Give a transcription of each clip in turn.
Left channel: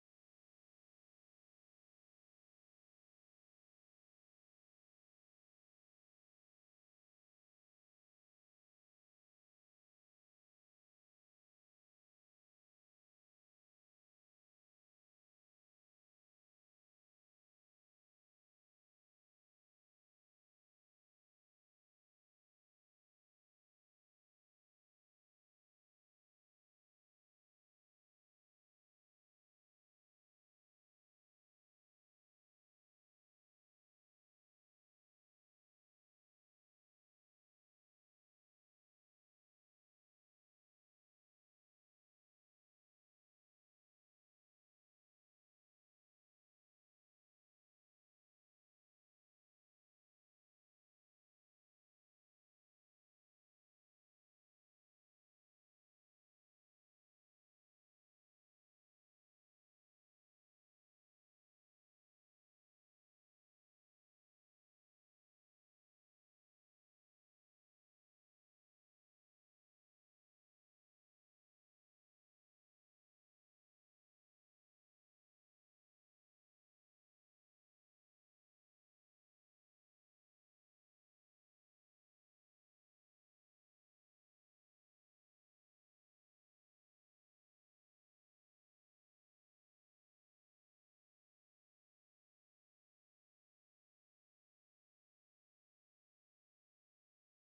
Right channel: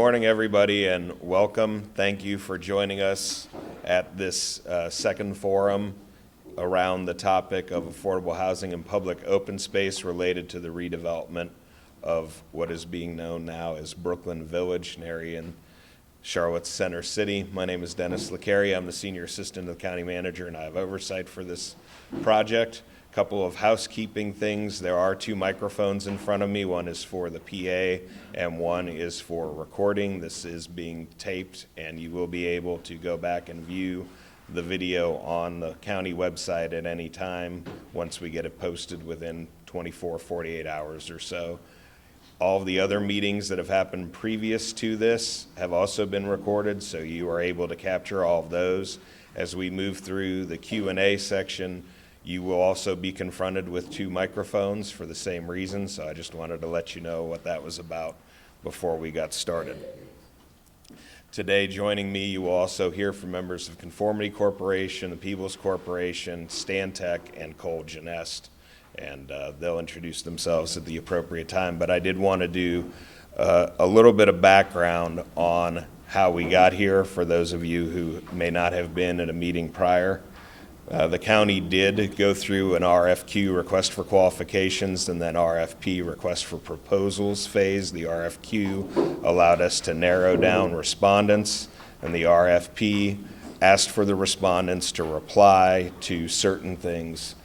morning, everybody, and welcome. Thank you for joining us at this second forum around the topic of affordable housing and public open space related to the redevelopment of what is being known now as Brooklyn Village, an area in Charlotte's Center City. My name is Dennis LeCarry. I'm the Senior Assistant to the County Manager, and I have oversight for this project. A couple of housekeeping things. There are 2 microphones in front of me. One is for the PA and one is for recording. This is being taped, and you will be able to go back and view the video on the county website at any time once we get it posted within 24, 48 hours or so. All of the other meetings that have happened previous to this have also been recorded, so you are able to capture all of those. As we move through the Q&A section, you will also be confronted with 2 microphones for the same reason, so I just wanted to let you know what that was about before we got started. Today, joining me, you will also hear from members of Conformity Corporation, the Peebles Corporation, Stantec, and Cole Genest, and they'll introduce themselves at the appropriate time. But I did want to do a little bit of background on how we got here for those of you who may not have been at a meeting prior. The county did go through an RFQ, request for qualifications, and then RFP, request for proposals phase. The RFQ allowed us to narrow down respondents, and the RFP asked for the respondents to reply to certain things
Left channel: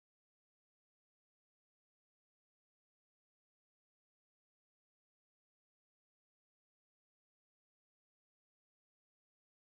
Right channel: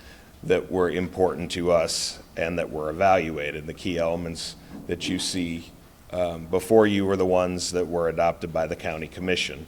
that were important to us and that were evaluated. The key elements that you see before you were the ones that were adopted by the County Commission.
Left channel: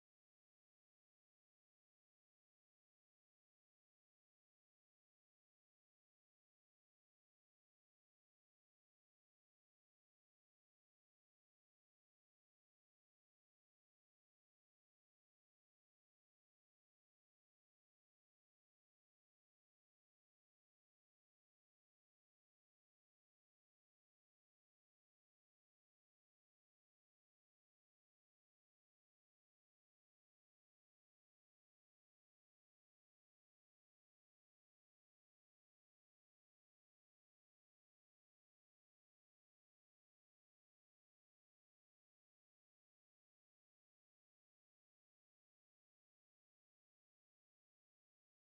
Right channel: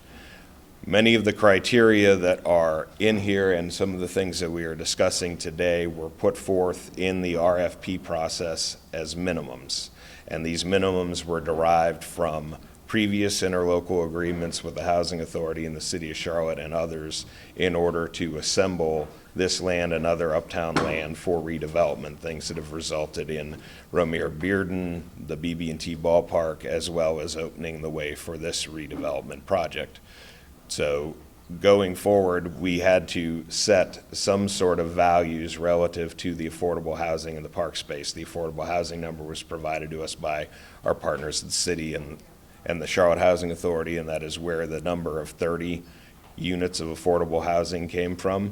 Many of the criteria that are in here and some of the things that we are discussing today were put forth in the RFP process as minimums. And these minimums were derived from previous interlocal agreements with the Housing Authority in the City of Charlotte and others in order to assemble this land and other uptown land for redevelopment, things that have resulted in Romare Bearden, the BB&T ballpark, as well as opening the way for this redevelopment project. So going forward, we had to set some sort of values relative to the affordable housing and the park space. The affordable housing number was provided to us by our partners at the city and the Charlotte Housing Authority, and that is where the number of 30 units of affordable housing came from.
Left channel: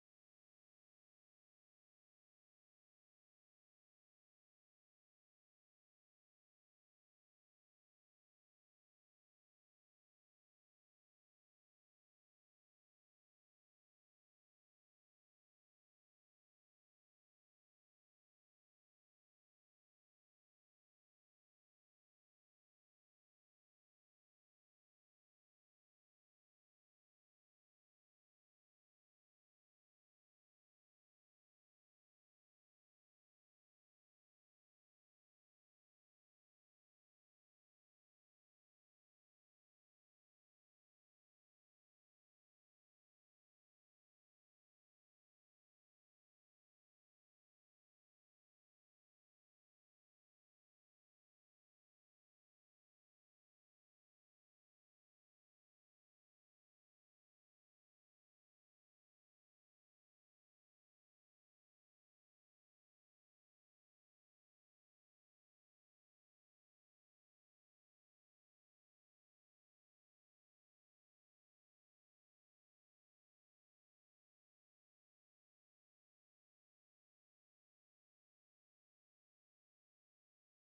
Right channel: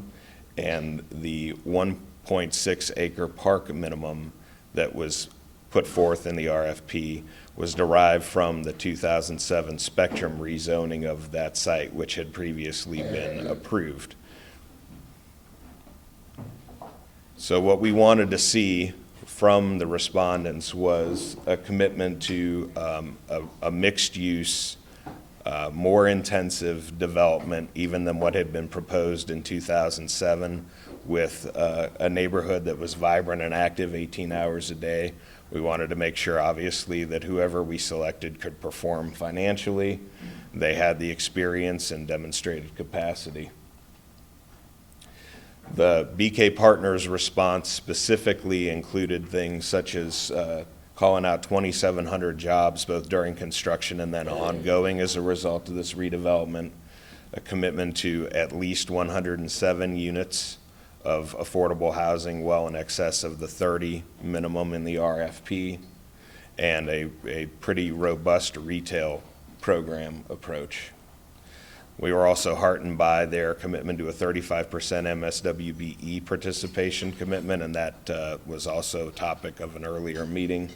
And the 1.6 acre park minimum that was put forth in the RFP was derived from the 2007 spectrum rezoning of that site, which had previously been approved. So what we wanted to see from the respondents was a commitment to a mixed use, more intensive development even than what had been proposed in 2007, with a neighborhood that was vibrant and active 18 hours a day. We wanted to make sure, obviously, that whoever we selected could perform financially. They had the experience and demonstrated capacity. The BK Partners response specifically included things such as calling out 2,700 jobs, both during construction and then ongoing as a result of this redevelopment, a commitment to at least 107 units of affordable housing, well in excess of the 30 minimum in the RFP, and a pretty robust retail program approach. We were also heartened by their commitment to a 35% MSWBE participation commitment, and that was also a topic of an earlier meeting,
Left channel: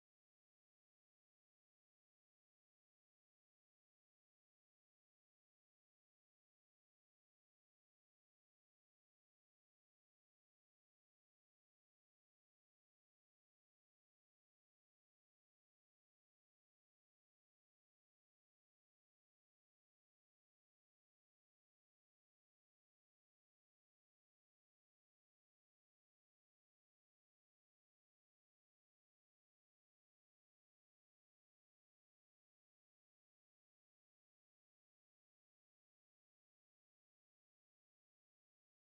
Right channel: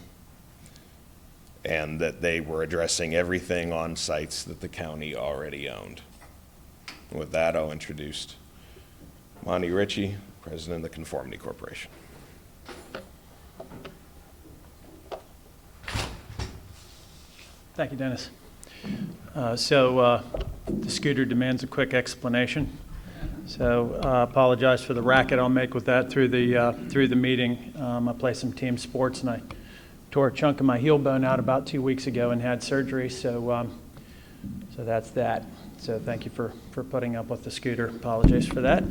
and that they were addressing everything on sites that the county already owned. With that, I'll introduce Monty Ritchie, President of the Conformity Corporation. Thank you, Dennis. The scooter demands a quick explanation. So apologize for the racket I'll make with that through the meeting. I play some team sports and I tore a chunk of my heel bone out about 2 weeks ago and had surgery. So that's that. So thank you for putting up with the scooter. Apologize for that.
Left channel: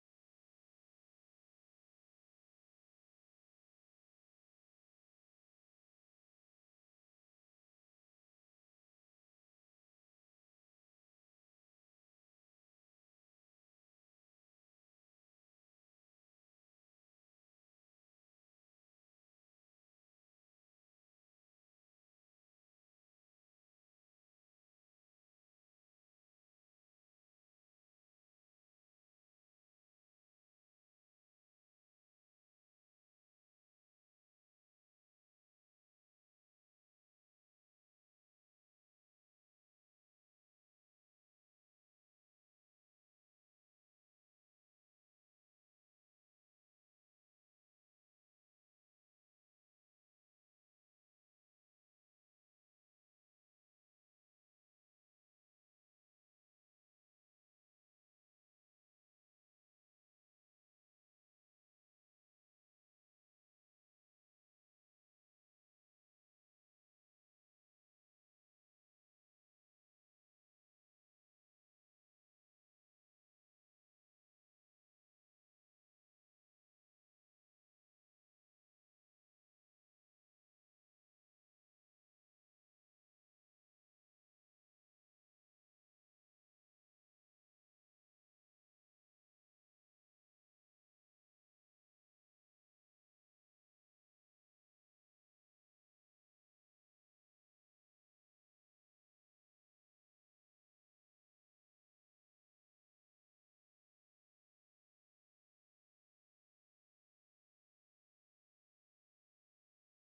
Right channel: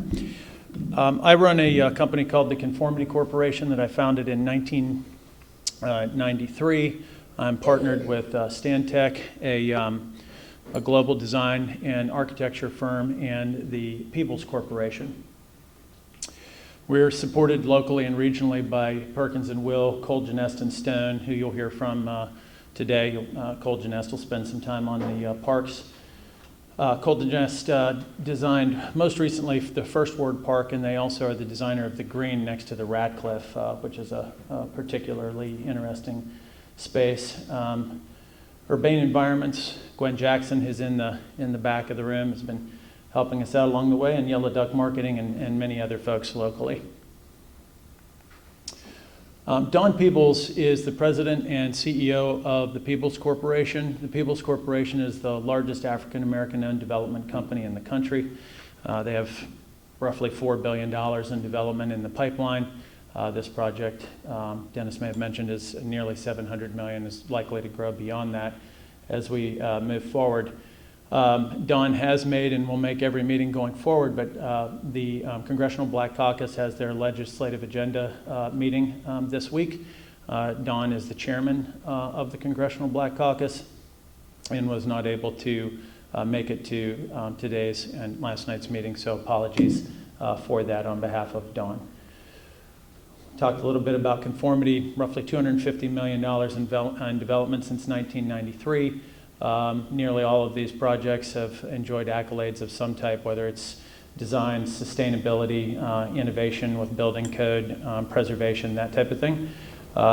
I run a company called the Conformity Corporation that I founded in 1993. I'm partnered with Stantec, a global design and architecture firm, and the Peebles Corporation. We're supported locally and regionally by Perkins & Will, Cole Genest & Stone, who you'll hear from today. Cole Genest will spend some time on the parks. Cole Genest designed most recently the First Ward Park, and they also are the designer of the green next to the Radcliffe, which is a particularly interesting space. Urbane Environments, Gwen Jackson is in the back of the room, has been helping us out along the way, and Yellow Duck Marketing and many other folks locally. Don Peebles is the president and CEO of the Peebles Corporation. The Peebles Corporation is the largest African-American owned development company in the country. They have roughly $4 billion in development in the pipeline. This project, Dennis may have mentioned, is nearly $700 million, is likely to grow beyond that as we move forward. Don has made and will make every meeting going forward, but the Congressional Black Caucus has their legislative agenda meeting this week. Don is the chairman of the Congressional Black Caucus and was not able to make it to today's and last night's meeting, so apologies for that on behalf of Don. Talked a little bit about conformity, roughly $250 million in development since 1993. Nearly all of these projects have enjoyed accolades of some type, whether it's design, sustainability, innovation with building code, preservation, that type of thing.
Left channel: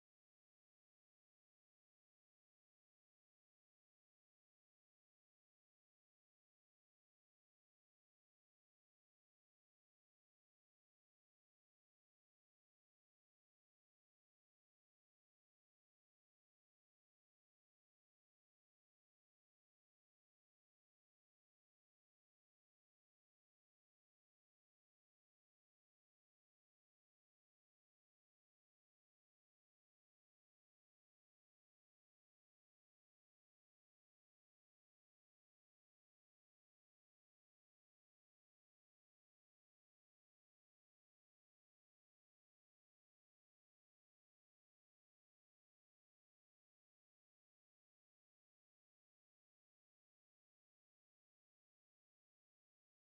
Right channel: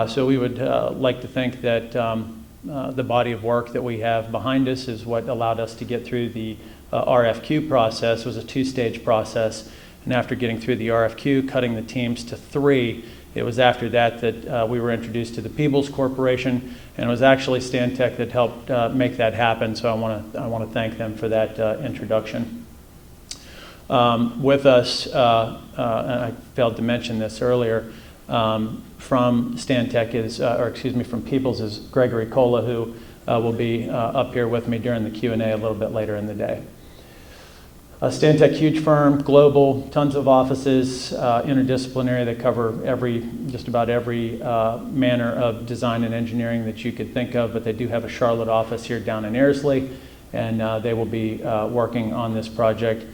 So we would like to think that the body of work that we have behind us is what allowed us to get through the RFQ process. It was a two-stage process, and after getting through the RFQ, cutting the teams to 3, it was after that that we were introduced to the Peebles Corporation, and it was actually Stantec that helped make that happen, so I want to thank them for that introduction. With us, and I failed to mention this earlier, from Stantec is, from Peebles is Gregory Cola, who will be up here with me during the Q&A a little bit later in the day. Stantec, huge firm, global, tons of offices, interdisciplinary. They cover just about every manner of design and engineering that you could think of, but they do have a Charlotte office here down in Airsley, and they will be working on this project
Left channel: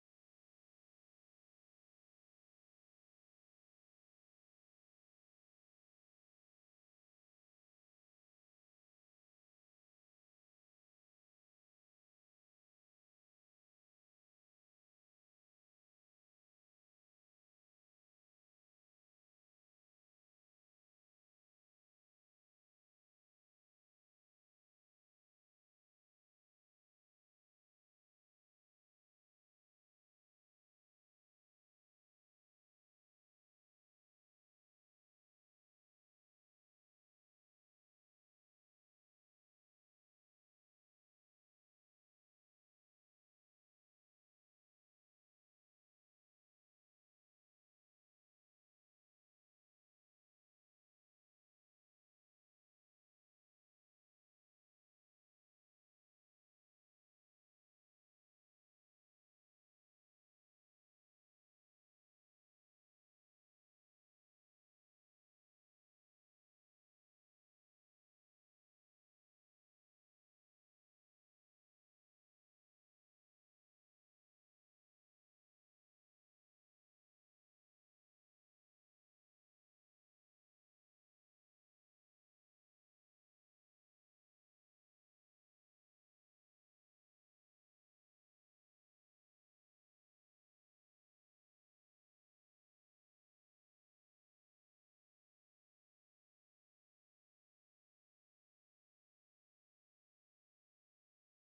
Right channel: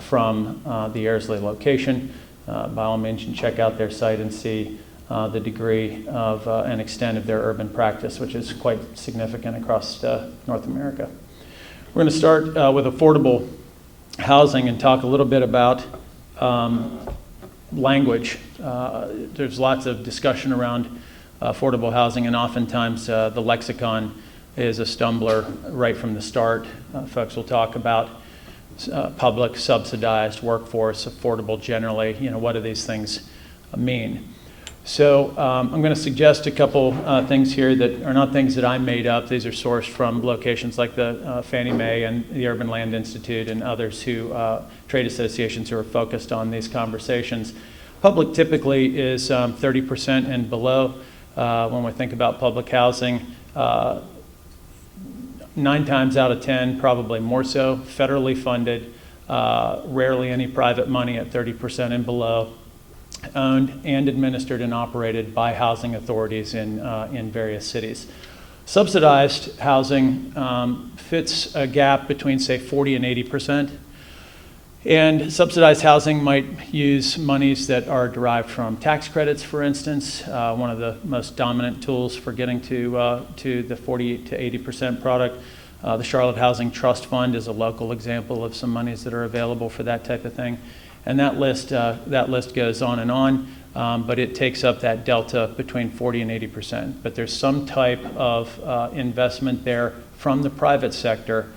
from the Airsley location. By all means, you can check out their site and see the degree of and extent of their urban practice, which is quite significant across North America. We're going to start with affordable housing and talk a little bit about language. There's lots of discussion around affordable housing, and oftentimes the lexicon is a stumbler right from the start. Folks will talk about public, subsidized, workforce, affordable generally. What do these things mean? So I'm going to suggest a couple things here that are not things that I made up. These are sourced from locations like the Fannie Mae and the Urban Land Institute and others trade associations who are focused on these conversations. Public typically is 30% and below. When we think about public housing, 9 times out of 10, probably more so, federally funded, rarely any private money at 30% and below. Owned and administered and operated by housing authorities in various cities. Subsidized housing fits a gap between, say, 40 and 80%. And subsidized housing might use monies that are derived from tax credits, for instance. One of the most dominant tools for getting to the 40 to 80% product. The Charlotte Housing Trust Fund is a local example of some monies that are available for that type of thing. And that list goes on and on, but it takes up that delta between 40 and 80%. But there's some type of investment there from the private sector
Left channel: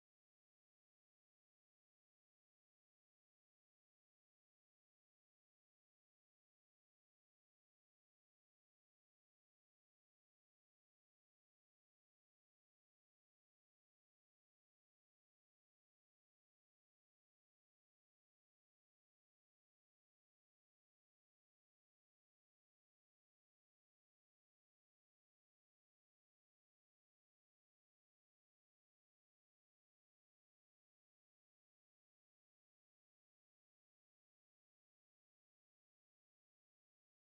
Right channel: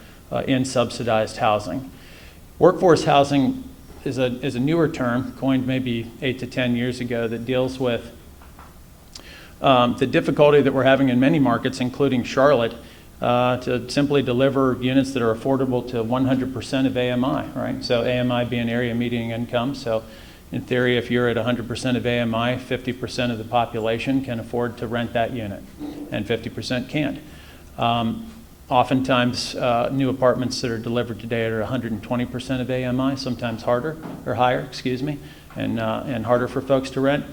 in subsidized housing. Workforce housing is a newer term, coined maybe 8 to 10 years ago, that deals with the difficulty that we're having in many markets, including Charlotte, to simply deliver units that are affordable to 100% of AMI, right? So AMI being area median income. So in theory, if you're at 100% of AMI, 50% of the population can afford to rent that unit, and 50% can't. Oftentimes, new apartments that are delivered today are 120% of AMI, sometimes higher, and harder for folks to rent.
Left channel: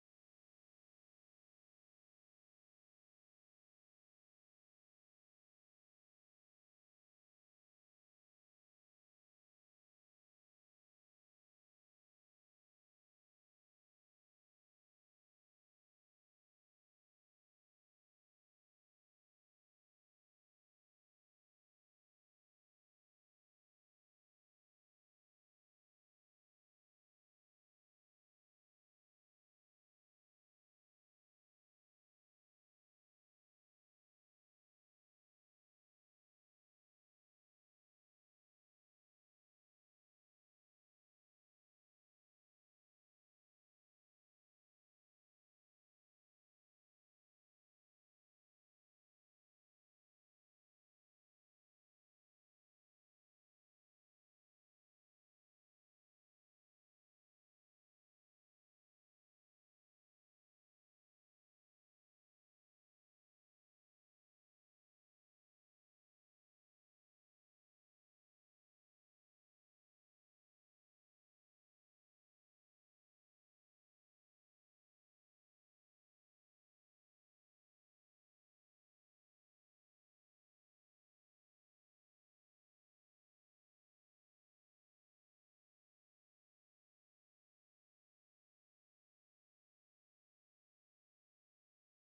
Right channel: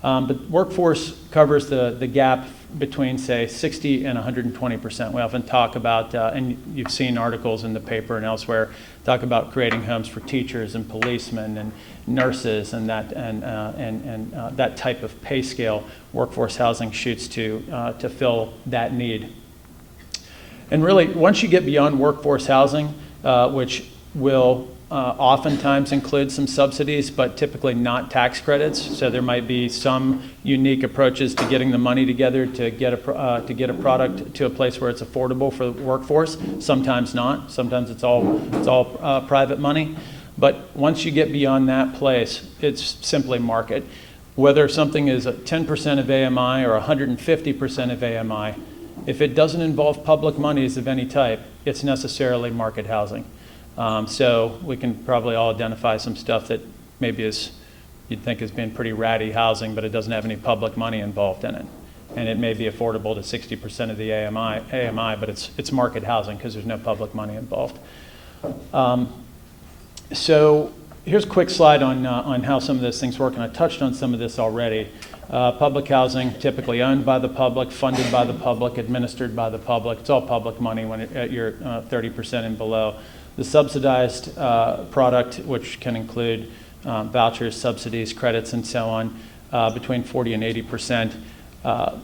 But workforce covers the gap between, say, 60 and 120%. We often talk about, and you've seen articles in the paper and elsewhere, talk about creating homes for teachers and policemen and nurses and that type of pay scale. Workforce housing shoots to fill that need. And really, once you get beyond workforce housing, which will oftentimes include some subsidies, but typically not tax credits. So there might be some unique approaches to getting the money together to get a product to a place where it's affordable for the workforce. Sometimes not. Sometimes it's all private money. But once you get beyond that place, it's simply market. Whether something is 10% of AMI or 150% of AMI, if it doesn't involve public monies of any type, it's necessarily market housing. So we can probably all identify some stuff that maybe you'd think is being pretty ratty housing, but it doesn't have any public money involved in it. And it may be affordable to 60% of the AMI, but it's market housing because there's no public money involved. So here's a quick slide on how some of those things work, and I touched on some of this already. Public housing, typically owned by the public, funded by the public, administered by the public. It's all public money when you're 30% and below. The subsidized product, which can include vouchers, subsidies, credits, and so on, between 40 and 80%,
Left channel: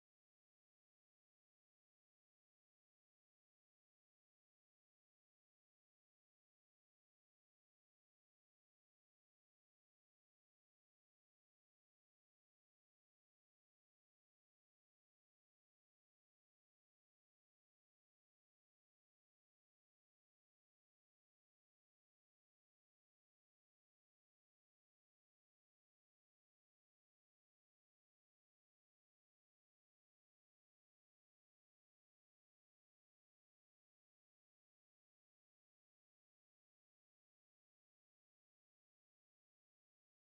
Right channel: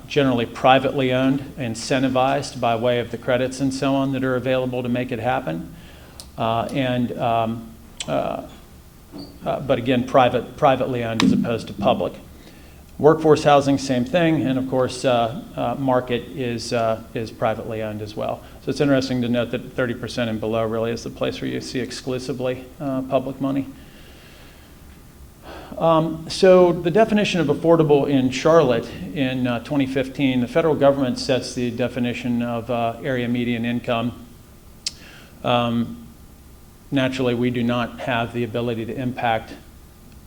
generally privately owned, incentivized by way of the credits and so on that are available to make it happen. But again, privately owned as opposed to public. Workforce housing, same thing, and of course, market is privately owned as well. So it's interesting to note that 30% and below really is the place where you see exclusively public money. So the definition of affordable in Charlotte in 2015, the federal government sets the definition of area median income. Naturally, we do not have the ability to impact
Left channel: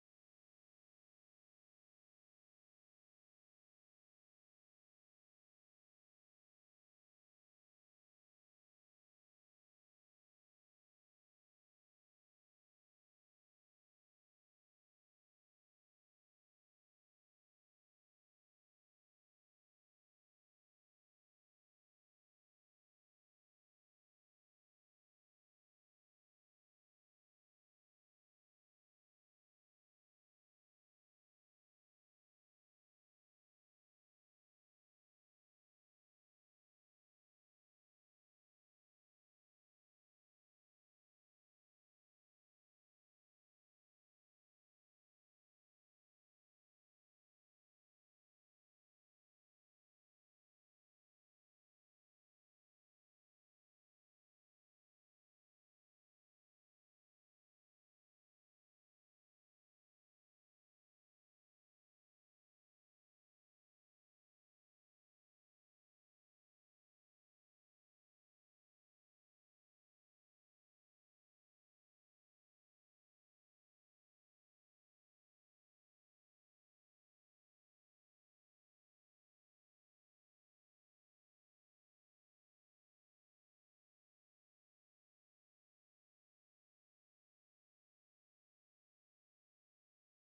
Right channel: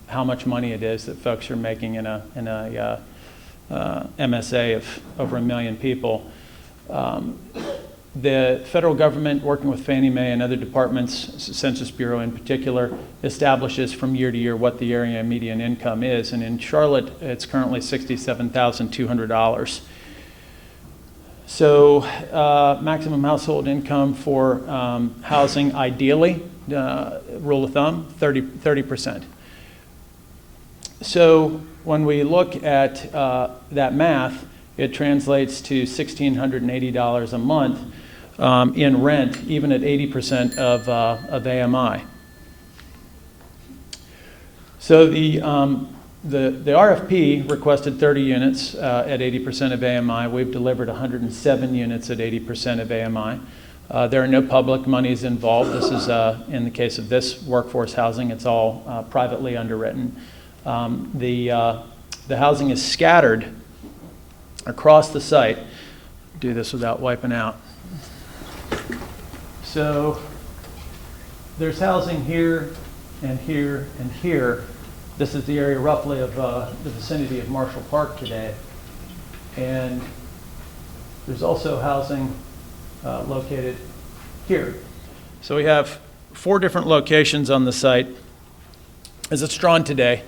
how much money it is that folks are making in a MSA of over 1 million people. The federal government, working with Fannie Mae and other departments, Census Bureau in particular, establishes from year to year what the area median income is. And in Charlotte, it's currently $67,200. So maximum household income for housing, ideally, rule of thumb, 30%. So when we look at that math, it translates to $1,680 a month in rent, even at 80% of AMI. So the RFP requested 30 units at 80% of AMI. We've delivered 107 units at 80% of AMI. There are no public monies involved. This is, in the case of this workforce housing, it's all privately underwritten. The housing is scattered across the site. Do this without wiping out. So there's housing here and here and here. This is the area roughly of the vicinity of Marshall Park today. And there's also housing located here. So we have 4 different locations on the site. As it's drawn today,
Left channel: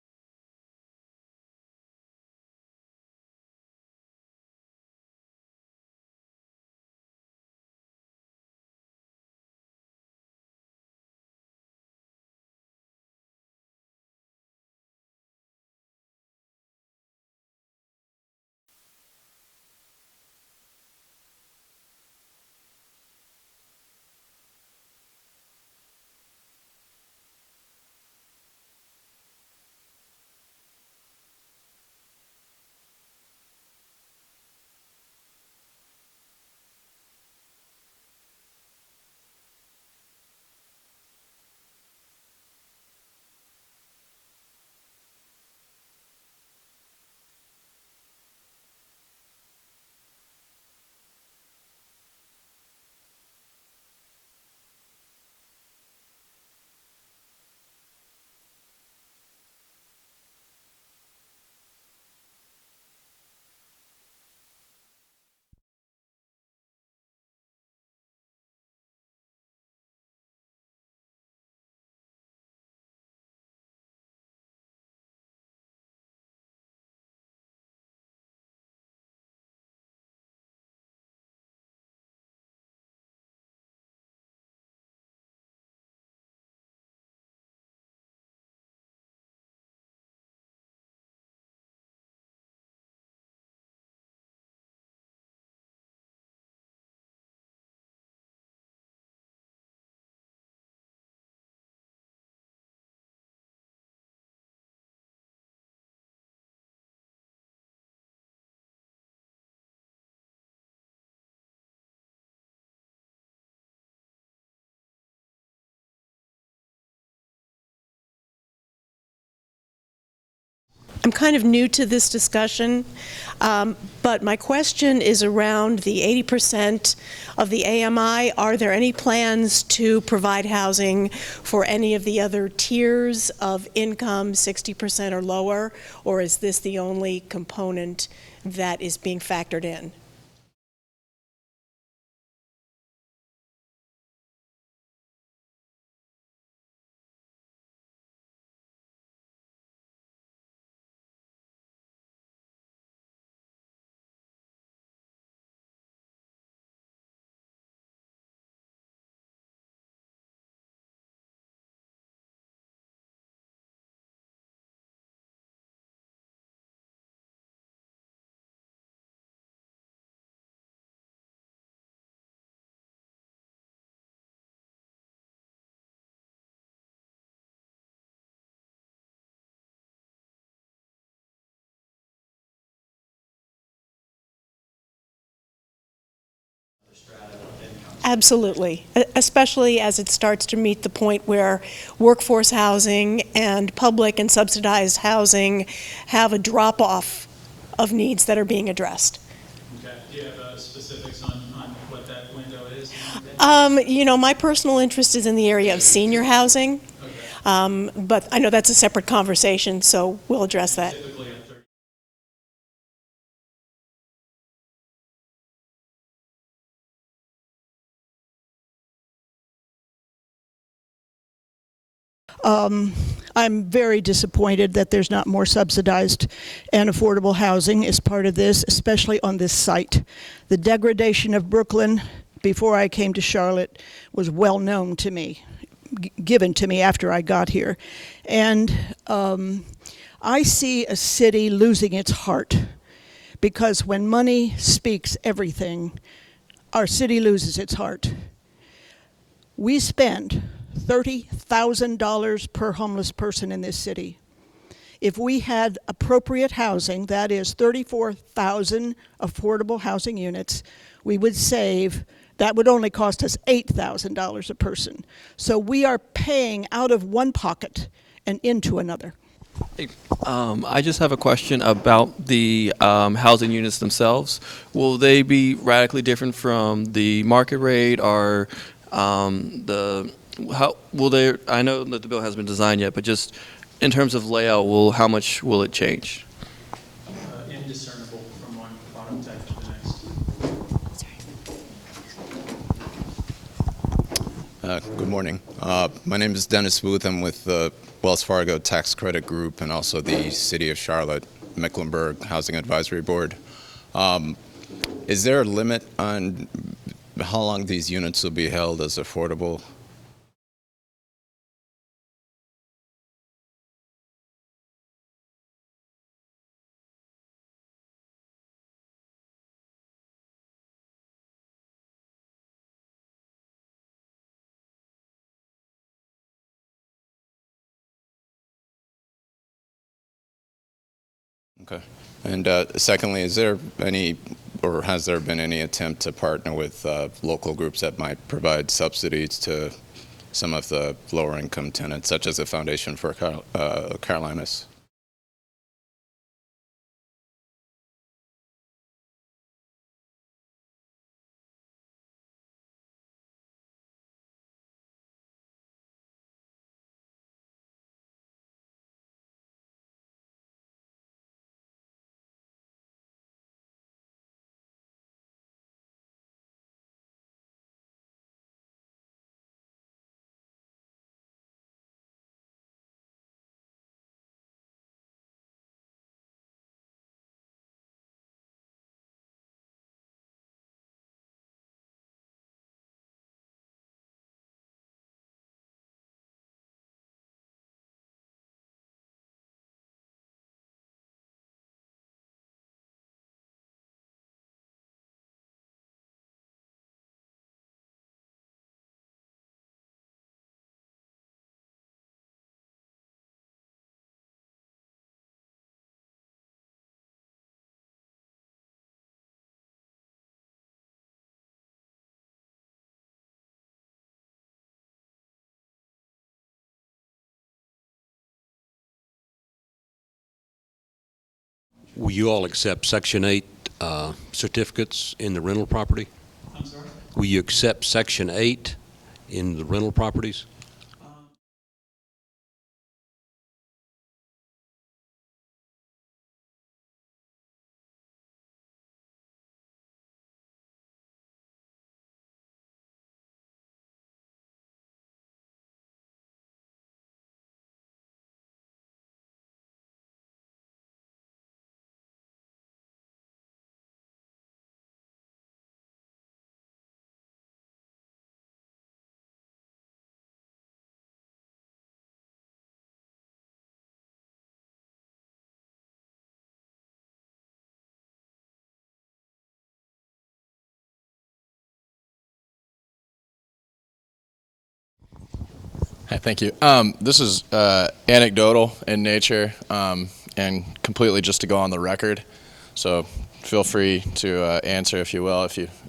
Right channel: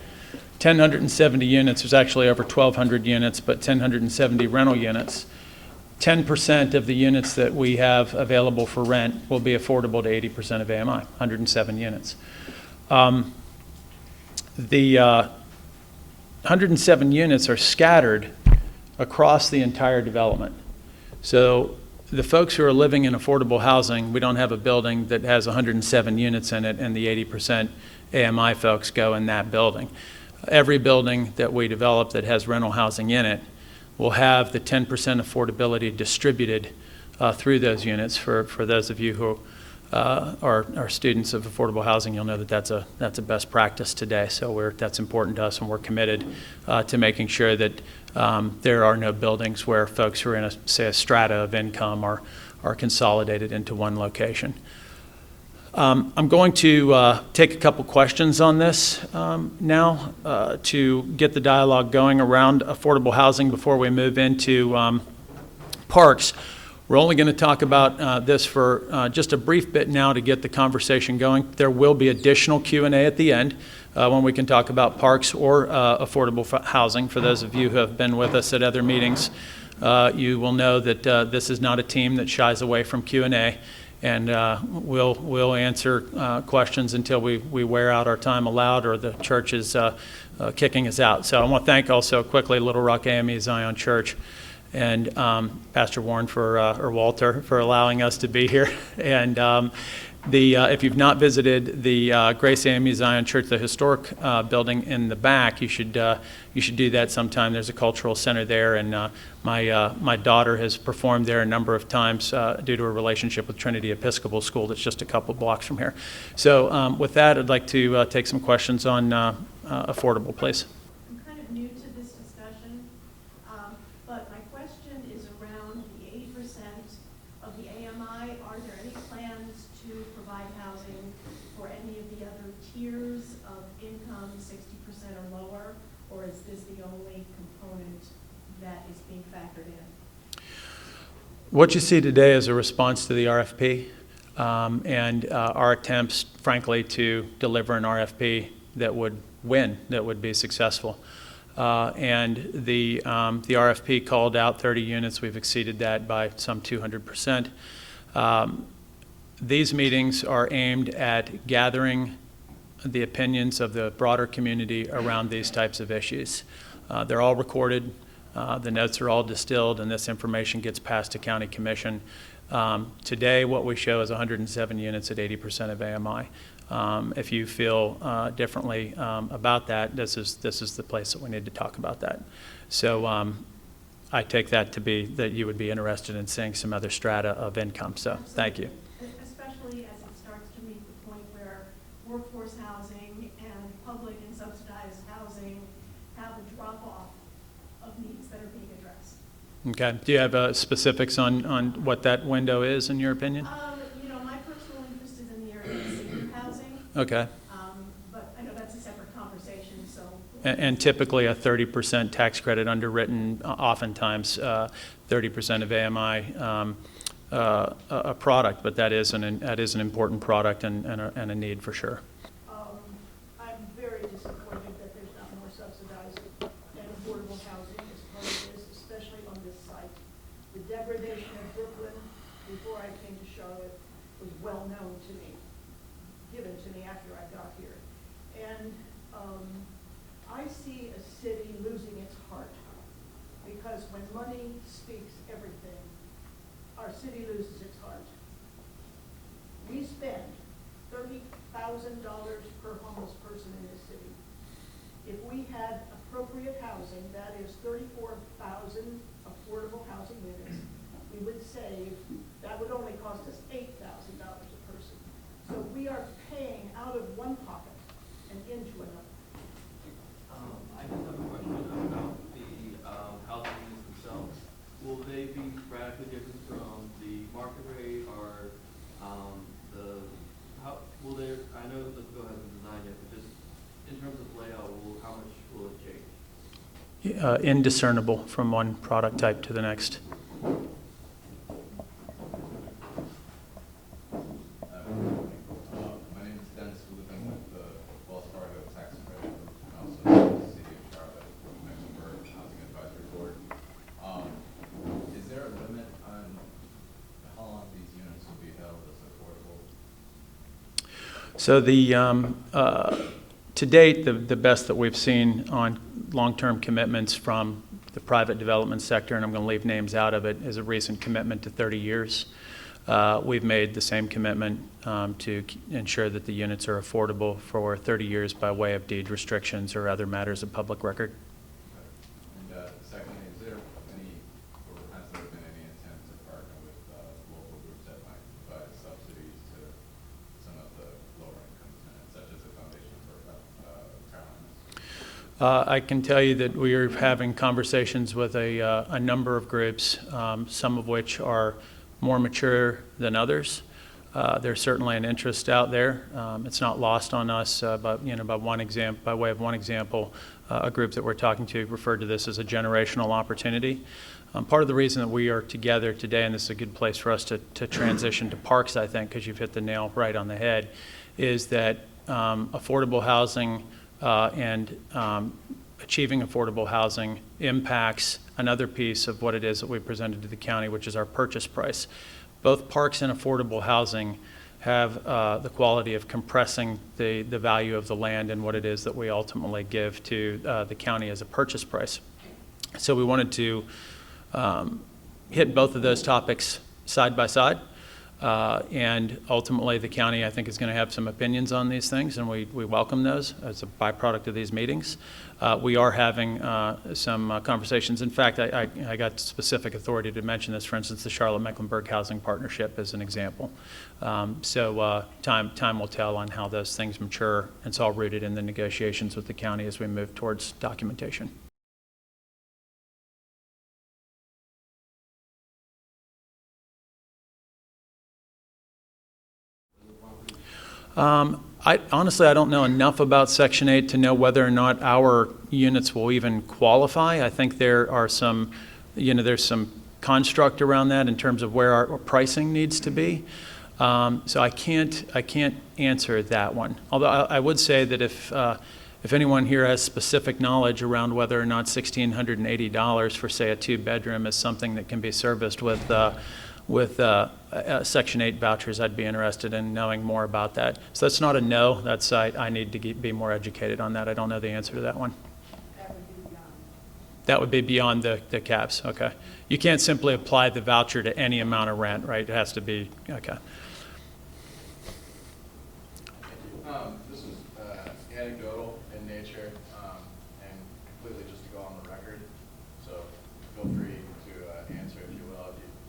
1,070 units. There's actually over 1,200 units, but 1,070 rental units. 10% of the units that we have available for rent will be affordable to 80% of AMI, 107 units. The 107 units are scattered across the entire development. So the folks who are living in affordable housing, we don't have a building that has 107 units in it and the 80% AMI folks go in that building. Every building that we develop that has rental housing in it will have the 10% affordability distributed through those units. For those of you who are students of affordable housing, you'll know that that's a best practice today. So that's important to us, and we're committed to making sure that there are no buildings where folks who are in a strata of income are consolidated into one location. I'm going to take a couple questions on this now to get the dialogue going around affordable housing before we move into parks. We're only going to talk about this for just a brief bit now to get the conversation going. There will be additional Q&A at the end when we can talk about parks or affordable housing. For those of you who have been with us at other meetings, you will know that this is not a team that shies away from Q&A. And we'll answer questions until we wear out our time allowed or the church is kicking us out. So I want to thank also quickly Little Rock AME Zion Church and Pastor Warren or Walter for allowing us to be here. And if you've not visited the Grace AME Zion Church, the historic building in the back, you should do that sometime. There's a cultural center there, and my daughter has performed there a number of times due to a relationship with Trinity Episcopal School that's just a couple blocks from here. So with that, I'd like to take some questions on affordable, please. I'm kind of new to this discussion, but my question is around the 80% of the AMI. Are there any plans to provide housing for any of the other tiers of income, 60% or lower, or is this the only component that is being factored in? What you see today is a response to the RFP and our attempts, frankly, to deliver an RFP that would win, that would be successful. And the RFP called out 30 units. We've exceeded that by some 200%. These meetings are aimed at gathering the opinions of the broader community around these types of issues. They're all recorded. The notes are all distilled, and this information gets passed to County Commission. Today, what we show is 107 units at 80% of AMI. If you feel differently about that, this is the place that we need to talk about that. So I take that to be that you would be interested in seeing some other strata of income. So, absolutely, especially as it starts to meet the point where workforce housing and public and subsidized housing have a drop-off of needs that are being addressed. Okay. Do you have specifics on what that window is, in your opinion? My personal interest is in the area of senior housing. Okay. But I know that's a separate conversation, so we'll address that. And typically a 30% tax credit underwritten, oftentimes 30% of AMI a product, but that is an important product and a need for sure. I'm very disappointed that there's not more subsidized and affordable housing as part of this, especially on this site. The degradation of Brooklyn before I came to Charlotte was well known to me, given to me after I got here. And I see a city losing its heart because when money speaks everything, our city loses its heart. We spend $30,000 per homeless person in this city. If we had appropriate housing, that is 34,000 affordable housing units, we would save, that would only cost us $8,000 a person. So we are paying out of one pocket and into another. I just have a question about the housing units themselves. Will they be radically different from the market rate, or how will they? I know that the bill hasn't been designed yet, but just in terms of layout, how much will it change? Indiscernible from one product type to the next. Good morning. My name is Dennis Booth. I'm with the Wells Fargo Tax Credit Group and also the City of Charlotte Mecklenburg Housing Advisory Board. Is there a limit on how long these units will be held as affordable? So to date, the best that we've seen on long-term commitments from the private development sector, and I'm going to leave names out of it, is a recent commitment to 30 years. We've made the same commitment to ensure that the units are affordable for 30 years by way of deed restrictions or other matters of public record. Okay. And secondly, is there any, or has there been any attempt to partner with local groups that might provide subsidies to some of the lower income tenants, such as the Foundation for Carolinas? I can tell you that we are having conversations with a number of groups, some of which are more mature than others. There's certainly an interest out there. It's not lost on us, but by way of one example, a group that we're talking to referred to this as a generational opportunity. Part of the reason that we are together today, and this is a good place for us to transition to parks, I think, because you've hit the nail right on the head, is that affordable housing and achieving affordable housing impacts another piece of what it is that we presented to the county, which is our purchase price. Both parks and affordable housing have the quality of compressing the value of the land and what it is that we ultimately give to the county as a purchase price. So we wanted to hit both of those topics side by side. And ultimately, the county, I think, is going to have some opinions on these things, and we welcome those as a byproduct of these meetings. We are having some conversations. In fact, I got specific authority to mention this. For instance, the Charlotte-Mecklenburg Housing Partnership is an example. So time will tell on how those things mature. It's all rooted in the negotiations with the county as we move towards documentation. Will you all accept Section 8 certificates in the rental property? I'm sorry? Will you accept Section 8 in the rental properties? Honestly, I don't know enough about Section 8 to know whether or not our units will even qualify. I think there are some, there's some construct around that in terms of where our pricing needs to be. So I can't answer that one. Although I would say that if anyone here has specific knowledge around whether or not $1,680 for, say, a 2-bedroom is something that can be serviced with Section 8 vouchers, I'd be interested in knowing more about that. So that's not a no. That's I need to be more educated on that. I don't know the answer to that one. That would be beyond the caps. Okay. You can't simply apply the voucher to any amount of rent, right? It has to be, okay. Hi, thank you. This is anecdotal in nature and completely just to go on the record. So feel free to answer if you will,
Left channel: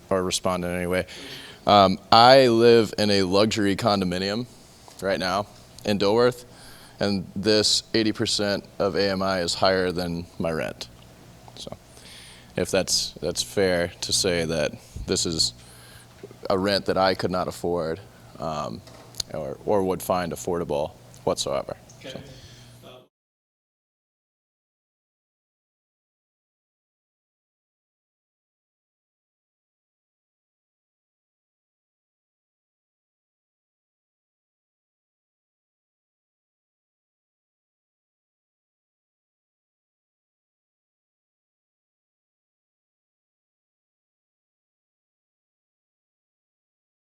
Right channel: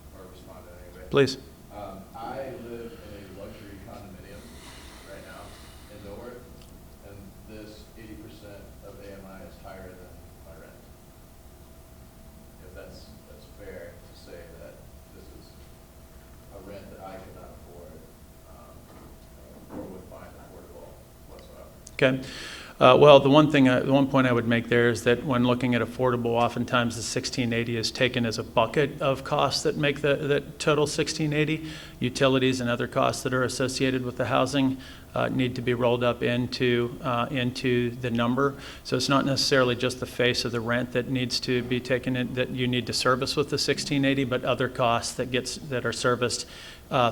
or respond in any way. Please. I live in a luxury condominium right now in Dilworth, and this 80% of AMI is higher than my rent. So if that's fair to say that this is a rent that I could not afford or would find affordable whatsoever. Okay. Well, the one point I would make there is that when looking at affordable, oftentimes the 1680 is taken as a bucket of costs that make the total 1680. Utilities and other costs that are associated with the housing need to be rolled up into the number. So it's not necessarily just the face of the rent that needs to be taken in, that you need to service with the 1680, but other costs that are serviced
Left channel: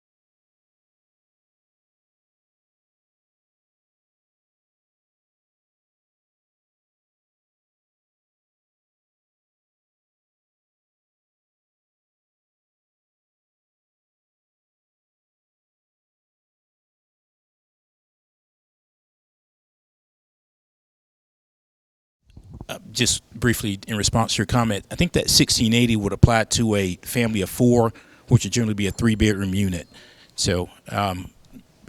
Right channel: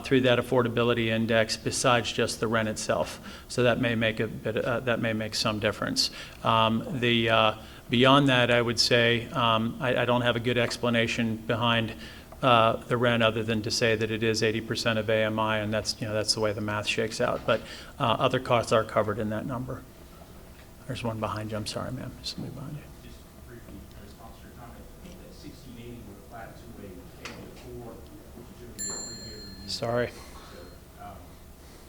through that affordability index besides just the rent itself. So that may make that may make some difference. Beyond that, I would say I don't have a good explanation behind the rent other than to say that it is 80% of AMI, and that's the way the math shakes out. But other costs are covered in that number. There's one behind you. I'm sorry, ma'am. Just briefly in response to your comment, I think that 1680 would apply to a family of 4, which would generally be a 3-bedroom unit. Sorry. So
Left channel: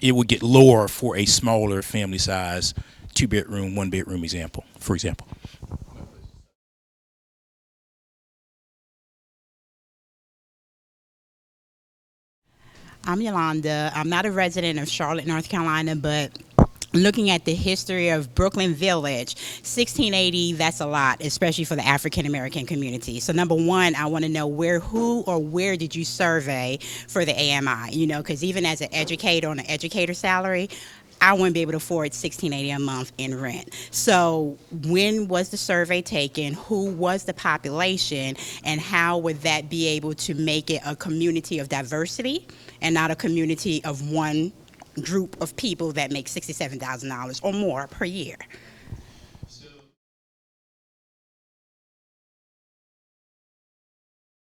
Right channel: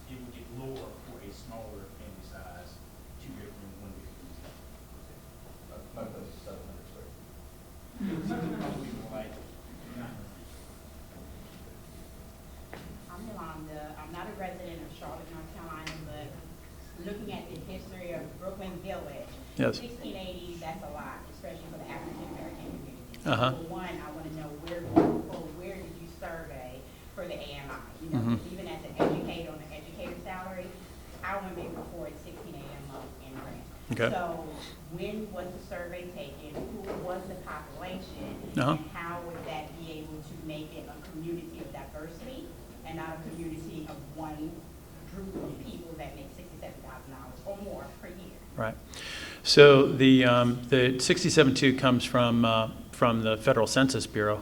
it would get lower for a smaller family size 2-bedroom, 1-bedroom example, for example. I'm Yolanda. I'm not a resident of Charlotte, North Carolina, but looking at the history of Brooklyn Village, yes. 1680, that's a lot, especially for the African-American community. So number one, I want to know where did you survey for the AMI? Because even as an educator on an educator salary, I wouldn't be able to afford $1,680 a month in rent. Okay. So when was the survey taken? Who was the population? And how would that be able to make it a community of diversity and not a community of one group of people that make $67,000 or more per year? Right. So the 67.2 comes from the Federal Census Bureau,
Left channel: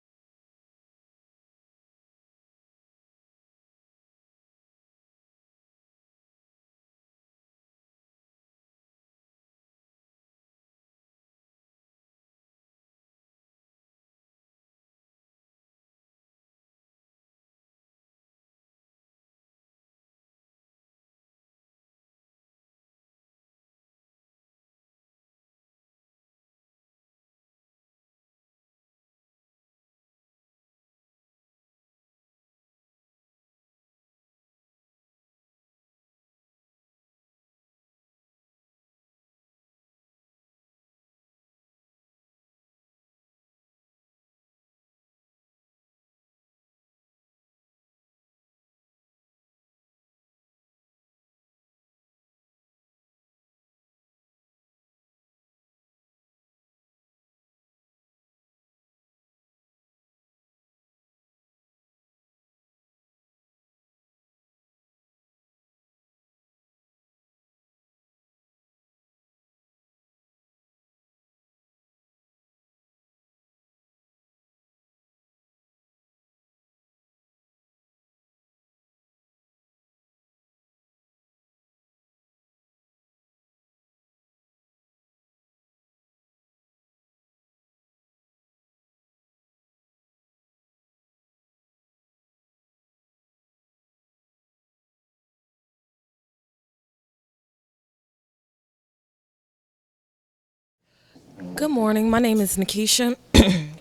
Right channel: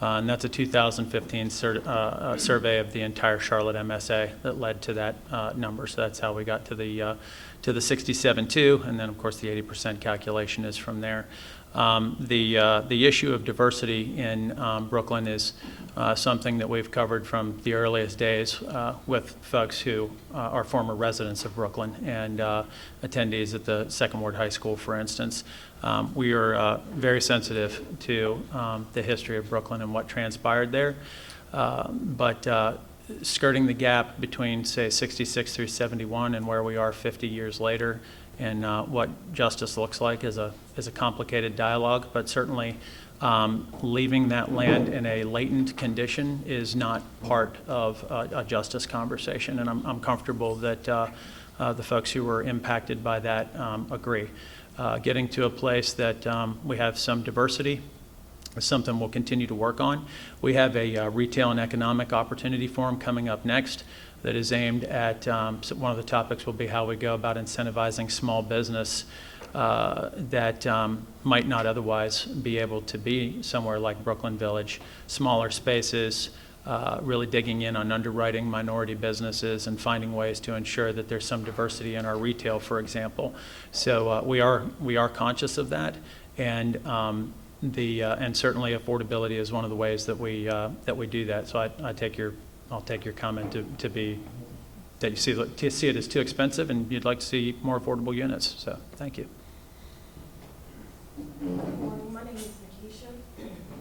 and that's a 2015 survey of the entire Charlotte MSA that led to that number. So that's how we got to the 67.2, and then of course the 80% calculation is from there. The issue of diversity in Brooklyn is something that we've covered from the earliest days with folks who are former residents of Brooklyn and attendees at the Second Ward High School, for instance. We are very sensitive to the history of Brooklyn and what transpired there. But skirting the gap between, say, 66 through 71 and where we are 50 years later and what justice looks like is a complicated dialogue, but certainly leaving that land in a latent condition is not part of a justice conversation, and I'm comfortable that the folks who were impacted by that agree. Getting to a place that we have some diversity is something we'll continue to work on. We have a retail and economic opportunity forum coming up next that is aimed at, so one of the topics will be how we go about incentivizing small business that might not otherwise be able to be somewhere like Brooklyn Village. Smaller spaces, really digging in on underwriting minority businesses and finding ways to ensure that there's some diversity in our retail, for example. So we are conscious of that, and and certainly affordability is one of the ways that we do that. So I'll take your comment to be that you see it as too expensive and you'd like to see more affordable units. So thank you. Good morning. My name is Nikisha.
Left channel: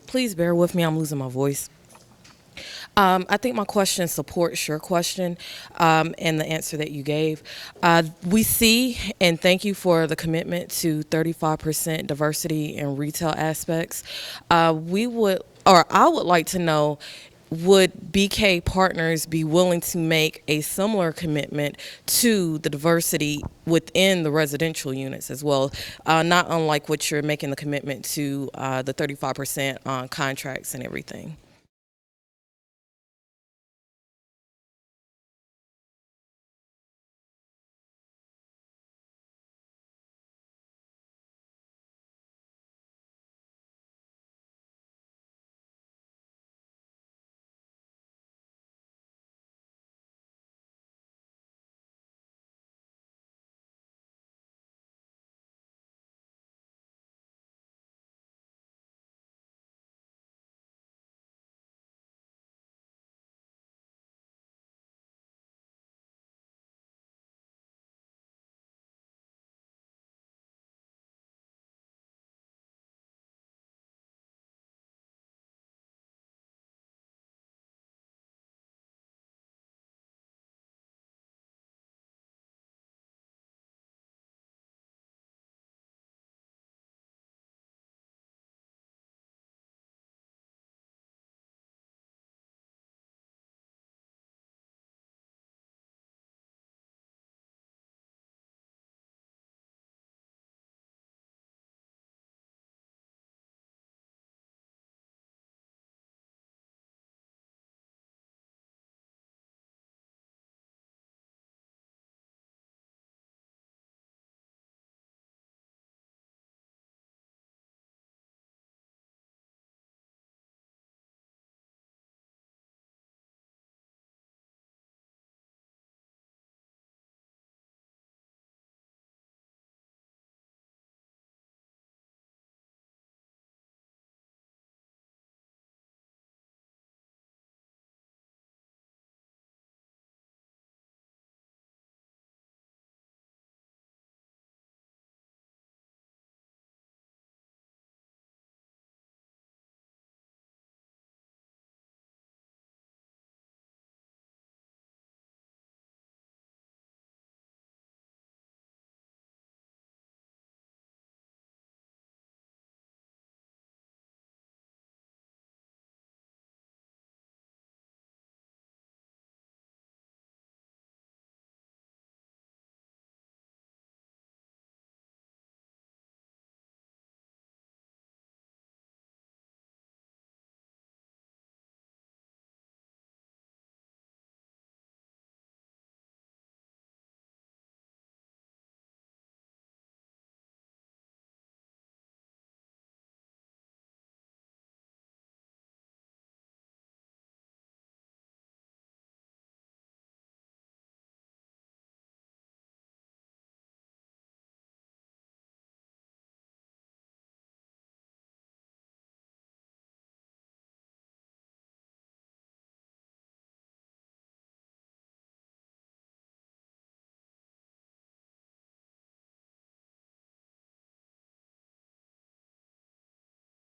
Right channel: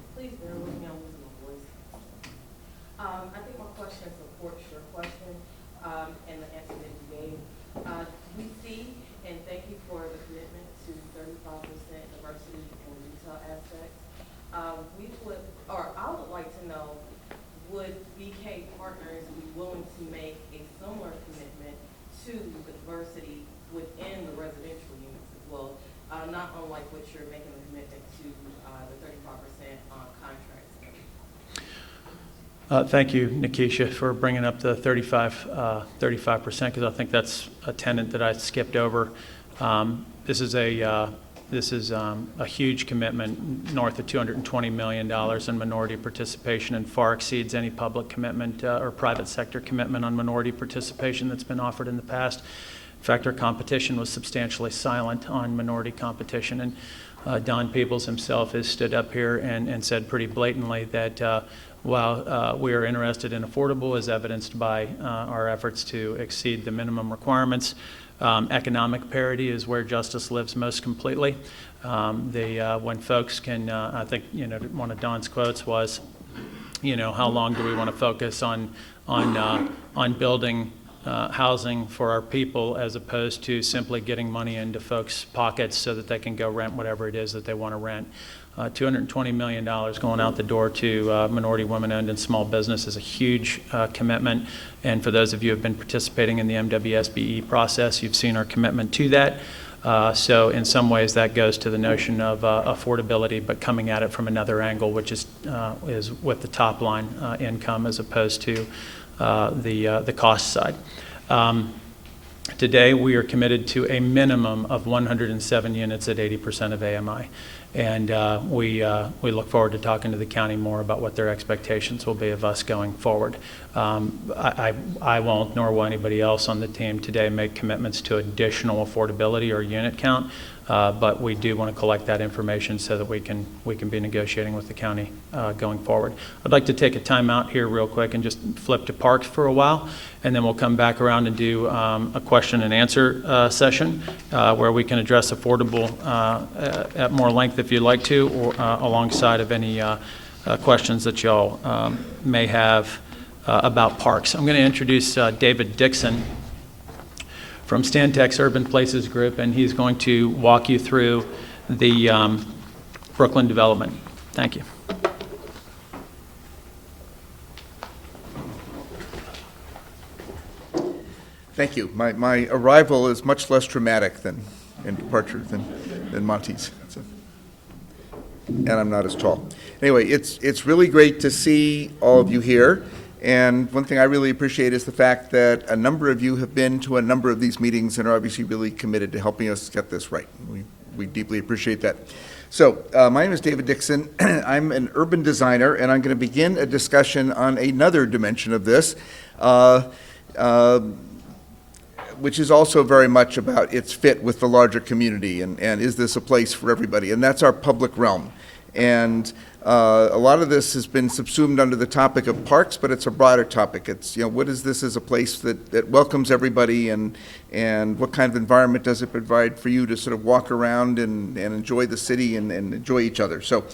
Please bear with me. I'm losing my voice. I think my question supports your question and the answer that you gave. We see, and thank you for the commitment to 35% diversity in retail aspects. I would like to know, would BK Partners be willing to make a similar commitment to the diversity within the residential units as well, not unlike what you're making the commitment to the 35% on contracts and everything? Thank you, Nikisha, for bringing up the 35%, because I think that's a tenet that I skipped over. This is a huge commitment, north of $220 million in minority participation, and far exceeds any public commitment or private sector commitment on minority participation that's been offered in the past. In fact, our competition was substantially silent on minority competition, and Don Peebles himself has stood up here and said pretty blatantly that while we are interested in affordable, as evidenced by our efforts to exceed the minimum requirements, economic parity is where justice lives most completely. When folks can, I think, one of Don's quotes was, how long do we want to focus on building housing for our people as opposed to simply getting money into folks' pockets so that they can go rent whatever it is that they want to rent. $220 million going out the door to minority, women-owned, and small business is a huge commitment. And for those of you who have been participating in the MWSBE process, you've seen our commitment to that. So in some ways that goes to the notion of affordability, but coming at it from another angle, which is with the top line income as opposed to the cost side. Today we are committed to a minimum of 107 units at 80% of AMI. And we look forward to talking to the county more about what their expectations will be of us going forward. I won't, nor will anybody else on the team today, make commitments to additional affordability or unit count, but we do want to collect that information so that we can be negotiating with the county going forward. I'd like to take a time out here real quick and just flip to parks for a while, and then we'll come back around and do a question and answer session where we can address affordable at more length if you'd like to, or alongside of any questions that y'all may have about parks. I'm going to introduce David Dixon from Stantec's Urban Places Group, and he's going to walk you through the Brooklyn development. Thank you. Thank you. My arrival is much less dramatic and departure than Monty's. And I'm not as tall. Anyway, it's really great to see all of you here. And one thing I really appreciate is the fact that a number of you have been to a number of these meetings and are obviously really committed to helping us get this right. We deeply appreciate that. So my name is David Dixon. I'm an urban designer, and I'm going to begin a discussion on another dimension of this, which is also very much about its fit with the larger community, and is this a place for everybody? And that's our public realm. And a lot of this has been subsumed under the topic of parks, but it's a broader topic. It's, what is this as a place that welcomes everybody, and what kind of environment does it provide for you to sort of walk around and enjoy the city and enjoy each other? So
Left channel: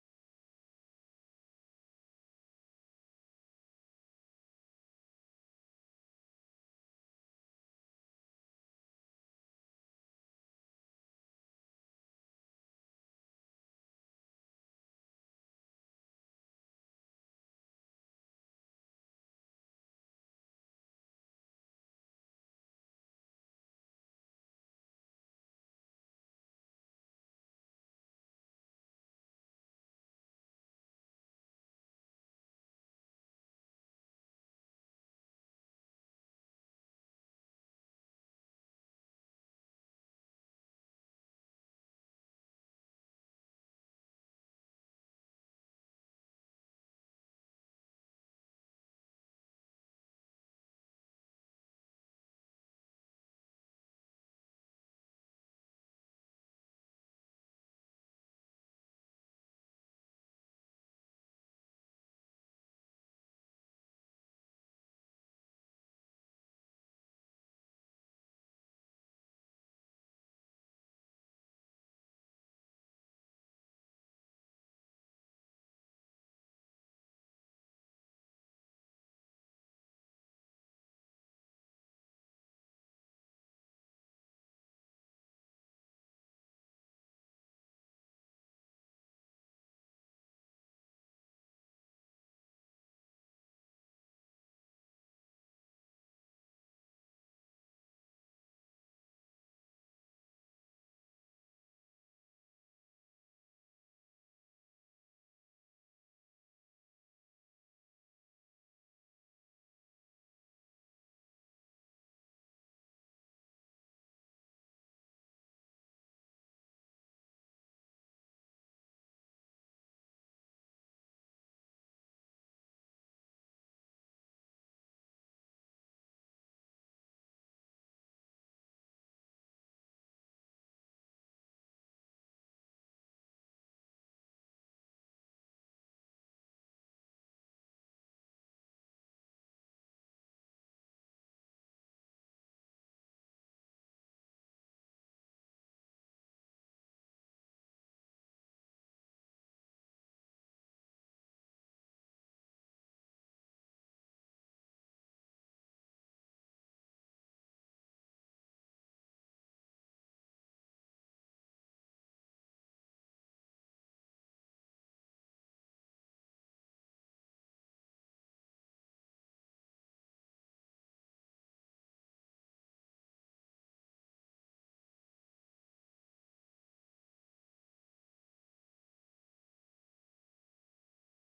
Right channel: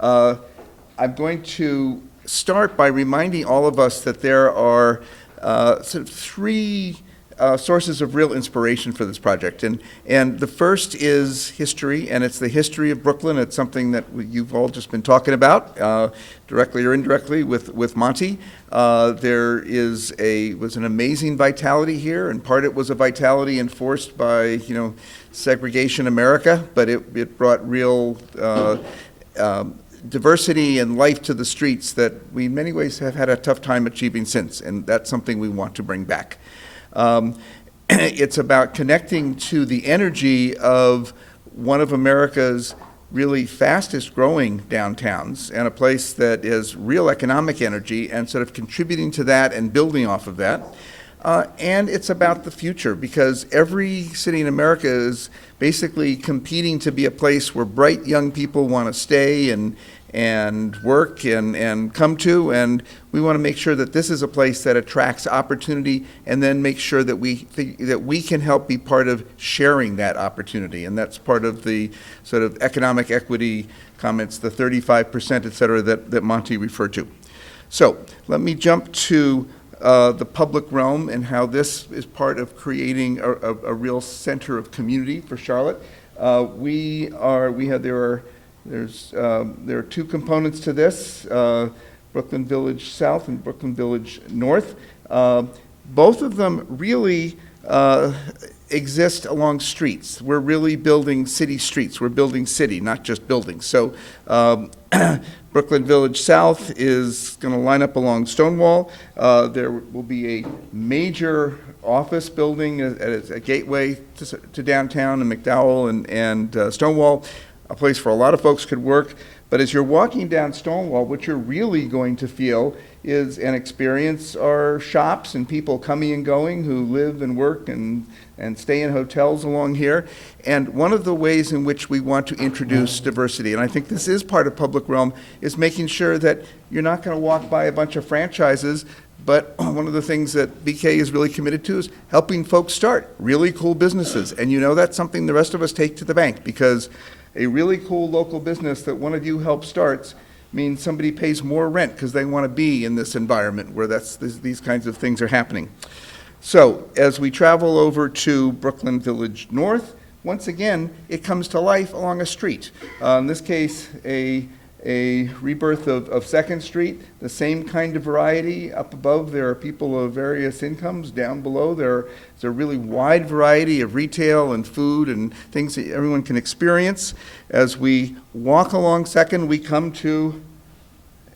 I'm going to start by reminding all of us that there are sort of three sources of real inspiration for this project. And the first is history, and it's the history of Brooklyn. It's something that you've all just been talking about, directly or indirectly with Monty. There was an amazing vitality here, and part it was a vitality enforced by, segregation America, but it brought real diversity and life to the streets that we in many ways have had a tough time achieving since, and that's something we want to bring back. It's about connecting to the energy of one of America's really fastest growing downtowns and a place that is real economic energy and sort of contributing to that and building off of that. And it's about the future, because every city in America is basically competing to be a place where bright young people want to stay and work and come to, and we want to make sure that this is a place that attracts opportunity, and then make sure that we can help be part of sharing that opportunity. And that's part of the sort of economic equity comments, the 35%, et cetera, that Monty referred to. So let me jump to the public realm and how this is part of creating a real center of community for Charlotte. There are two components to this, Brooklyn Village South and Brooklyn Village North. Both of them really exist along streets. We're really building city streets. We're building city, not just buildings. So Brooklyn Village South is going to line up along Stonewall. There will be a major office building as a gateway to downtown in McDowell and Stonewall, a place where a lot of folks could work. But as you're walking down Stonewall, what you're really going to feel is an experience are shops and people coming and going who live and work and stay in hotels along here. And one of the ways in which we want to introduce diversity, and I think this is part of public realm, is making sure that you're not going to walk by a bunch of franchises, but one of the things that BK is really committed to is helping folks start really cool businesses. And you know that's something the rest of us take to the bank, because a really cool local business that one of you helps starts means somebody pays more rent because they want to be in this environment where these kinds of things are happening. So as we travel over to Brooklyn Village North, once again, it comes to life along a street. In this case, a rebirth of 2nd Street, the same kind of variety. Up above, there are people of various incomes. Down below, there's a really wide variety of retail and food and things that everyone can experience. As we walk along 2nd, we come to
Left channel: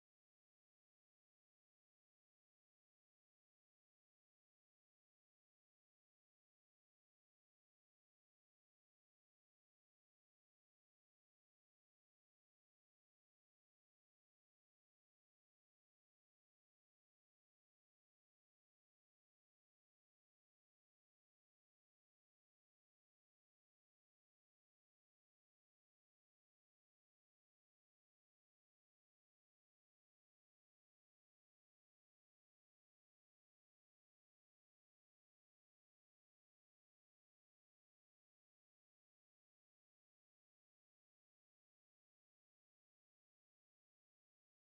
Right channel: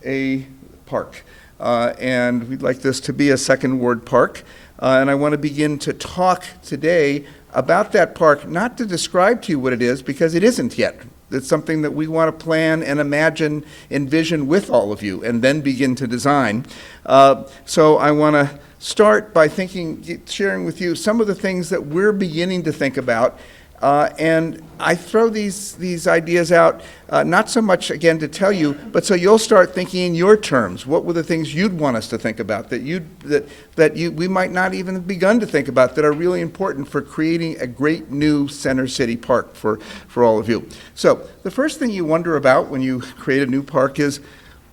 a park. And we'd like this to be a 2nd Ward park. And I want to begin to talk today about that park, not to describe to you what it is, because it isn't yet. It's something that we want to plan and imagine, envision with all of you, and then begin to design. So I want to start by sharing with you some of the things that we're beginning to think about. And I throw these ideas out, not so much, again, to tell you, but so you'll start thinking in your terms. What were the things you'd want us to think about that we might not even have begun to think about, that are really important for creating a great new center city park for all of you? So the first thing you wonder about when you create a new park is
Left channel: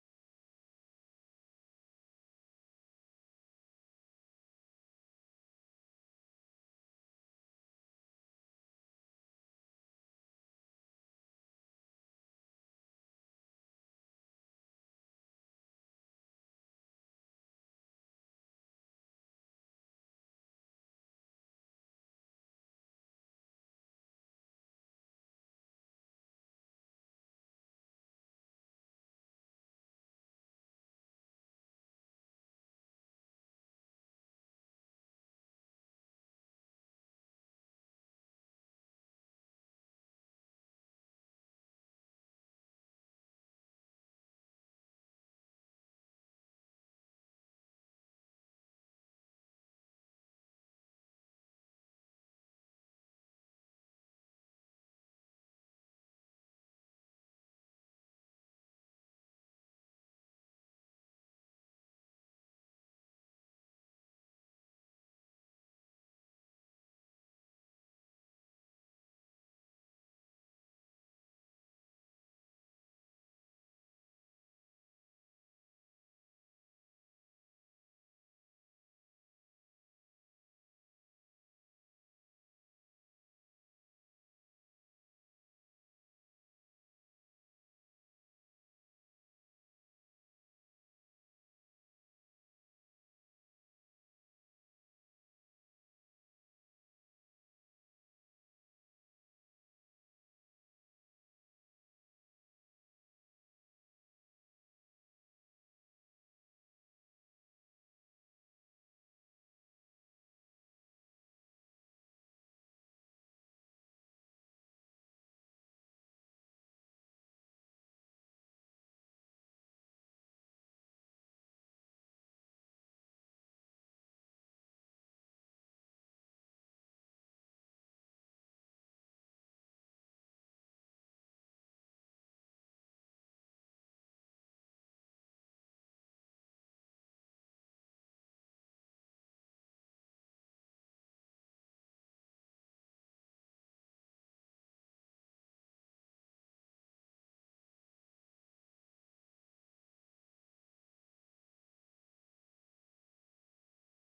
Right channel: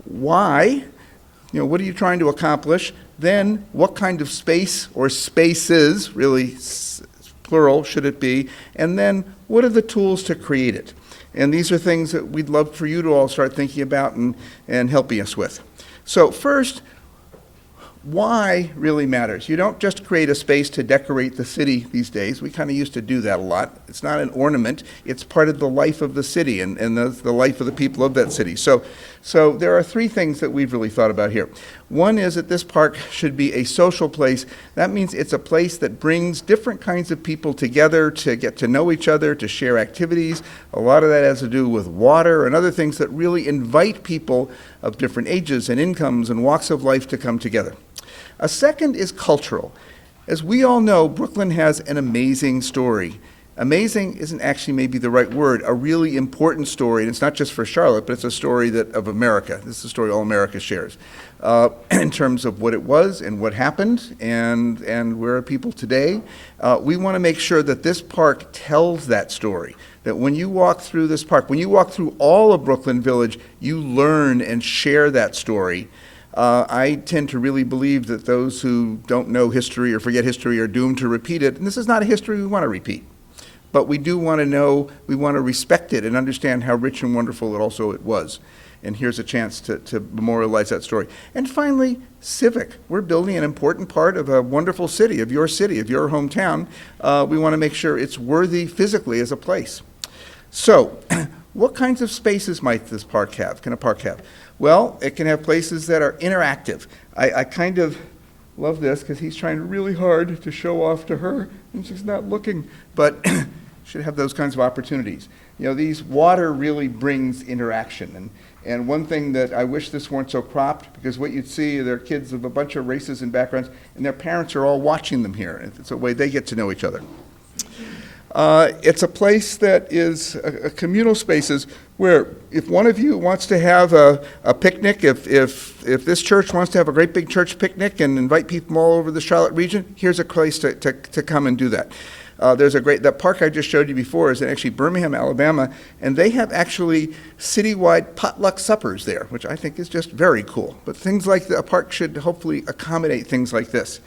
why? What are you trying to accomplish? Then what kind of space or spaces, really plural should it be, and then what are the tools to create it? And these are things that we'd love for you to all start thinking about and helping us with. So first, why really matters. You don't just create a space to decorate the city these days. We kind of used to do that a lot. It's not an ornament. It's part of the life of the city and the life of the people of that city. So there are 3 things that we've really thought about here. One is that this park should be a social place. That means it's a place that brings different kinds of people together to get to know each other, to share activities. A lot of that has to do with water and other things that really invite people of different ages and incomes and walks of life to come together. A second is cultural. As we all know, Brooklyn has an amazing story. Amazing isn't actually maybe the right word, a really important story, and it's not just for Charlotte, but it's a story of America. This is a story all America shares in terms of what it was and what happened and where are people today. We want to make sure that this park tells that story, that when you walk through this park, when you walk through all of Brooklyn Village, you learn and share that story. I tend to really believe that those who don't know history or forget history are doomed to repeat it, and this is not a history we want to repeat. But we do want to know, we want to respect it and understand how rich and wonderful it was. And here's a chance to memorialize that story. And finally, civic. We're building an important part of a wonderful city, of your hometown. We want to make sure it's worthy physically as a place. So, what kinds of spaces might this park have? Can a park have? Well, it can have places that are interactive. I kind of love this because he's trying really hard to show off to her, and she's not looking. But should have those kinds of opportunities. You know, these water really brings interaction. And one thing that I wish this weren't so cropped, because what you'd see, there are kids of a bunch of races and backgrounds, and their parents are all watching them here. It's a way they get to know each other. It's a place that is a communal spaces where if one of you wants to have a picnic, if this church wants to have a great big church picnic and invite people from all over the Charlotte region, here's a place to come and do that. That park I just showed you before is in actually Birmingham, Alabama, and they have actually citywide potluck suppers there, which I think is just very cool. But things like a park should hopefully accommodate things like this.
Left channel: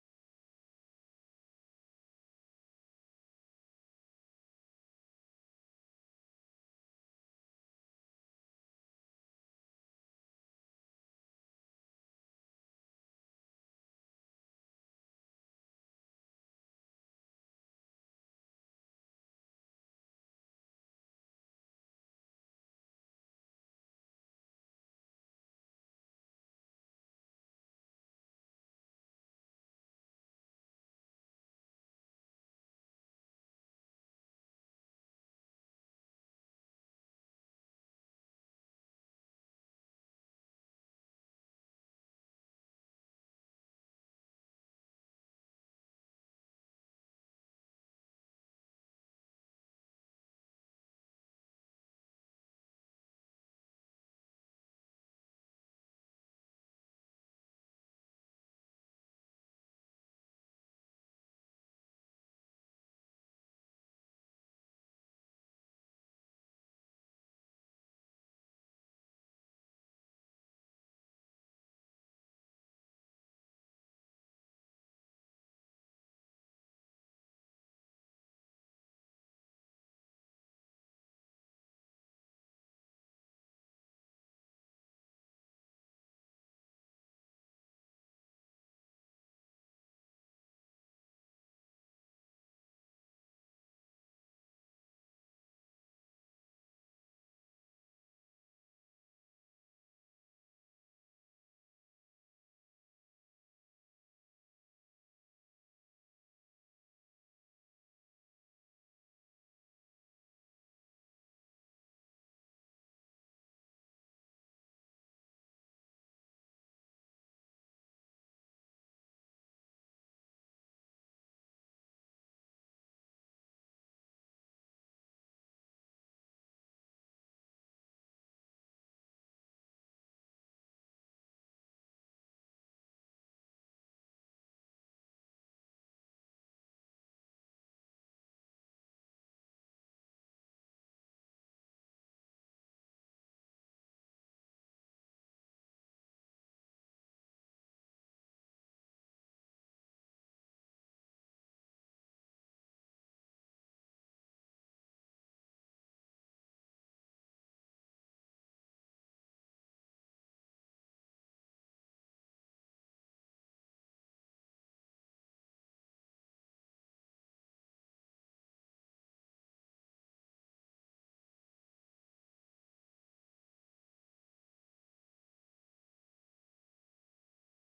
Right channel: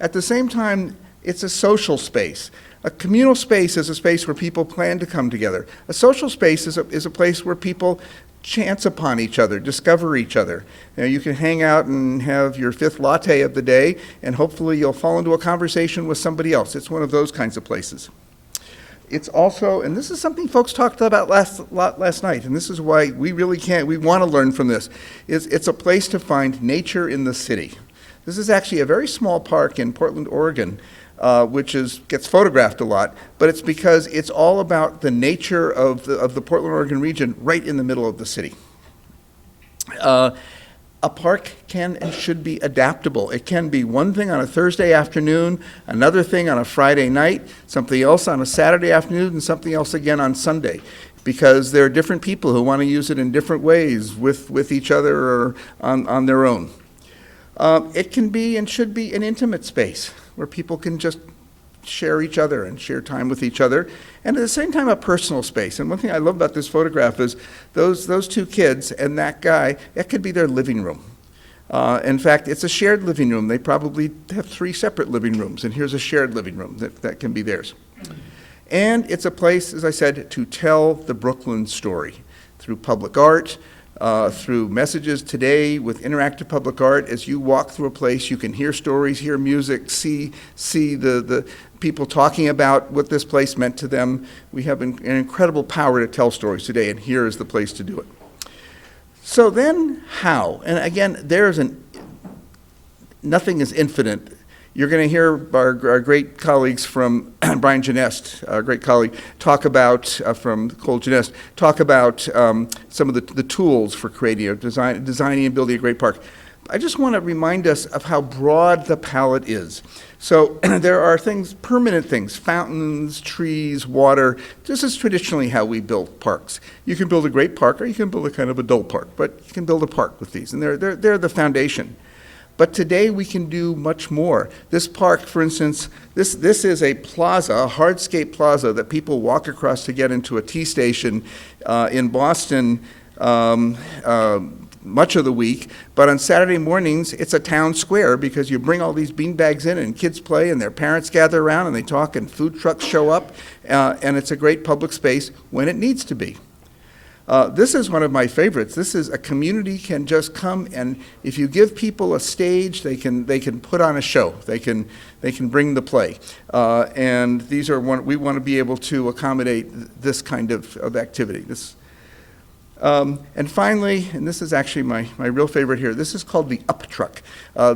At the same time, it's a social space. A communal space is a space where people plan to come together. A social space is a place where people chance upon each other, discover each other. You know, you can hang out and have your 5th latte of the day, and hopefully you'll fall into a conversation with somebody else. It's one of those kinds of places. It's also, and this is something folks talked about last night, and this is why we want to learn from this, it's a place to find nature in the city. This is actually a very small park in Portland, Oregon, which gets photographed a lot, but it's because it's all about the nature of the Portland, Oregon region right in the middle of the city. A park can and should be adaptable. It can be one thing on a Thursday afternoon, another thing on a Friday night, something else on a Saturday afternoon, and something else again on Sunday, because there are different people who want to use it in different ways with each other or on their own. It can be and should be an intimate space where people can just share each other and share time with each other, and at the same time a personal space. And one thing I love about this photograph is those 2 kids and that guy, that could be their living room. In fact, it's a shared living room. They probably have 3 separate living rooms, and here's a shared living room that can be theirs. And it's a place, as I said, to tell the Brooklyn story through public art, through messages today with interactive public art. As you walk through a place, you can hear stories, hear music, see the people talking about what this place meant to them. We have an incredible power to tell stories today, and here is the place to do it. So then how? And again, nothing is infinite. You're going to hear our great colleagues from Brian Genest, our great colleague, talk about, from Cole Genest, talk about some of the tools for creating or designing and building a great park. I just want to remind us of how broad the palette is. So there are things, permanent things, fountains, trees, water. This is traditionally how we build parks. You can build a great park, or you can build a kind of a dull park, but you can build a park with these, and they're the foundation. But today we can do much more. This park, for instance, this is a plaza, a hardscape plaza that people walk across to get into a T station in Boston much of the week. But on Saturday mornings, it's a town square because you bring all these beanbags in and kids play and their parents gather around and they talk and food trucks show up. And it's a great public space when it needs to be. This is one of my favorites. This is a community can just come, and if you give people a stage, they can put on a show. They can bring the play, and these are we want to be able to accommodate this kind of activity. And finally, and this is actually my real favorite here. This is called the Up Truck.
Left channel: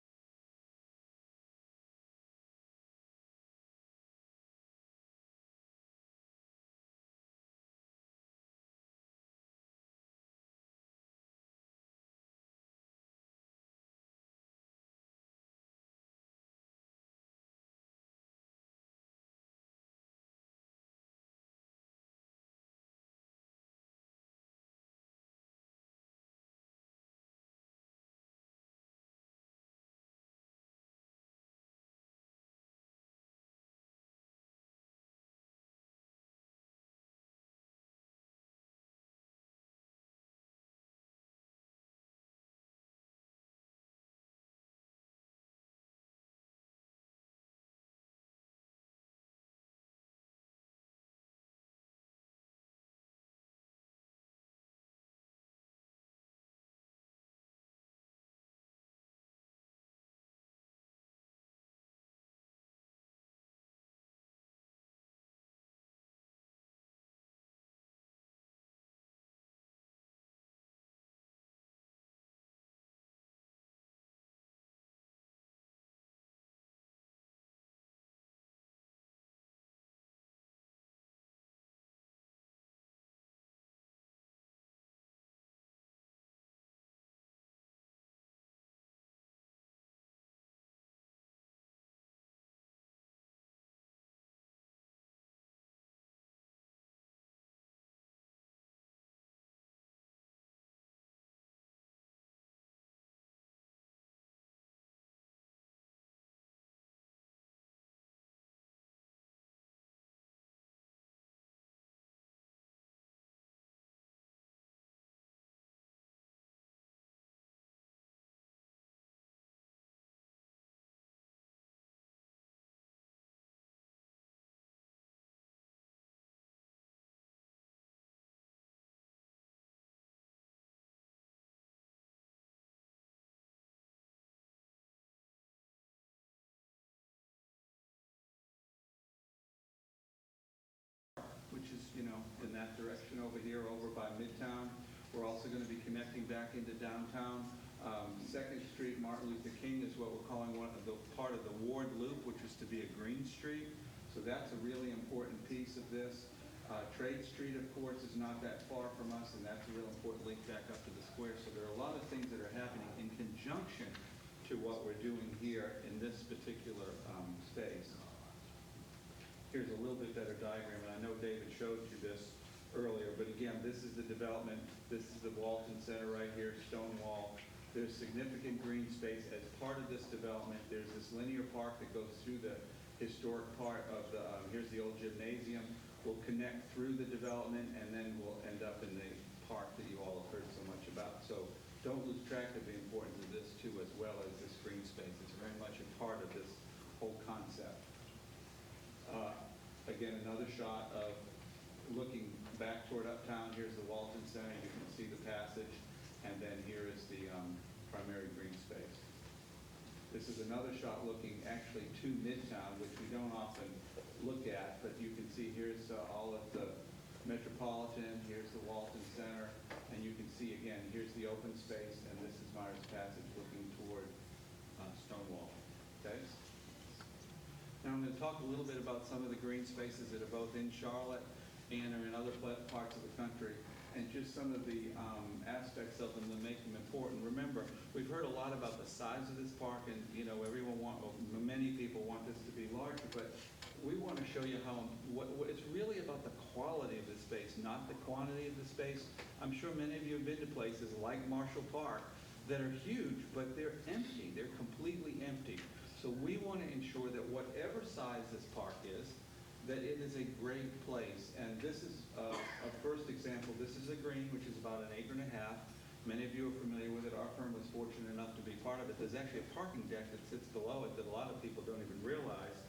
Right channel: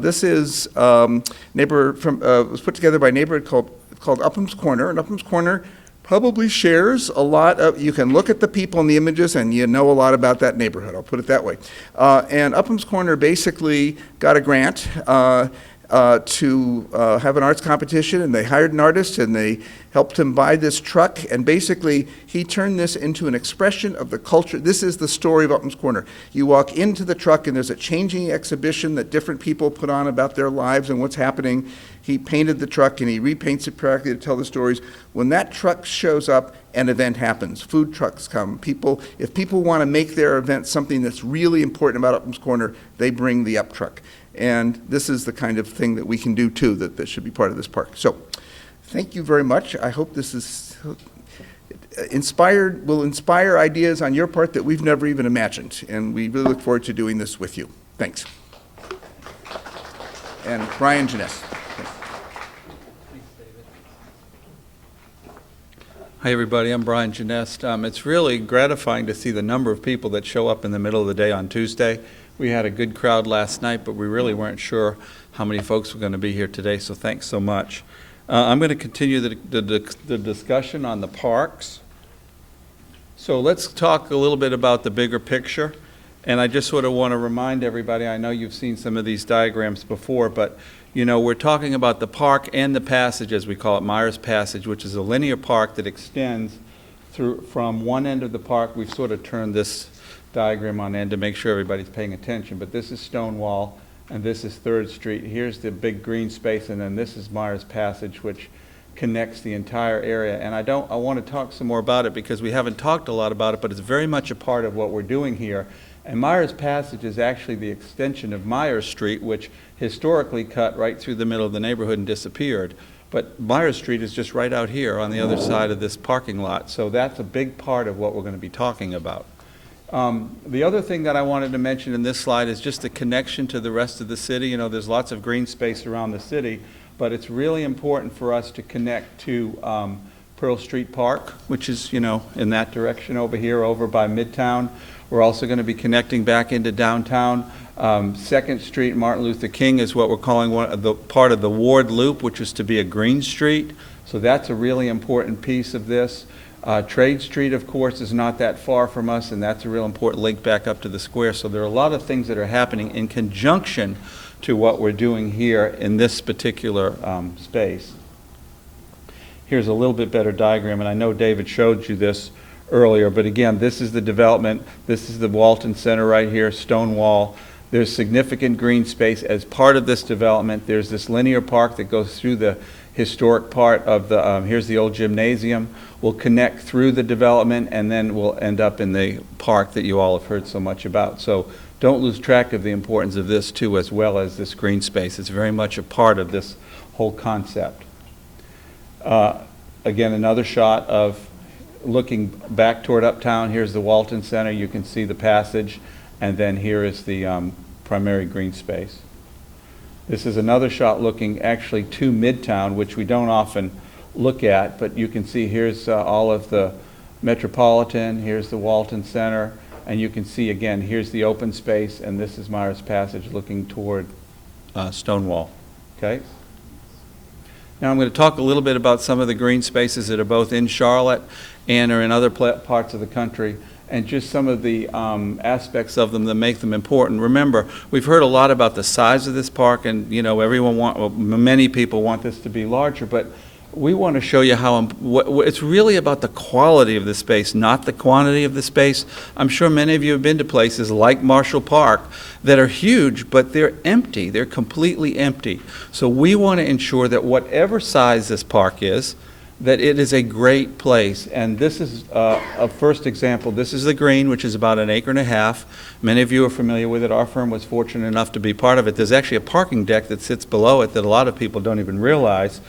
This is was put together by a neighborhood called Upham's Corner, and Upham's Corner probably shares a lot of, you can look at the people in the images and you know a lot about that neighborhood, I'll put it that way. And Upham's Corner basically got a grant to have an arts competition, and they hired an artist and they helped him buy this truck, and basically he turned this into an expression of the culture. This is the story of Upham's Corner. You walk into the truck and there's a changing exhibition that different people put on about their lives and what's happening. He painted the truck and he repaints it practically to tell the stories. When that truck shows up, an event happens. Food trucks come. If people want to make their event something that's really important about Upham's Corner, they bring the Up Truck. And this is the kind of thing that we can do too, that should be part of this park. So thank you very much. I hope this is will inspire ideas on your part that we've never even imagined. And we really look forward to doing this with you. Thanks. And Brian Genest. Hi, everybody. I'm Brian Genest. It's really gratifying to see the number of people that show up in the middle of the day on Tuesday. We had a good crowd last night, but we really weren't sure how many folks were going to be here today, so thanks so much. I'm going to continue the discussion on the parks. So let's talk a little bit about the bigger picture. And I just sort of want to remind everybody, I know you've seen some of these diagrams before, but you know, we're talking about the park and the passage, as we call it, Myers Passage, which is a linear park that extends through from one end of the park. We've sort of turned this diagram on end to make sure everybody's paying attention, but this is Stonewall, and this is 3rd Street. Here's the big green space, and then this is Myers Passage, which connects the entire area. And I want to talk some more about it because we haven't talked a lot about it, but it's very much a part of what we're doing here. And Myers Passage is actually the extension of Myers Street, which historically cut right through the middle of the neighborhood and disappeared. But Myers Street is just right out here on the other side of this parking lot. So that's a big part of what we're going to be talking about. The other thing that I wanted to mention in this slide is just the connection to the rest of the city. You know, there's lots of green space around the city, but it's really important for us to connect to Pearl Street Park, which is, you know, in that direction over here, over by Midtown. We're also going to be connecting back into downtown. 2nd Street, Martin Luther King is what we're calling part of the Ward Loop, which is to be a green street. So that's a really important piece of this. Trade Street, of course, is not that far from us, and that's a real important link back up to the square. So there are a lot of things that are happening in conjunction to what we're doing here in this particular space. Here's a little bit better diagram, and I know David showed you this earlier, but again, this is the development. This is the Walton Center right here, Stonewall. There's significant green space as part of this development. There's this linear park that goes through the historic part of the, here's the old gymnasium. We'll connect through the development, and then we'll end up in the park that you all have heard so much about. So don't lose track of the importance of this too, as well as this green space. It's very much a part of this whole concept. Again, another shot of looking back toward Uptown. Here's the Walton Center. You can see the passage, and then here is the primary green space. This is another shot looking actually to Midtown, which we don't often look at, but you can see here's all of the Metropolitan, here's the Walton Center, and you can see again, here's the open space, and this is Myers Passage looking toward Stonewall. Okay? Now I'm going to talk a little bit about some of the green spaces that are both in Charlotte and are in other parts of the country, and just some of the aspects of them that make them important. Remember, we've heard a lot about the size of this park, and you know, many people want this to be larger, but we want to show you how it's really about the quality of the space, not the quantity of the space. I'm sure many of you have been to places like Marshall Park that are huge, but they're empty. They're completely empty. So we want to ensure that whatever size this park is, that it is a great place. And this is a first example. This is the green, which is about 1.5 acres. Many of you are familiar with it. Our firm was fortunate enough to be part of it. There's actually a parking deck that sits below it that a lot of people don't even realize.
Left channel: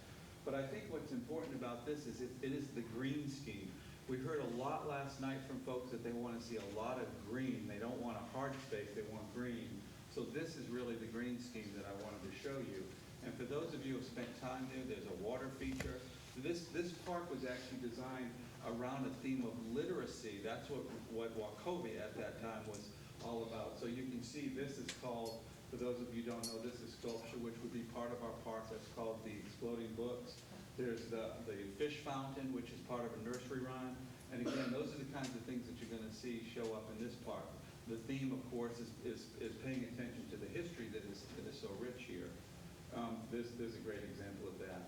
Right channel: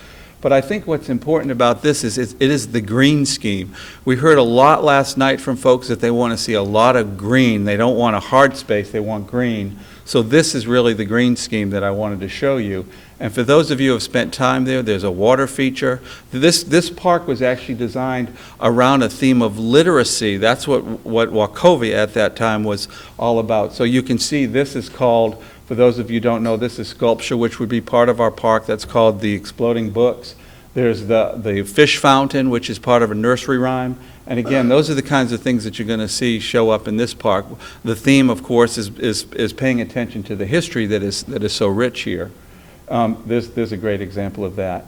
But I think what's important about this is it is the green scheme. We heard a lot last night from folks that they want to see a lot of green. They don't want a hard space, they want green. So this is really the green scheme that I wanted to show you. And for those of you who have spent time there, there's a water feature. This park was actually designed around a theme of literacy. That's what Wachovia at that time was all about. So you can see this is called, for those of you who don't know, this is sculpture, which would be part of our park. That's called the Exploding Books. There's the fish fountain, which is part of a nursery rhyme. And again, those are the kinds of things that you're going to see show up in this park. The theme, of course, is paying attention to the history that is so rich here. There's a great example of that.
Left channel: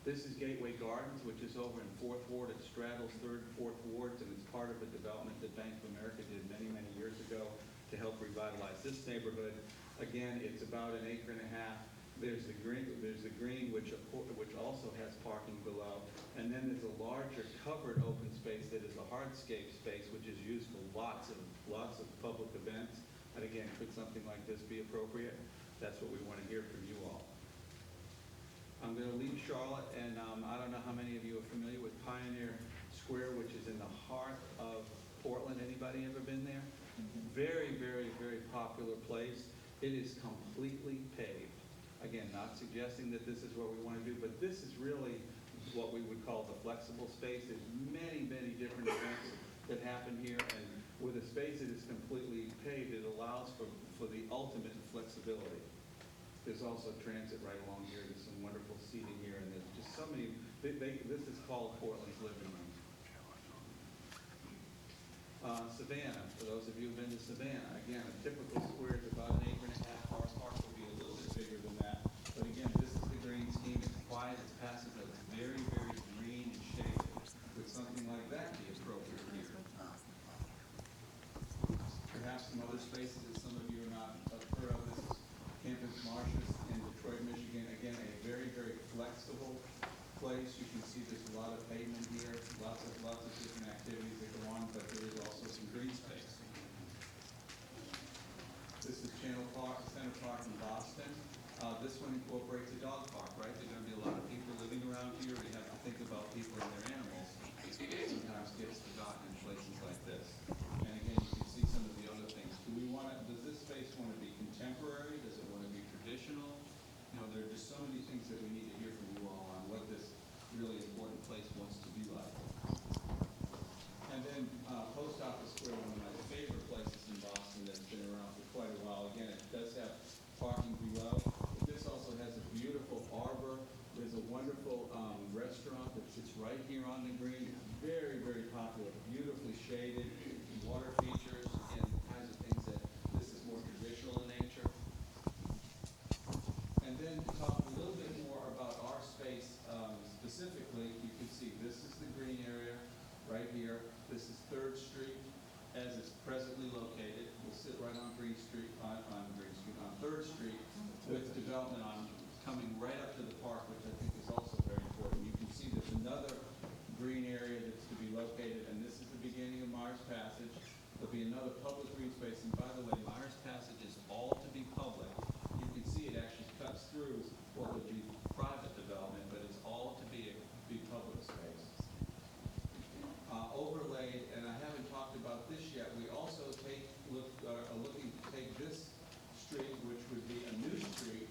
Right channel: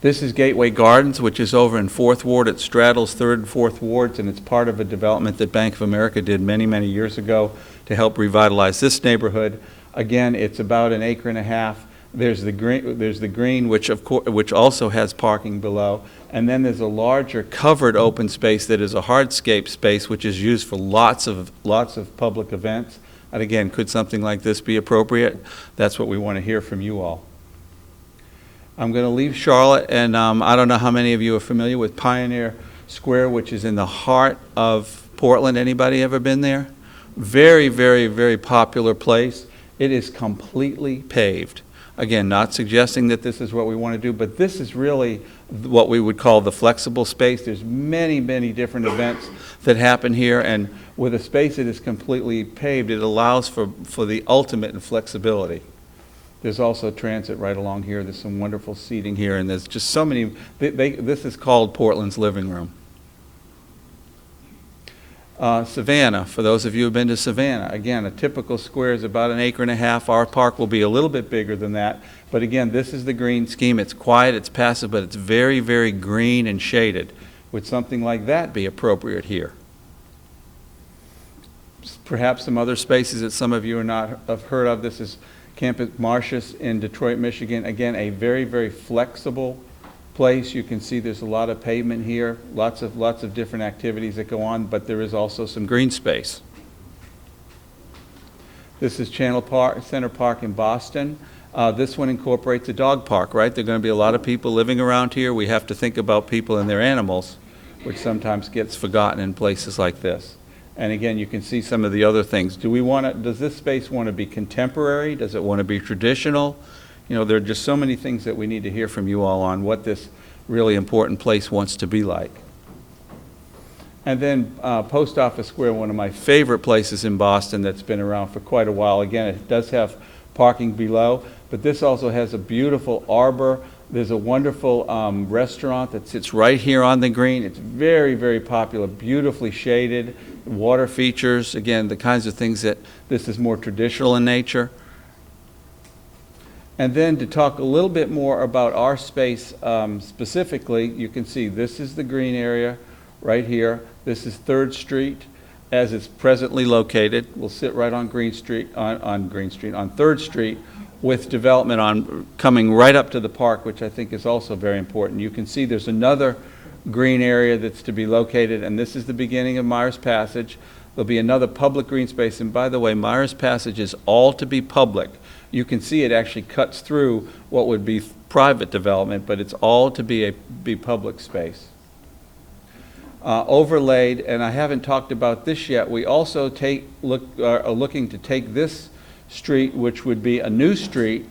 This is Gateway Gardens, which is over in 4th Ward. It straddles 3rd and 4th Wards, and it's part of a development that Bank of America did many, many years ago to help revitalize this neighborhood. Again, it's about 1.5 acres. There's the green, which also has parking below, and then there's a larger covered open space that is a hardscape space, which is used for lots of public events. And again, could something like this be appropriate? That's what we want to hear from you all. I'm going to leave Charlotte, and I don't know how many of you are familiar with Pioneer Square, which is in the heart of Portland. Anybody ever been there? Very, very, very popular place. It is completely paved. Again, not suggesting that this is what we want to do, but this is really what we would call the flexible space. There's many, many different events that happen here, and with a space that is completely paved, it allows for the ultimate in flexibility. There's also transit right along here. There's some wonderful seating here, and there's just so many. This is called Portland's living room. Savannah, for those of you who've been to Savannah, again, a typical square is about 1.5 acres. Our park will be a little bit bigger than that. But again, this is the green scheme. It's quiet, it's passive, but it's very, very green and shaded. Would something like that be appropriate here? Perhaps some other spaces that some of you are not have heard of. This is Campus Martius in Detroit, Michigan. Again, a very, very flexible place. You can see there's a lot of pavement here, lots of different activities that go on, but there is also some green space. This is Center Park in Boston. This one incorporates a dog park, right? There are going to be a lot of people living around here. We have to think about people and their animals, which sometimes gets forgotten in places like this. And again, you can see some of the other things. Does this space want to be contemporary? Does it want to be traditional? You know, there are just so many things that we need to hear from you all on what this really important place wants to be like. And then Post Office Square, one of my favorite places in Boston that's been around for quite a while. Again, it does have parking below, but this also has a beautiful arbor. There's a wonderful restaurant that sits right here on the green. It's very, very popular, beautifully shaded, water features, again, the kinds of things that this is more traditional in nature. And then to talk a little bit more about our space specifically, you can see this is the green area right here. This is 3rd Street as it's presently located. We'll sit right on Green Street, on 3rd Street, with development coming right up to the park, which I think is also very important. You can see there's another green area that's to be located, and this is the beginning of Myers Passage. There'll be another public green space, and by the way, Myers Passage is all to be public. You can see it actually cuts through what would be private development, but it's all to be public space. Overlaid, and I haven't talked about this yet, we also are looking to take this street, which would be a new street,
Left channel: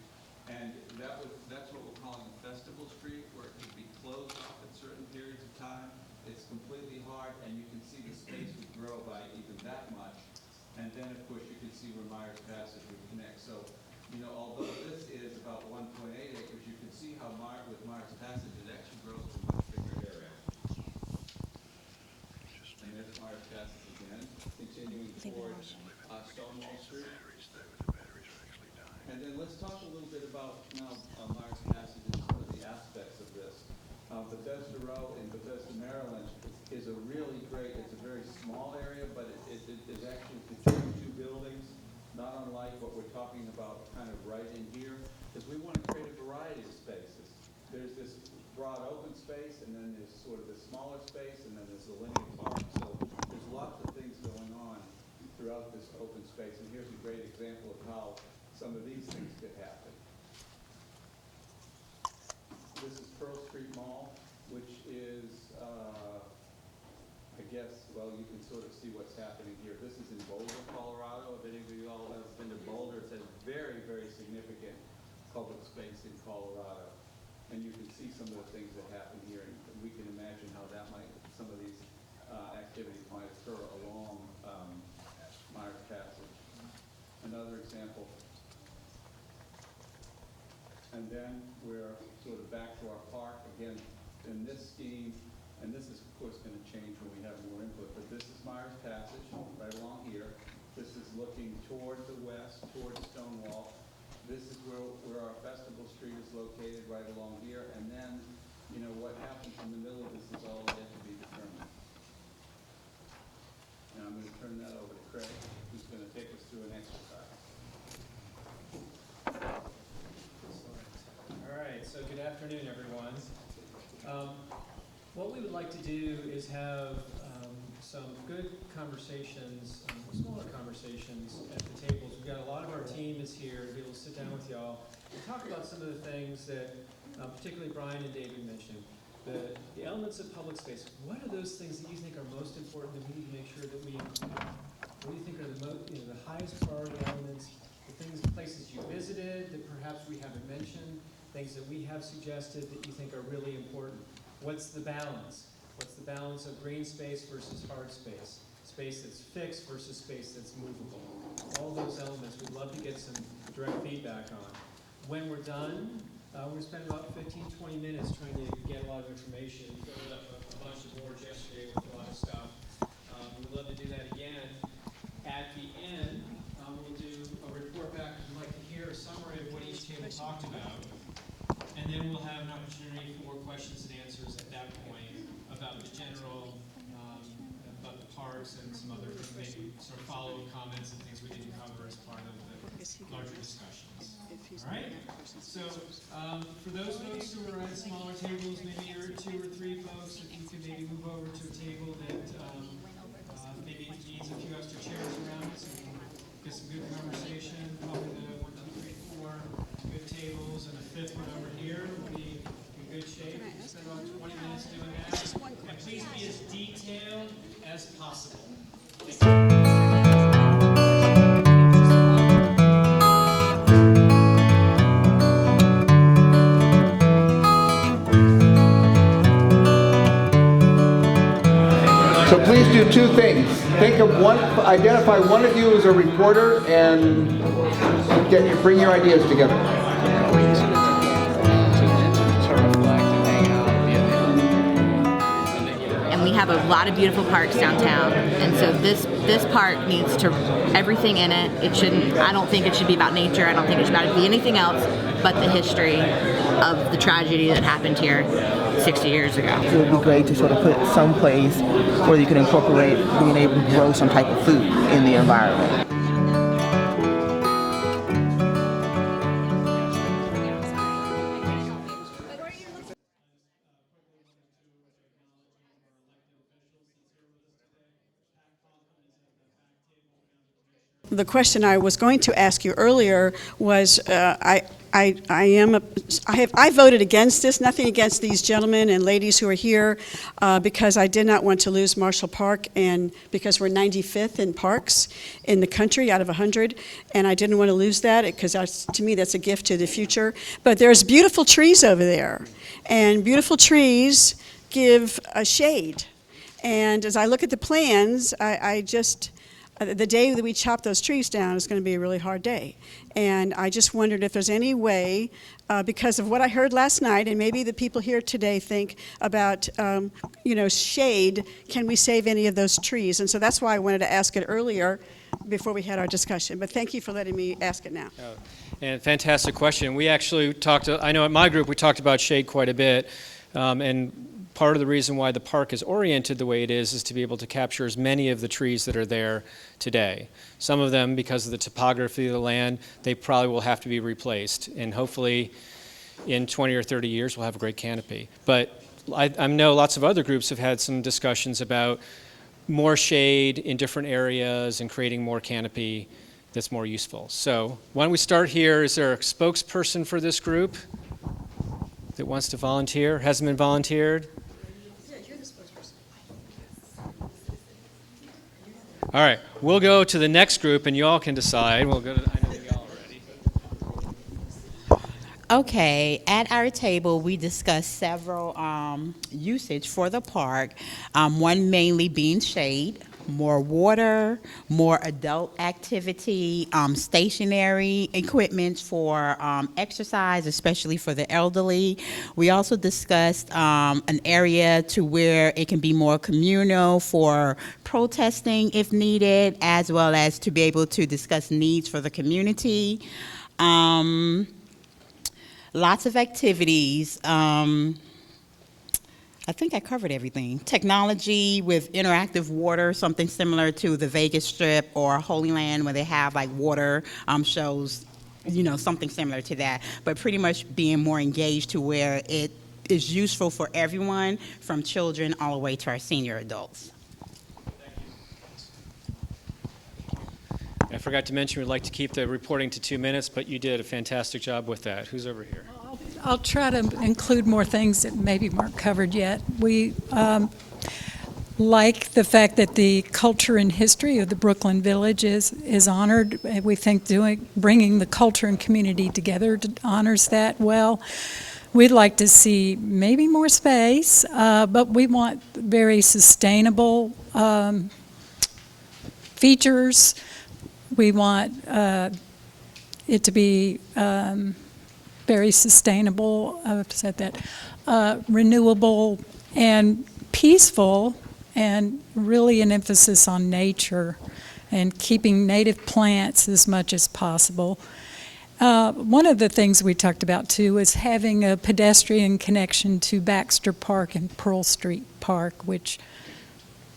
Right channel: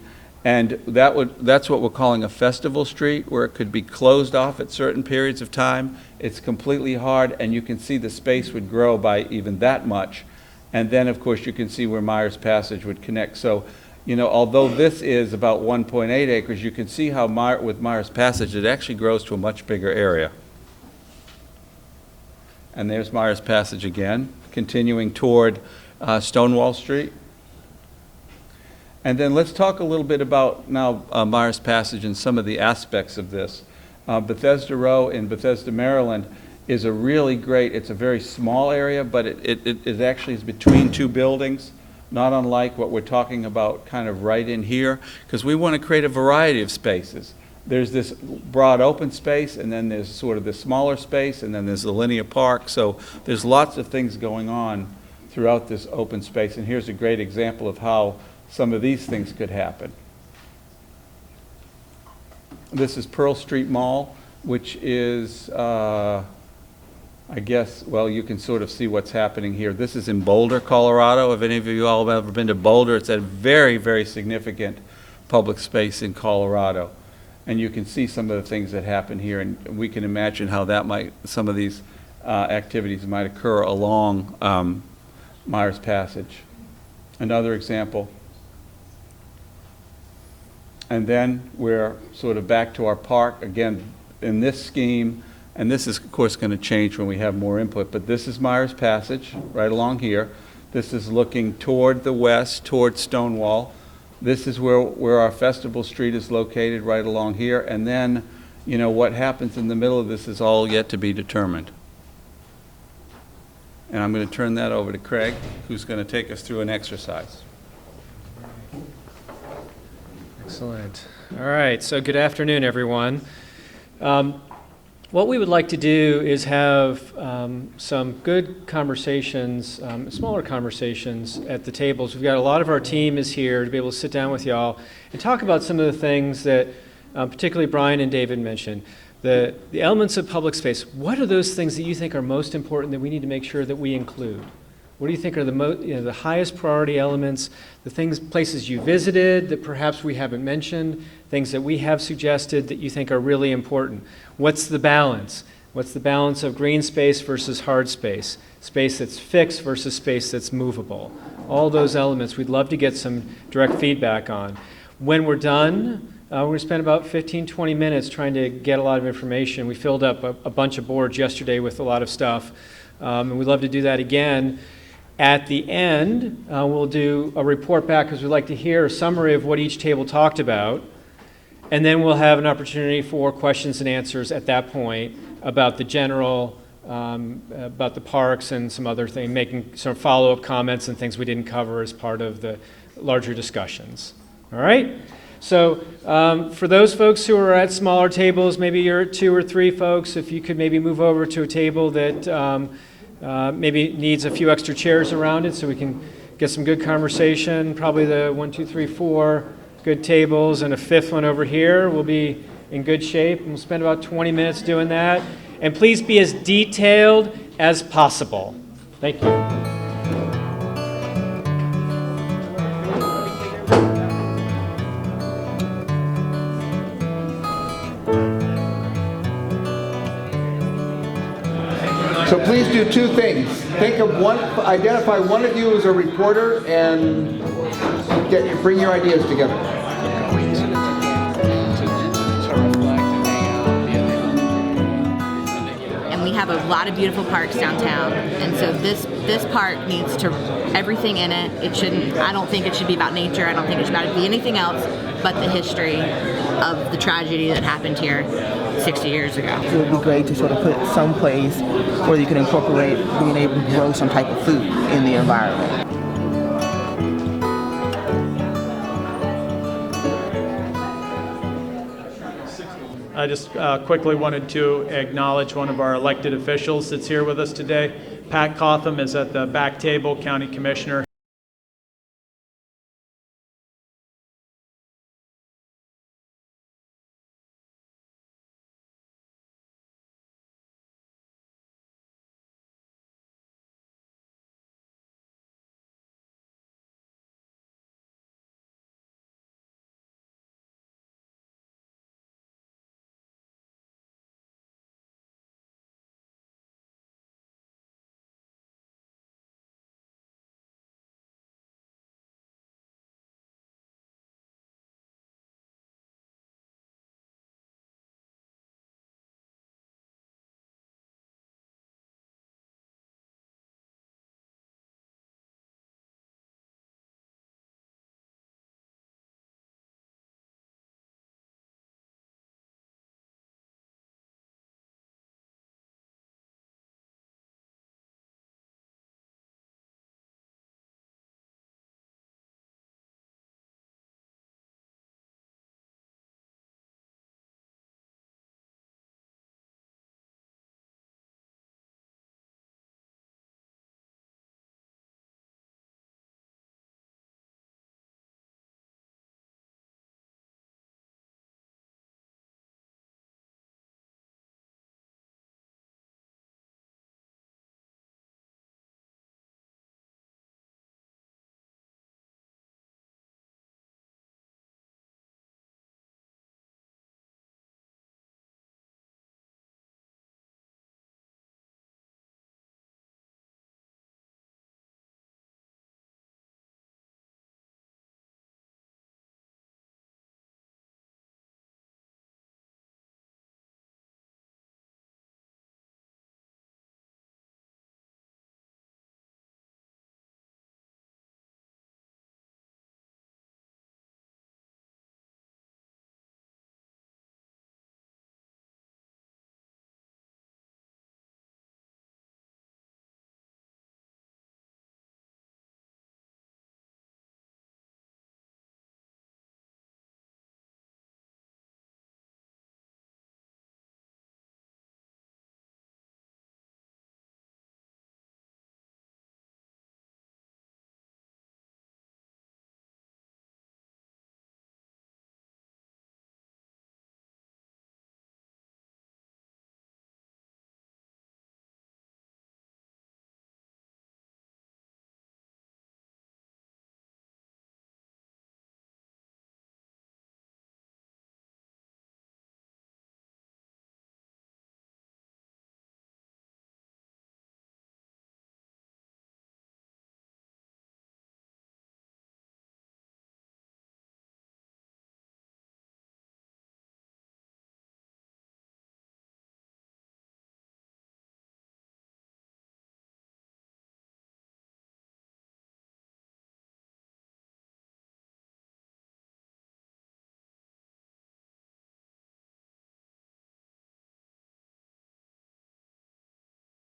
and that's what we're calling a festival street, where it could be closed off at certain periods of time. It's completely hard, and you can see the space would grow by even that much. And then, of course, you can see where Myers Passage would connect. So, you know, although this is about 1.8 acres, you can see how with Myers Passage, it actually grows to a much bigger area. And there's Myers Passage again, continuing toward Stonewall Street. And then let's talk a little bit about now Myers Passage and some of the aspects of this. Bethesda Row in Bethesda, Maryland is a really great, it's a very small area, but it actually is between two buildings, not unlike what we're talking about kind of right in here, because we want to create a variety of spaces. There's this broad open space, and then there's sort of the smaller space, and then there's the linear park. So there's lots of things going on throughout this open space, and here's a great example of how some of these things could happen. This is Pearl Street Mall, which is, I guess, well, you can sort of see what's happening here. This is in Boulder, Colorado. If any of you all have ever been to Boulder, it's a very, very significant public space in Colorado. And you can see some of the things that happen here, and we can imagine how some of these activities might occur along Myers Passage. Another example. And then we're sort of back to our park, again, in this scheme, and this is, of course, going to change when we have more input, but this is Myers Passage, right along here. This is looking toward the west, toward Stonewall. This is where our Festival Street is located, right along here, and then, you know, what happens in the middle of this is all yet to be determined. And I'm going to turn that over to Craig, who's going to take us through an exercise. Excellent. All right, so good afternoon, everyone. What we would like to do is have some good conversations, smaller conversations at the tables. We've got a lot of our team is here to be able to sit down with y'all and talk about some of the things that particularly Brian and David mentioned. The elements of public space. What are those things that you think are most important that we need to make sure that we include? What do you think are the highest priority elements, the places you visited that perhaps we haven't mentioned, things that we have suggested that you think are really important? What's the balance? What's the balance of green space versus hard space? Space that's fixed versus space that's movable? All those elements we'd love to get some direct feedback on. When we're done, we're going to spend about 15, 20 minutes trying to get a lot of information. We filled up a bunch of boards yesterday with a lot of stuff, and we'd love to do that again. At the end, we'll do a report back because we'd like to hear a summary of what each table talked about, and then we'll have an opportunity for questions and answers at that point about the general, about the parks and some other things, making some follow-up comments and things we didn't cover as part of the larger discussions. All right? So for those folks who are at smaller tables, maybe you're 2 or 3 folks, if you could maybe move over to a table that maybe needs a few extra chairs around it so we can get some good conversation. Probably the 1, 2, 3, 4 good tables and a 5th one over here. We'll be in good shape, and we'll spend about 20 minutes doing that. And please be as detailed as possible. Thank you. So please do 2 things. Identify one of you as a reporter and bring your ideas together. And we have a lot of beautiful parks downtown, and so this park needs to everything in it. I don't think it should be about nature. I don't think it should be anything else but the history of the tragedy that happened here 60 years ago. It would be great to sort of put it someplace where you can incorporate being able to grow some type of food in the environment. I just quickly wanted to acknowledge one of our elected officials that's here with us today. Pat Cotham is at the back table, County Commissioner. The question I was going to ask you earlier was, I voted against this, nothing against these gentlemen and ladies who are here, because I did not want to lose Marshall Park, and because we're 95th in parks in the country out of 100, and I didn't want to lose that because to me that's a gift to the future. But there's beautiful trees over there, and beautiful trees give a shade. And as I look at the plans, the day that we chop those trees down is going to be a really hard day. And I just wondered if there's any way, because of what I heard last night, and maybe the people here today think about, shade, can we save any of those trees? And so that's why I wanted to ask it earlier before we had our discussion. But thank you for letting me ask it now. And fantastic question. We actually I know at my group we talked about shade quite a bit, and part of the reason why the park is oriented the way it is to be able to capture as many of the trees that are there today. Some of them, because of the topography of the land, they probably will have to be replaced. And hopefully in 20 or 30 years we'll have a great canopy. But I know lots of other groups have had some discussions about more shade in different areas and creating more canopy that's more useful. So why don't we start here? Is there a spokesperson for this group that wants to volunteer? Hasn't been volunteered? All right, we'll go to the next group, and you all can decide. We'll go to, I know y'all already. Okay, at our table, we discussed several usage for the park, one mainly being shade, more water, more adult activity, stationary equipment for exercise, especially for the elderly. We also discussed an area to where it can be more communal for protesting if needed, as well as to be able to discuss needs for the community. Lots of activities. I think I covered everything. Technology with interactive water, something similar to the Vegas Strip or Holy Land where they have like water shows, something similar to that. But pretty much being more engaged to where it is useful for everyone, from children all the way to our senior adults. I forgot to mention we'd like to keep the reporting to 2 minutes, but you did a fantastic job with that. Who's over here? I'll try to include more things that maybe weren't covered yet. We like the fact that the culture and history of the Brooklyn Village is honored. We think bringing the culture and community together honors that well. We'd like to see maybe more space, but we want very sustainable features. We want it to be very sustainable, I've said that, renewable and peaceful, and really an emphasis on nature and keeping native plants as much as possible. One of the things we talked about too is having a pedestrian connection to Baxter Park and Pearl Street Park, which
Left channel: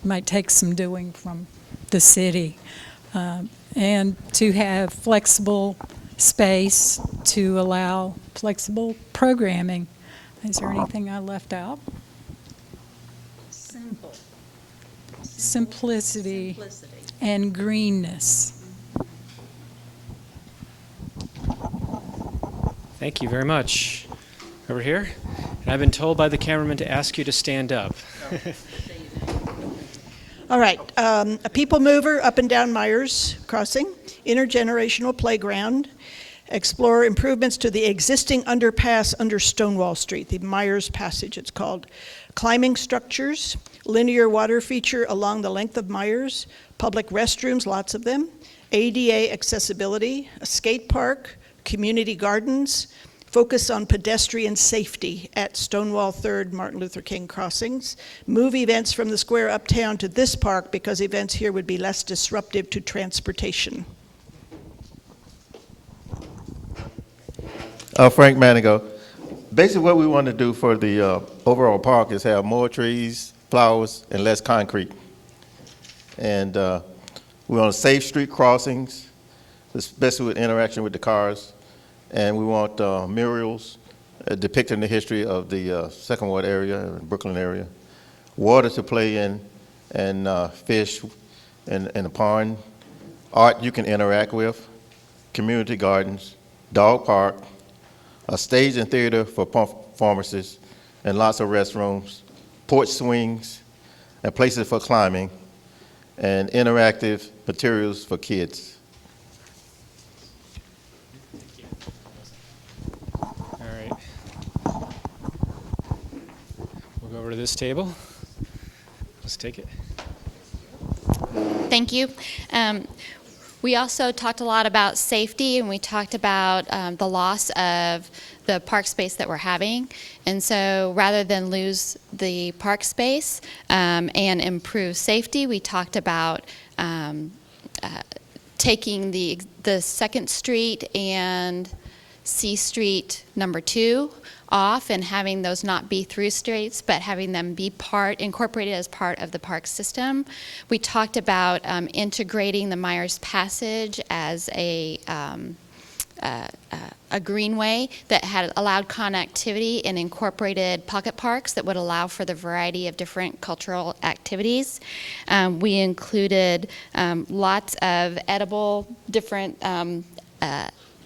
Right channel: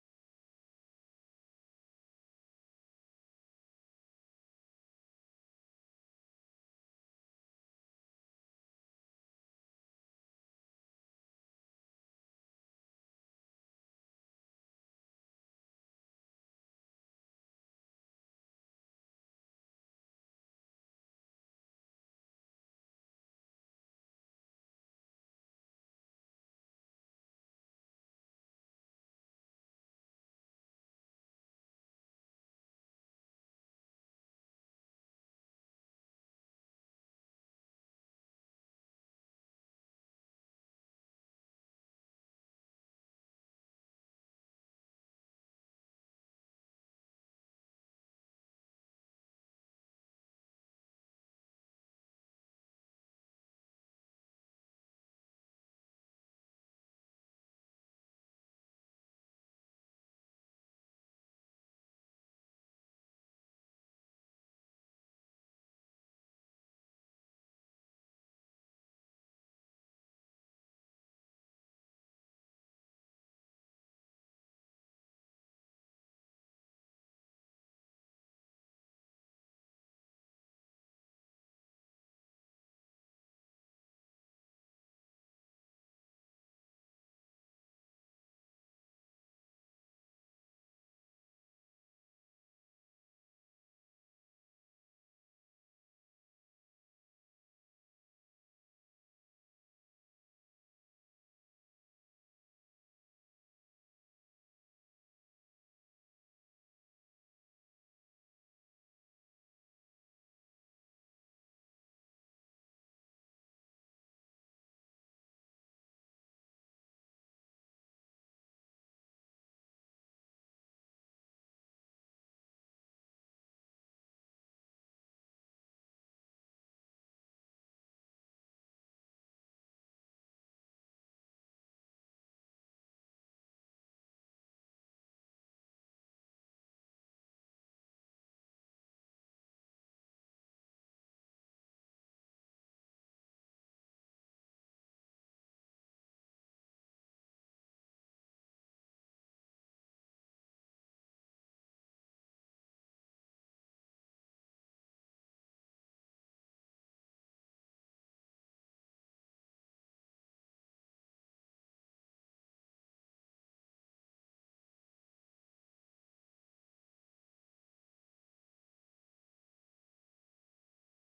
might take some doing from the city. And to have flexible space to allow flexible programming. Is there anything I left out? Simplicity and greenness. Thank you very much. Over here. And I've been told by the cameraman to ask you to stand up. All right, a people mover up and down Myers Crossing, intergenerational playground, explore improvements to the existing underpass under Stonewall Street, the Myers Passage it's called, climbing structures, linear water feature along the length of Myers, public restrooms, lots of them, ADA accessibility, a skate park, community gardens, focus on pedestrian safety at Stonewall 3rd Martin Luther King crossings, move events from the square uptown to this park because events here would be less disruptive to transportation. Frank Manigo. Basically what we want to do for the overall park is have more trees, flowers, and less concrete. And we want safe street crossings, especially with interaction with the cars. And we want murals depicting the history of the Second Ward area, Brooklyn area. Water to play in, and fish in the pond. Art you can interact with. Community gardens. Dog park. A stage and theater for performances. And lots of restrooms. Porch swings. And places for climbing. And interactive materials for kids. Over to this table. Let's take it. Thank you. We also talked a lot about safety, and we talked about the loss of the park space that we're having. And so rather than lose the park space and improve safety, we talked about taking the 2nd Street and C Street number 2 off and having those not be through streets, but having them be incorporated as part of the park system. We talked about integrating the Myers Passage as a greenway that had allowed connectivity and incorporated pocket parks that would allow for the variety of different cultural activities. We included lots of edible different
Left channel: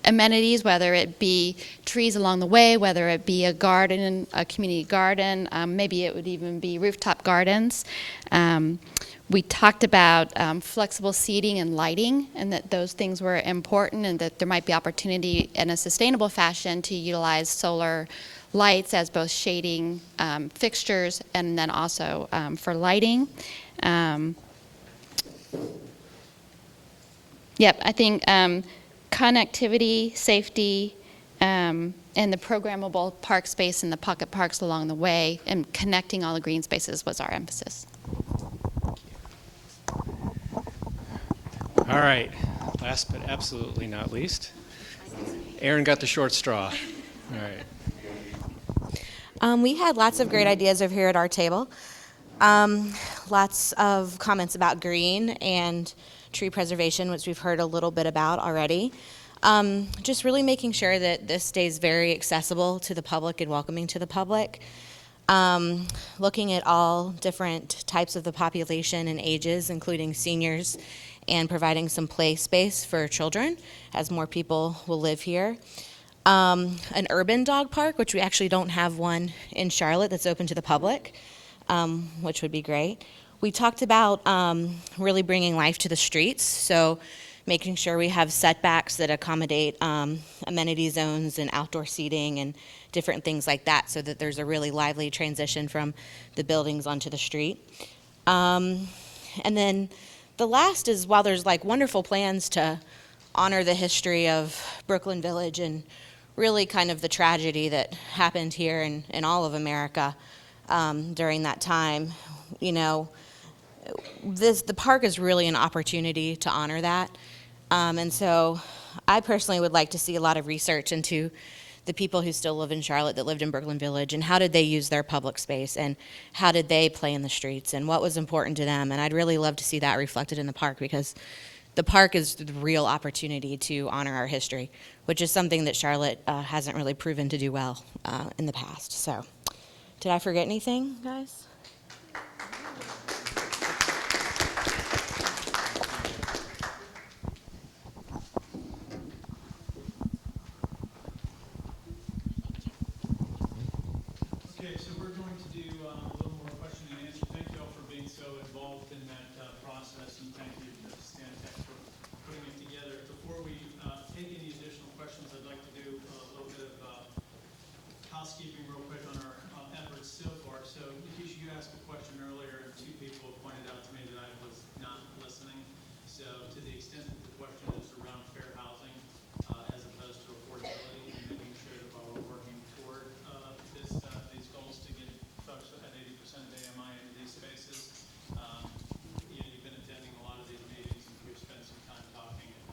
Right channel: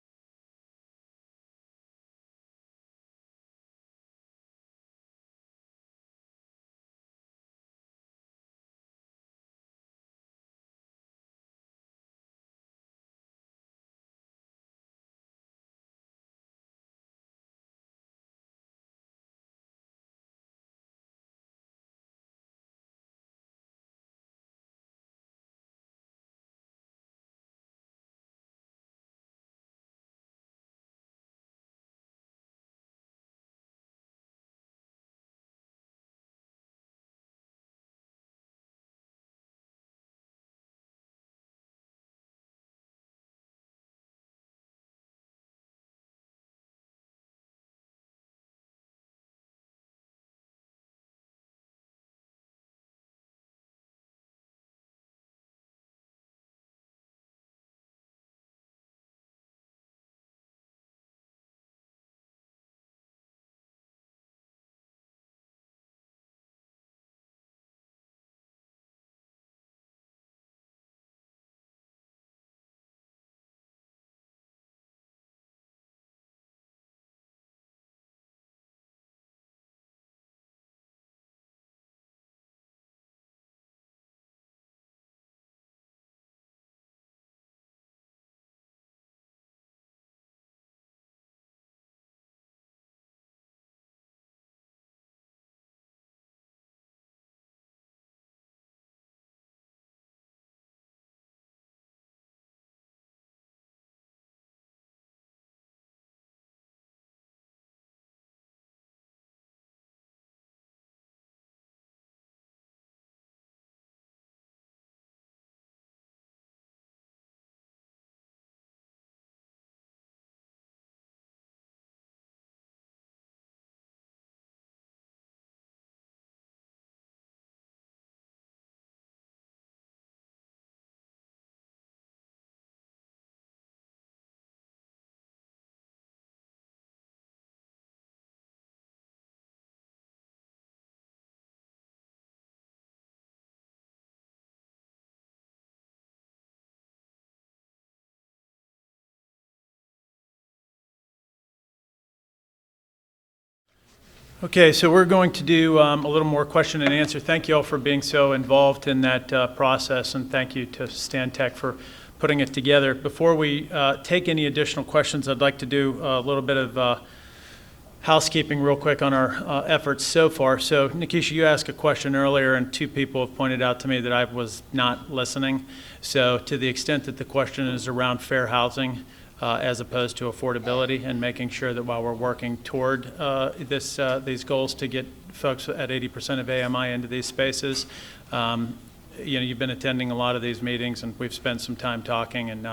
amenities, whether it be trees along the way, whether it be a garden, a community garden, maybe it would even be rooftop gardens. We talked about flexible seating and lighting, and that those things were important, and that there might be opportunity in a sustainable fashion to utilize solar lights as both shading fixtures and then also for lighting. Yep, I think connectivity, safety, and the programmable park space and the pocket parks along the way, and connecting all the green spaces was our emphasis. All right, last but absolutely not least, Aaron got the short straw. All right. We had lots of great ideas over here at our table. Lots of comments about green and tree preservation, which we've heard a little bit about already. Just really making sure that this stays very accessible to the public and welcoming to the public. Looking at all different types of the population and ages, including seniors, and providing some play space for children as more people will live here. An urban dog park, which we actually don't have one in Charlotte that's open to the public, which would be great. We talked about really bringing life to the streets, so making sure we have setbacks that accommodate amenity zones and outdoor seating and different things like that, so that there's a really lively transition from the buildings onto the street. And then the last is, while there's like wonderful plans to honor the history of Brooklyn Village and really kind of the tragedy that happened here in all of America during that time. You know, the park is really an opportunity to honor that. And so I personally would like to see a lot of research into the people who still live in Charlotte that lived in Brooklyn Village, and how did they use their public space, and how did they play in the streets, and what was important to them. And I'd really love to see that reflected in the park, because the park is the real opportunity to honor our history, which is something that Charlotte hasn't really proven to do well in the past. So, did I forget anything, guys? Okay, so we're going to do a little more question and answer. Thank you all for being so involved in that process, and thank you to Stan Tech for putting it together. Before we take any additional questions, I'd like to do a little bit of housekeeping real quick on our efforts so far. So, Nikisha, you asked a question earlier, and two people have pointed out to me that I was not listening. So, to the extent that the question is around fair housing, as opposed to affordability, and making sure that while we're working toward these goals to get folks at 80% of AMI into these spaces, you know, you've been attending a lot of these meetings, and we've spent some time talking, and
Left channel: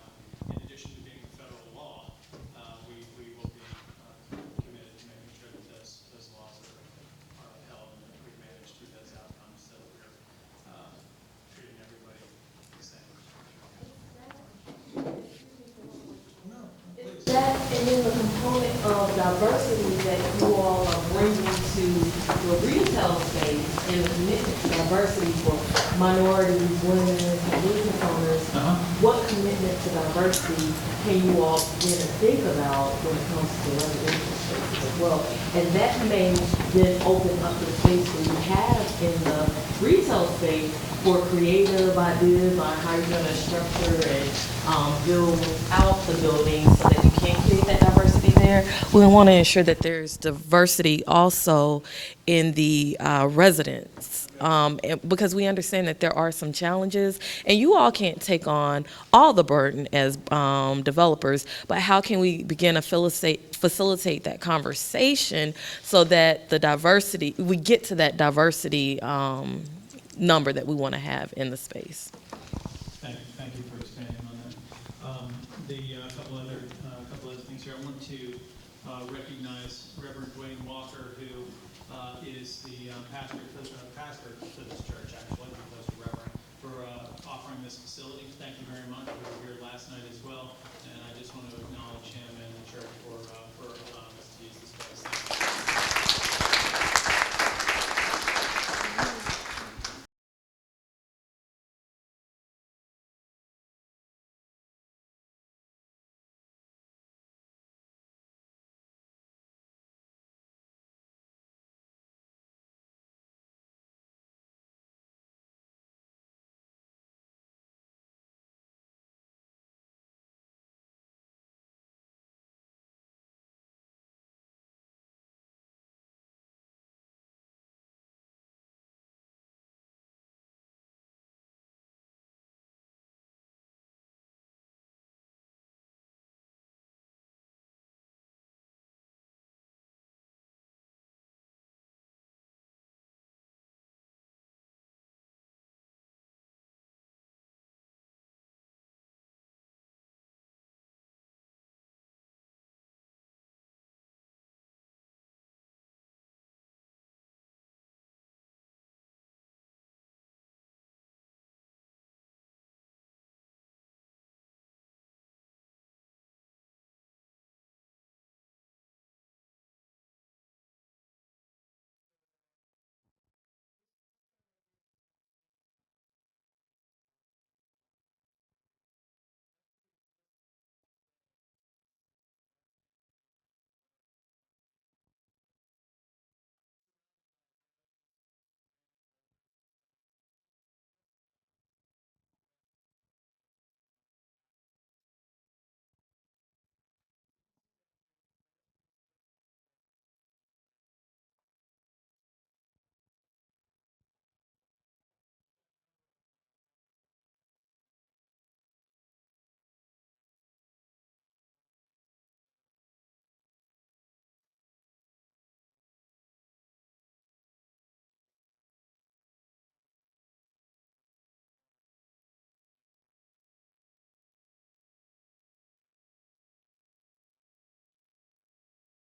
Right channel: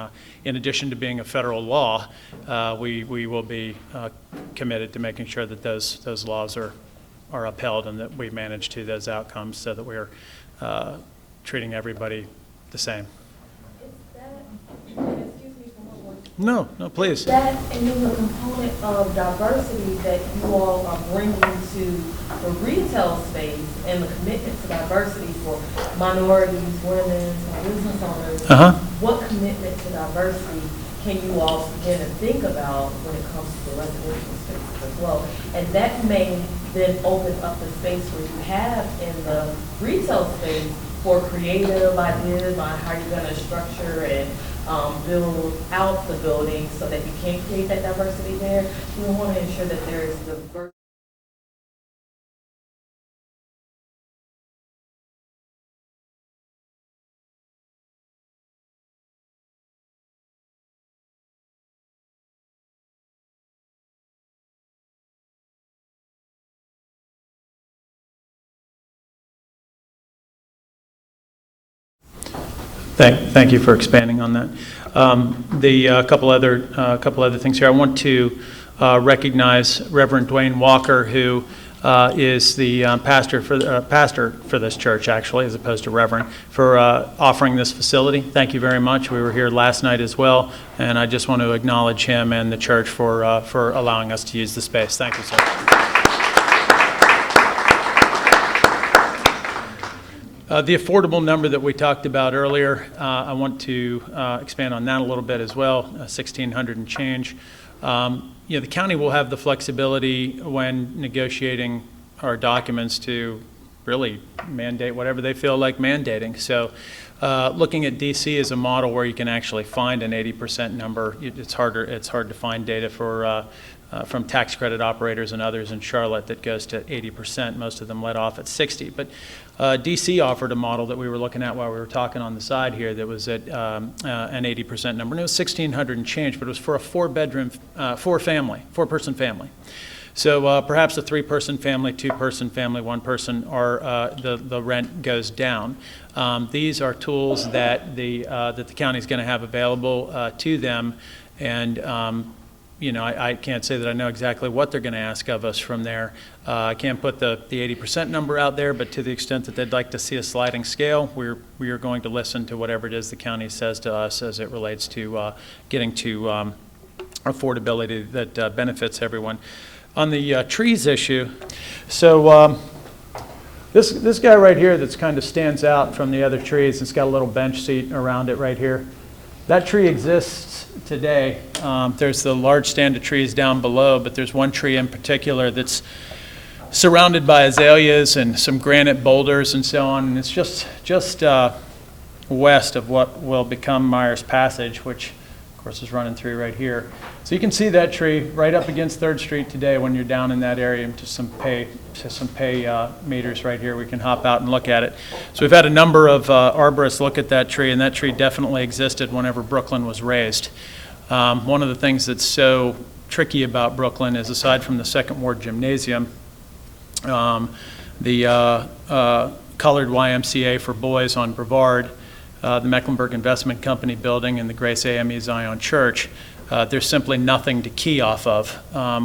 in addition to being a federal law, we will be committed to making sure that those laws are upheld, and that we manage to those outcomes so that we're treating everybody the same. No, please. That and then the component of diversity that you all are bringing to the retail space and the commitment to diversity for minorities, women, and business owners. What commitment to diversity can you all begin to think about when it comes to residential spaces as well? And that may then open up the space that you have in the retail space for creative ideas on how you're going to structure and build out the building so that you can create that diversity there. We want to ensure that there's diversity also in the residents, because we understand that there are some challenges, and you all can't take on all the burden as developers, but how can we begin to facilitate that conversation so that the diversity, we get to that diversity number that we want to have in the space. Thank you for expanding on that. Couple other things here. I want to recognize Reverend Dwayne Walker, who is the pastor for this church, actually, as opposed to Reverend, for offering this facility. Thank you very much. We were here last night as well, and I just want to acknowledge him and the church for allowing us to use the space. Thank you, sir. The affordable number that we talked about earlier, I want to expand on that a little bit as well, 1,600 and change. You know, the county will have the flexibility when negotiating our documents to really mandate whatever they feel like mandating. So looking at DC as a model where you can actually find an 80% number, it's hard to find data for from tax credit operators and others in Charlotte that goes to 80%. Most of them let off at 60. But DC offered a model that we were looking at while we were talking on the side here that was at an 80% number. And it was 1,600 and change, but it was for a four-person family. So perhaps a three-person family, two-person family, one person, or the rent goes down. These are tools that the county is going to have available to them, and you know, I can't say that I know exactly what they're going to ask of us from there. I can't put the 80% number out there, but to the extent that they'd like to see a sliding scale, we are going to listen to whatever it is the county says to us as it relates to getting to affordability that benefits everyone. On the trees issue, so this guy right here that's kind of stands out from the other trees, it's got a little bench seat around it right here. That tree exists today. There's the large stand of trees down below, but there's one tree in particular that's surrounded by azaleas and some granite boulders and so on, and it's just west of what will become Myers Passage, which of course is running through right here. So you can see that tree right up against 3rd Street today when you're down in that area. To some pay meters right here, we can hop out and look at it. So we've had a number of arborists look at that tree, and that tree definitely existed whenever Brooklyn was raised. One of the things that's so tricky about Brooklyn is, aside from the Second Ward Gymnasium, the colored YMCA for boys on Brevard, the Mecklenburg Investment Company building, and the Grace AME Zion Church, there's simply nothing to key off of,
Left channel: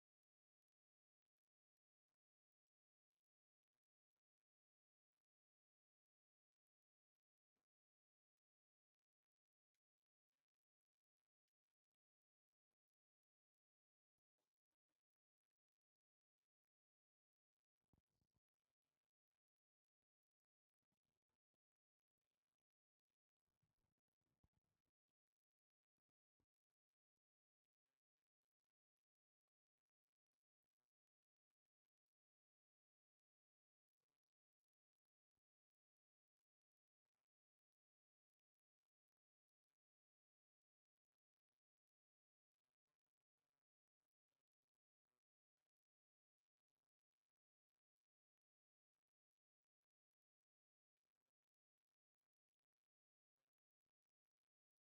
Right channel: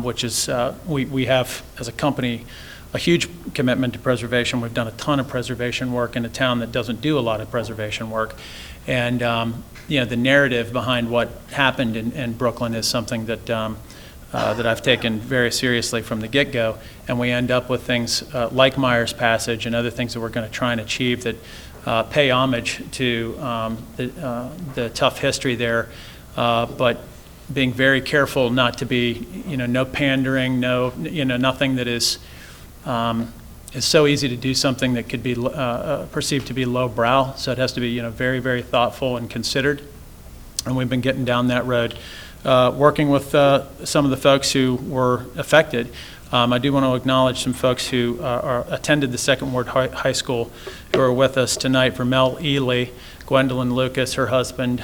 which is, we have, as a company, a huge commitment to preservation. We've done a ton of preservation work in a town that doesn't do a lot of preservation work. And you know, the narrative behind what happened in Brooklyn is something that, that I've taken very seriously from the get-go. And we end up with things like Myers Passage and other things that we're going to try and achieve that pay homage to the tough history there, but being very careful not to be, you know, no pandering, no, you know, nothing that is so easy to do something that could be perceived to be lowbrow. So it has to be, you know, very, very thoughtful and considered. And we've been getting down that road, working with some of the folks who were affected. I do want to acknowledge some folks who attended the Second Ward High School who are with us tonight. Vermel Ely, Gwendolyn Lucas, her husband,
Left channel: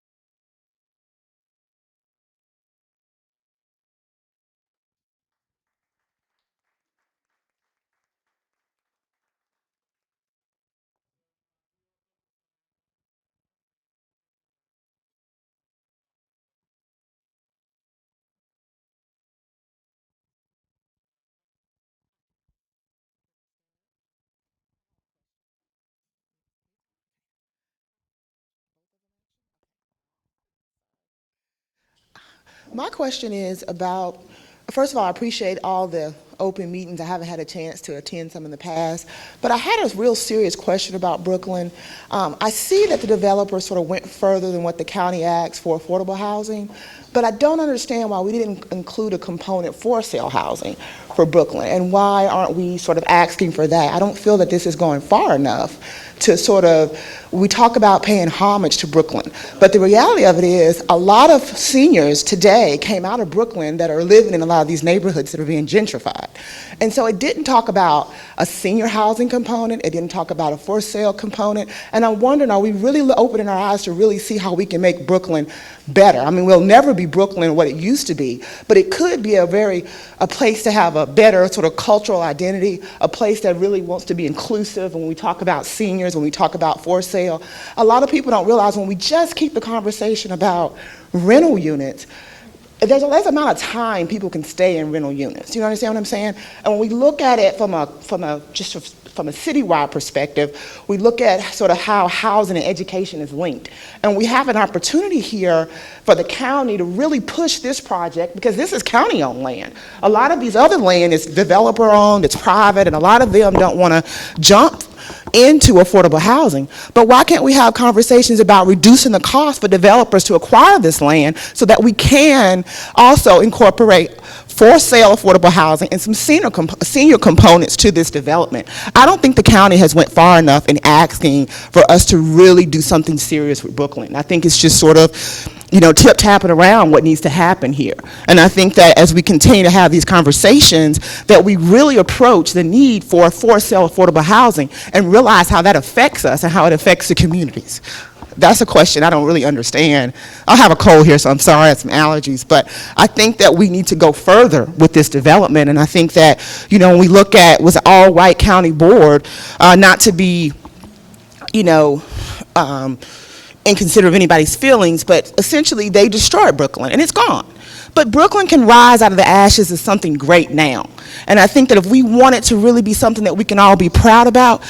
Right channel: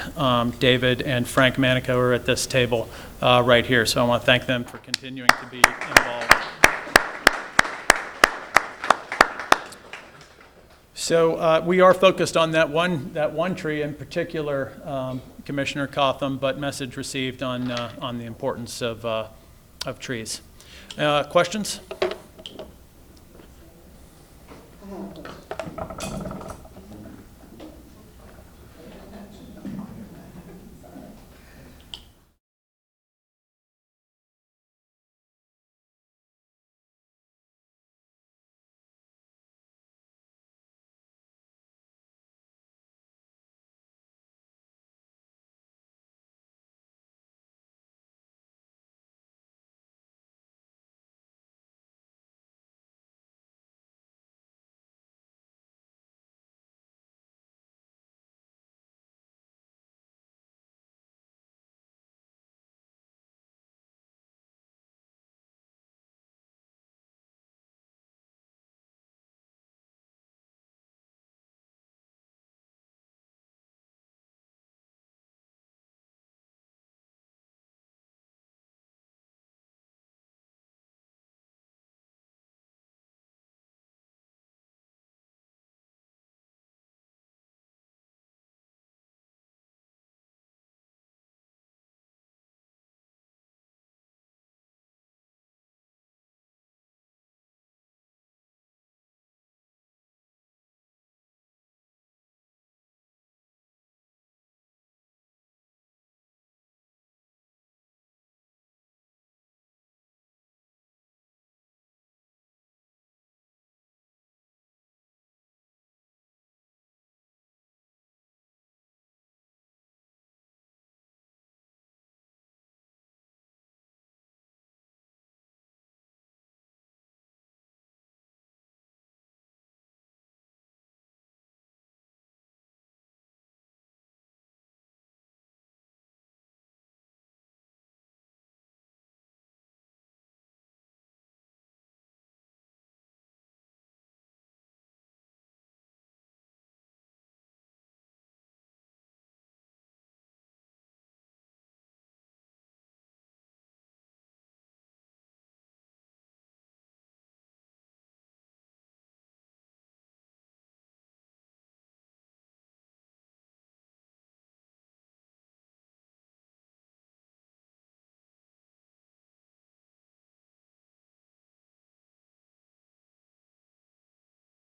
David, and Frank Manico are at this table right here. So I want to thank them for continuing to be involved. So we are focused on that one tree in particular, Commissioner Cotham, but message received on the importance of trees. Questions? My question is about, first of all, I appreciate all the open meetings. I haven't had a chance to attend some in the past, but I had a real serious question about Brooklyn. I see that the developers sort of went further than what the county asked for affordable housing, but I don't understand why we didn't include a component for sale housing for Brooklyn, and why aren't we sort of asking for that? I don't feel that this is going far enough to sort of, we talk about paying homage to Brooklyn, but the reality of it is a lot of seniors today came out of Brooklyn that are living in a lot of these neighborhoods that are being gentrified. And so it didn't talk about a senior housing component, it didn't talk about a for sale component, and I'm wondering, are we really opening our eyes to really see how we can make Brooklyn better? I mean, we'll never be Brooklyn what it used to be, but it could be a place to have a better sort of cultural identity, a place that really wants to be inclusive. When we talk about seniors, when we talk about for sale, a lot of people don't realize when we just keep the conversation about rental units, there's a less amount of time people can stay in rental units. You understand what I'm saying? And when we look at it from a citywide perspective, we look at sort of how housing and education is linked. And we have an opportunity here for the county to really push this project, because this is county-owned land. A lot of these other land is developer-owned, it's private, and a lot of them don't want to jump into affordable housing. But why can't we have conversations about reducing the cost for developers to acquire this land so that we can also incorporate for sale affordable housing and some senior components to this development? I don't think the county has went far enough in asking for us to really do something serious with Brooklyn. I think it's just sort of, you know, tip-tapping around what needs to happen here. And I think that as we continue to have these conversations, that we really approach the need for sale affordable housing and realize how that affects us and how it affects the communities. That's a question I don't really understand. I have a cold here, so I'm sorry, I have some allergies, but I think that we need to go further with this development. And I think that, you know, when we look at, was an all-white county board, not to be, you know, inconsiderate of anybody's feelings, but essentially they destroyed Brooklyn and it's gone. But Brooklyn can rise out of the ashes as something great now. And I think that if we want it to really be something that we can all be proud about,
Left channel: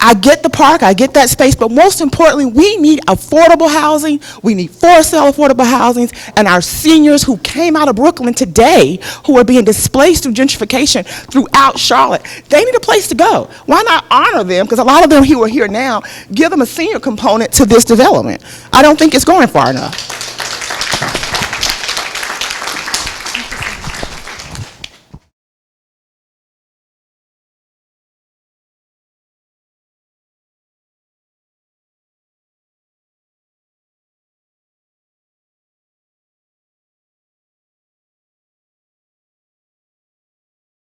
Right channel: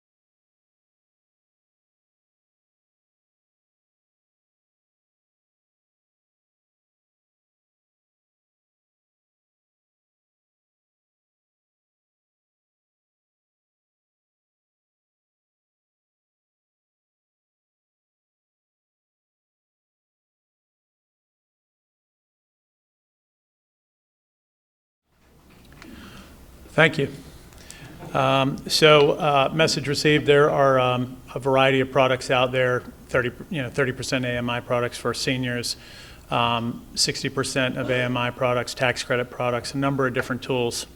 I get the park, I get that space, but most importantly, we need affordable housing, we need for sale affordable housing, and our seniors who came out of Brooklyn today, who are being displaced through gentrification throughout Charlotte, they need a place to go. Why not honor them? Because a lot of them who are here now, give them a senior component to this development. I don't think it's going far enough. Thank you. Message received, there are a variety of products out there, 30% AMI products for seniors, 60% of AMI products, tax credit products, a number of different tools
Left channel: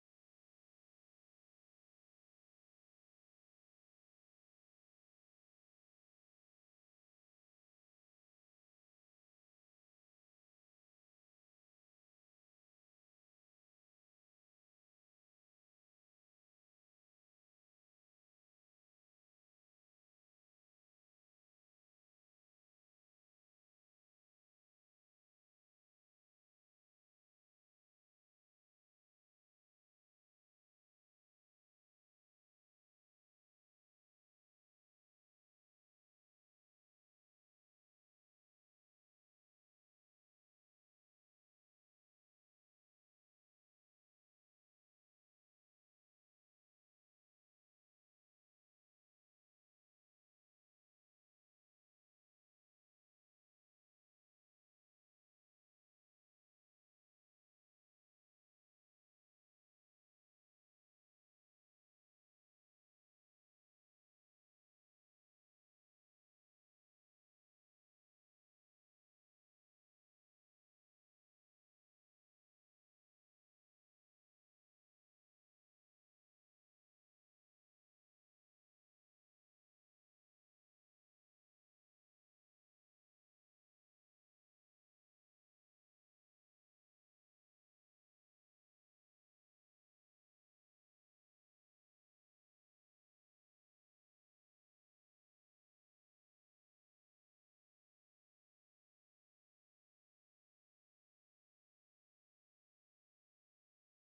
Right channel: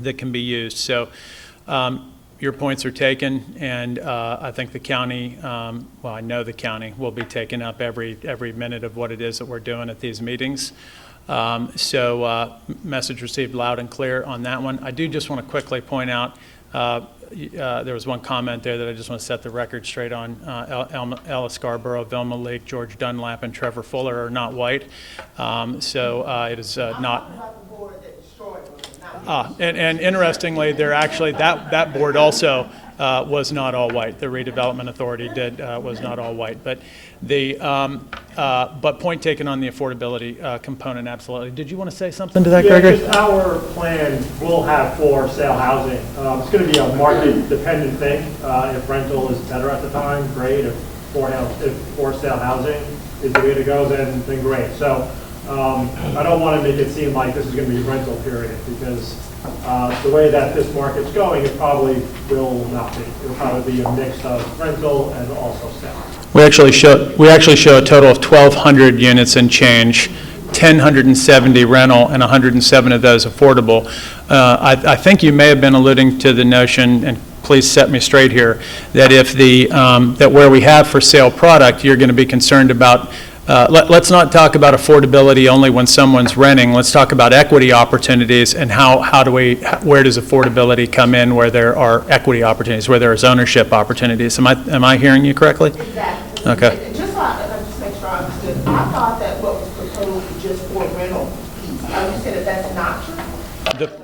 that can be used. So your points are taken, and I think the county, well, I know the county will be taking up every minute of what it is that we're doing at these meetings. Message received loud and clear on that one. I do just want to quickly point out, there was one comment there that I just want to set the record straight on. Ella Scarborough, Vilma Leake, George Dunlap, and Trevor Fuller are not white. It is not. And interestingly, they're actually, that board also was not all white. The Redevelopment Authority was not all white. But but point taken on the affordability component, absolutely. Did you want to say something to that, Gregory? Just our plan will have for sale housing. It's going to be a market-dependent thing. If rental is better at the time, great. If for sale housing is the way to go, then great. So I don't want to make it seem like this is going to be a rental period, because the way that this market's going, it probably will not be. It'll probably be a mix of rental and also sale. We actually show a total of 1,200 units and change, 1,070 rental, and 107 of those affordable. I think you may have been alluding to the notion, and please set me straight here, that if that where we have for sale product, you're going to be concerned about. Let's not talk about affordability only when someone's renting. Let's talk about equity opportunities and where does affordability come in where there are equity opportunities, where there is ownership opportunities. Am I hearing you correctly? Exactly. Okay. And just to make sure I understood, I thought that what was proposed was just for rental piece. You said that that's not true?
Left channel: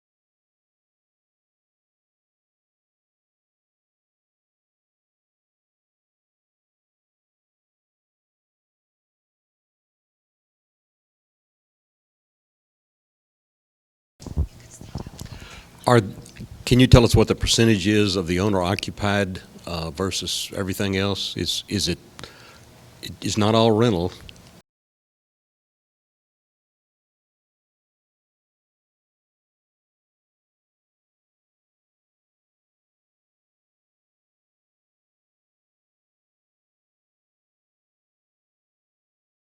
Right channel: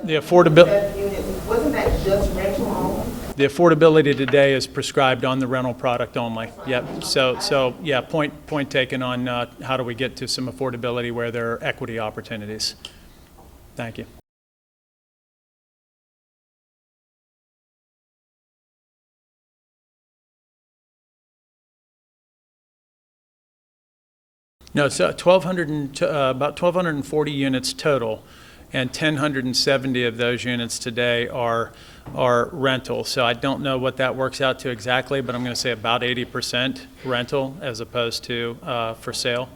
The affordability. Wasn't that just rental only? The affordability today is prescribed on the rental product only. Yep. So yeah, point taken on how do we get to some affordability where there are equity opportunities. Thank you. Can you tell us what the percentage is of the owner occupied versus everything else? It's not all rental. No, so about 1,240 units total, and 1,070 of those units today are rental. So I don't know what that works out to exactly, but I'm going to say about 80% rental as opposed to for sale.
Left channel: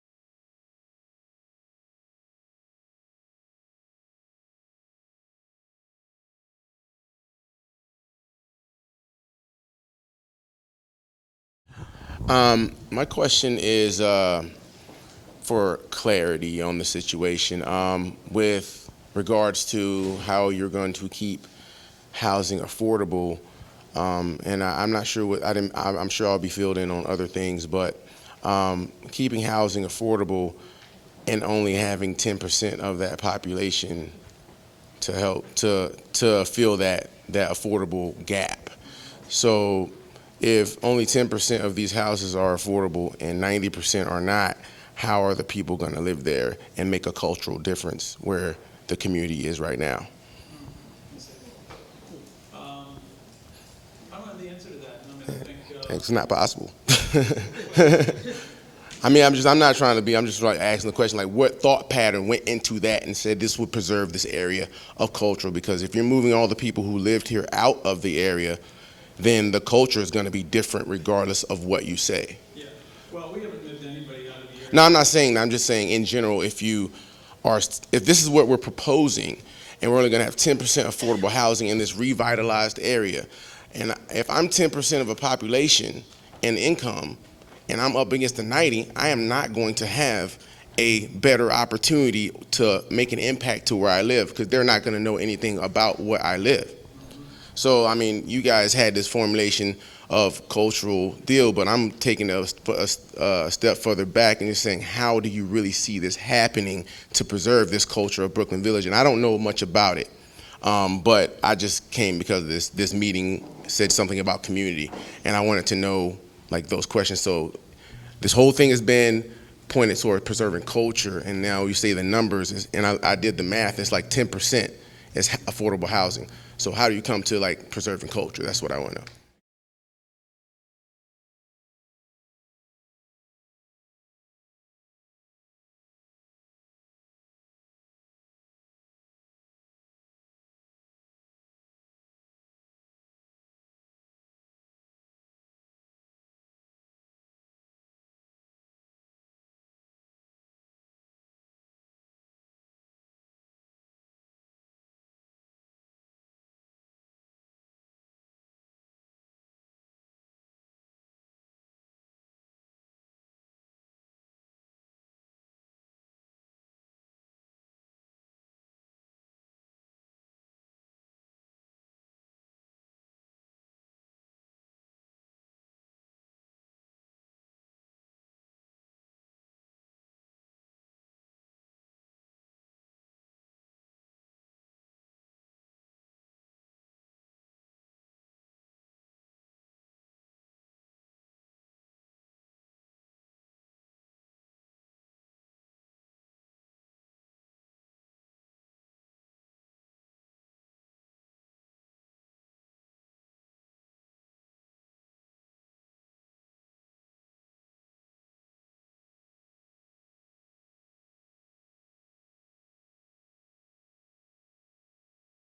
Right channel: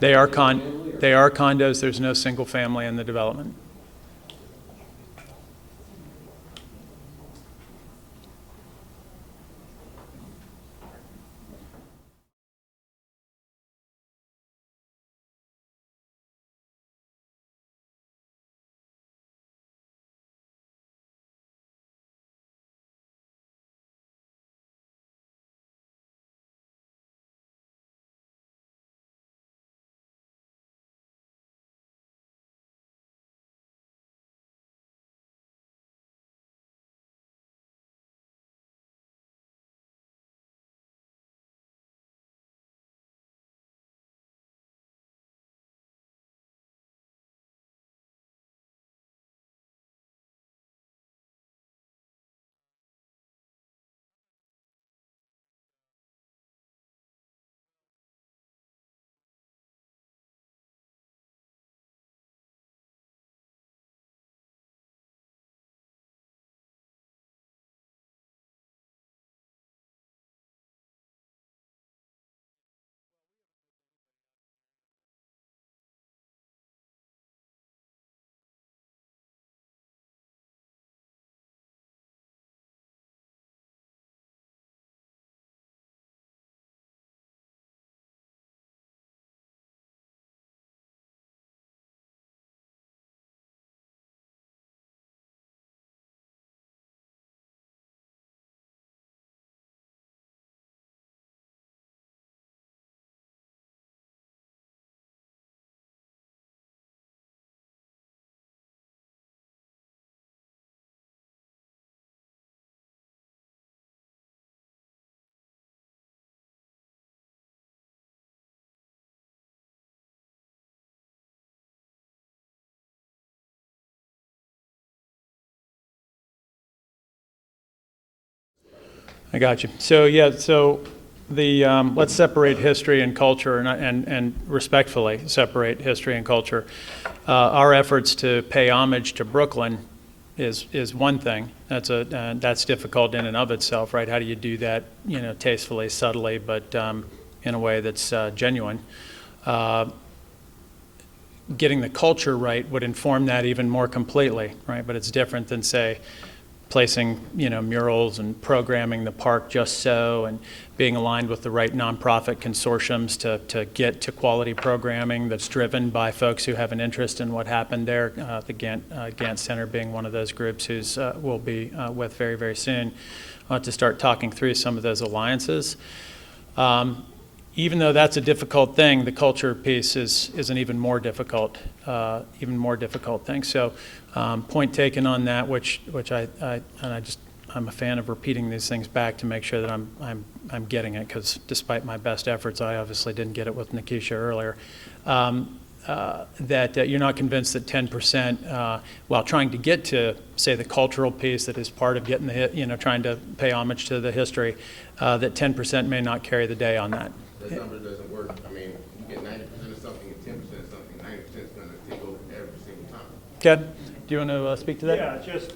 They are condos. There's no single family in the development. My question is for clarity on the situation with regards to how you're going to keep housing affordable. And I'm not sure what I'm sure I'll be filled in on other things, but keeping housing affordable and only having 10% of that population to help to fill that affordable gap. So if only 10% of these houses are affordable and 90% are not, how are the people going to live there and make a cultural difference where the community is right now? I don't have the answer to that. It's not possible. I mean, I'm just like asking the question, like what thought pattern went into that and said this would preserve this area of culture? Because if you're moving all the people who lived here out of the area, then the culture is going to be different regardless of what you say. Yeah. Well, we haven't moved anybody out of the area. No, I'm not saying that. I'm just saying in general, if this is what we're proposing and we're only going to have 10% affordable housing in this revitalized area, and if I'm 10% of a population and income and I'm up against the 90, I am not going to have a better opportunity to make an impact to where I live because they're not going to know anything about where I live. So, I mean, you guys had this formulation of cultural deal, but I'm taking a step further back and just saying, how do you really see this happening to preserve this culture of Brooklyn Village? And I don't know much about it, but I just came because this meeting said something about community, and I wanted to know, like, those questions. So this whole thing has been pointed toward preserving culture, and now you say the numbers, and I did the math, it's like 10% is affordable housing. So how do you come to like preserving culture? That's what I want to know. I got you. So yeah, so the let's separate history and culture, and respectfully separate history and culture. Our efforts to pay homage to Brooklyn is one thing. That's difficult in and of itself, right? How do you do that, tastefully, subtly, but in a way that's genuine? Getting the culture right would inform that even more completely, right? But it's different than, say, placing, murals and programming the park just so, and being aligned with the right nonprofit consortiums to get to quality programming that's driven by folks who have an interest in what happened there. The Gantt Center being one of those groups who's we'll be with very, very soon to start talking through some of those alliances. Even though that's a difficult thing, the culture piece is an even more difficult thing. So, point taken on that, which I'm a fan of repeating these things back to make sure that I'm getting it, because despite my best efforts, I obviously didn't get it with Nikisha earlier. That you're not convinced that 10%, while trying to get to, say, the cultural piece that is part of getting the trying to pay homage to the history, that 10% may not carry the day on that. That number doesn't work. I mean, you get 90% of something and 10% of something. 90% is going to take over every single time. Ken, do you want to speak to that? Yeah, just,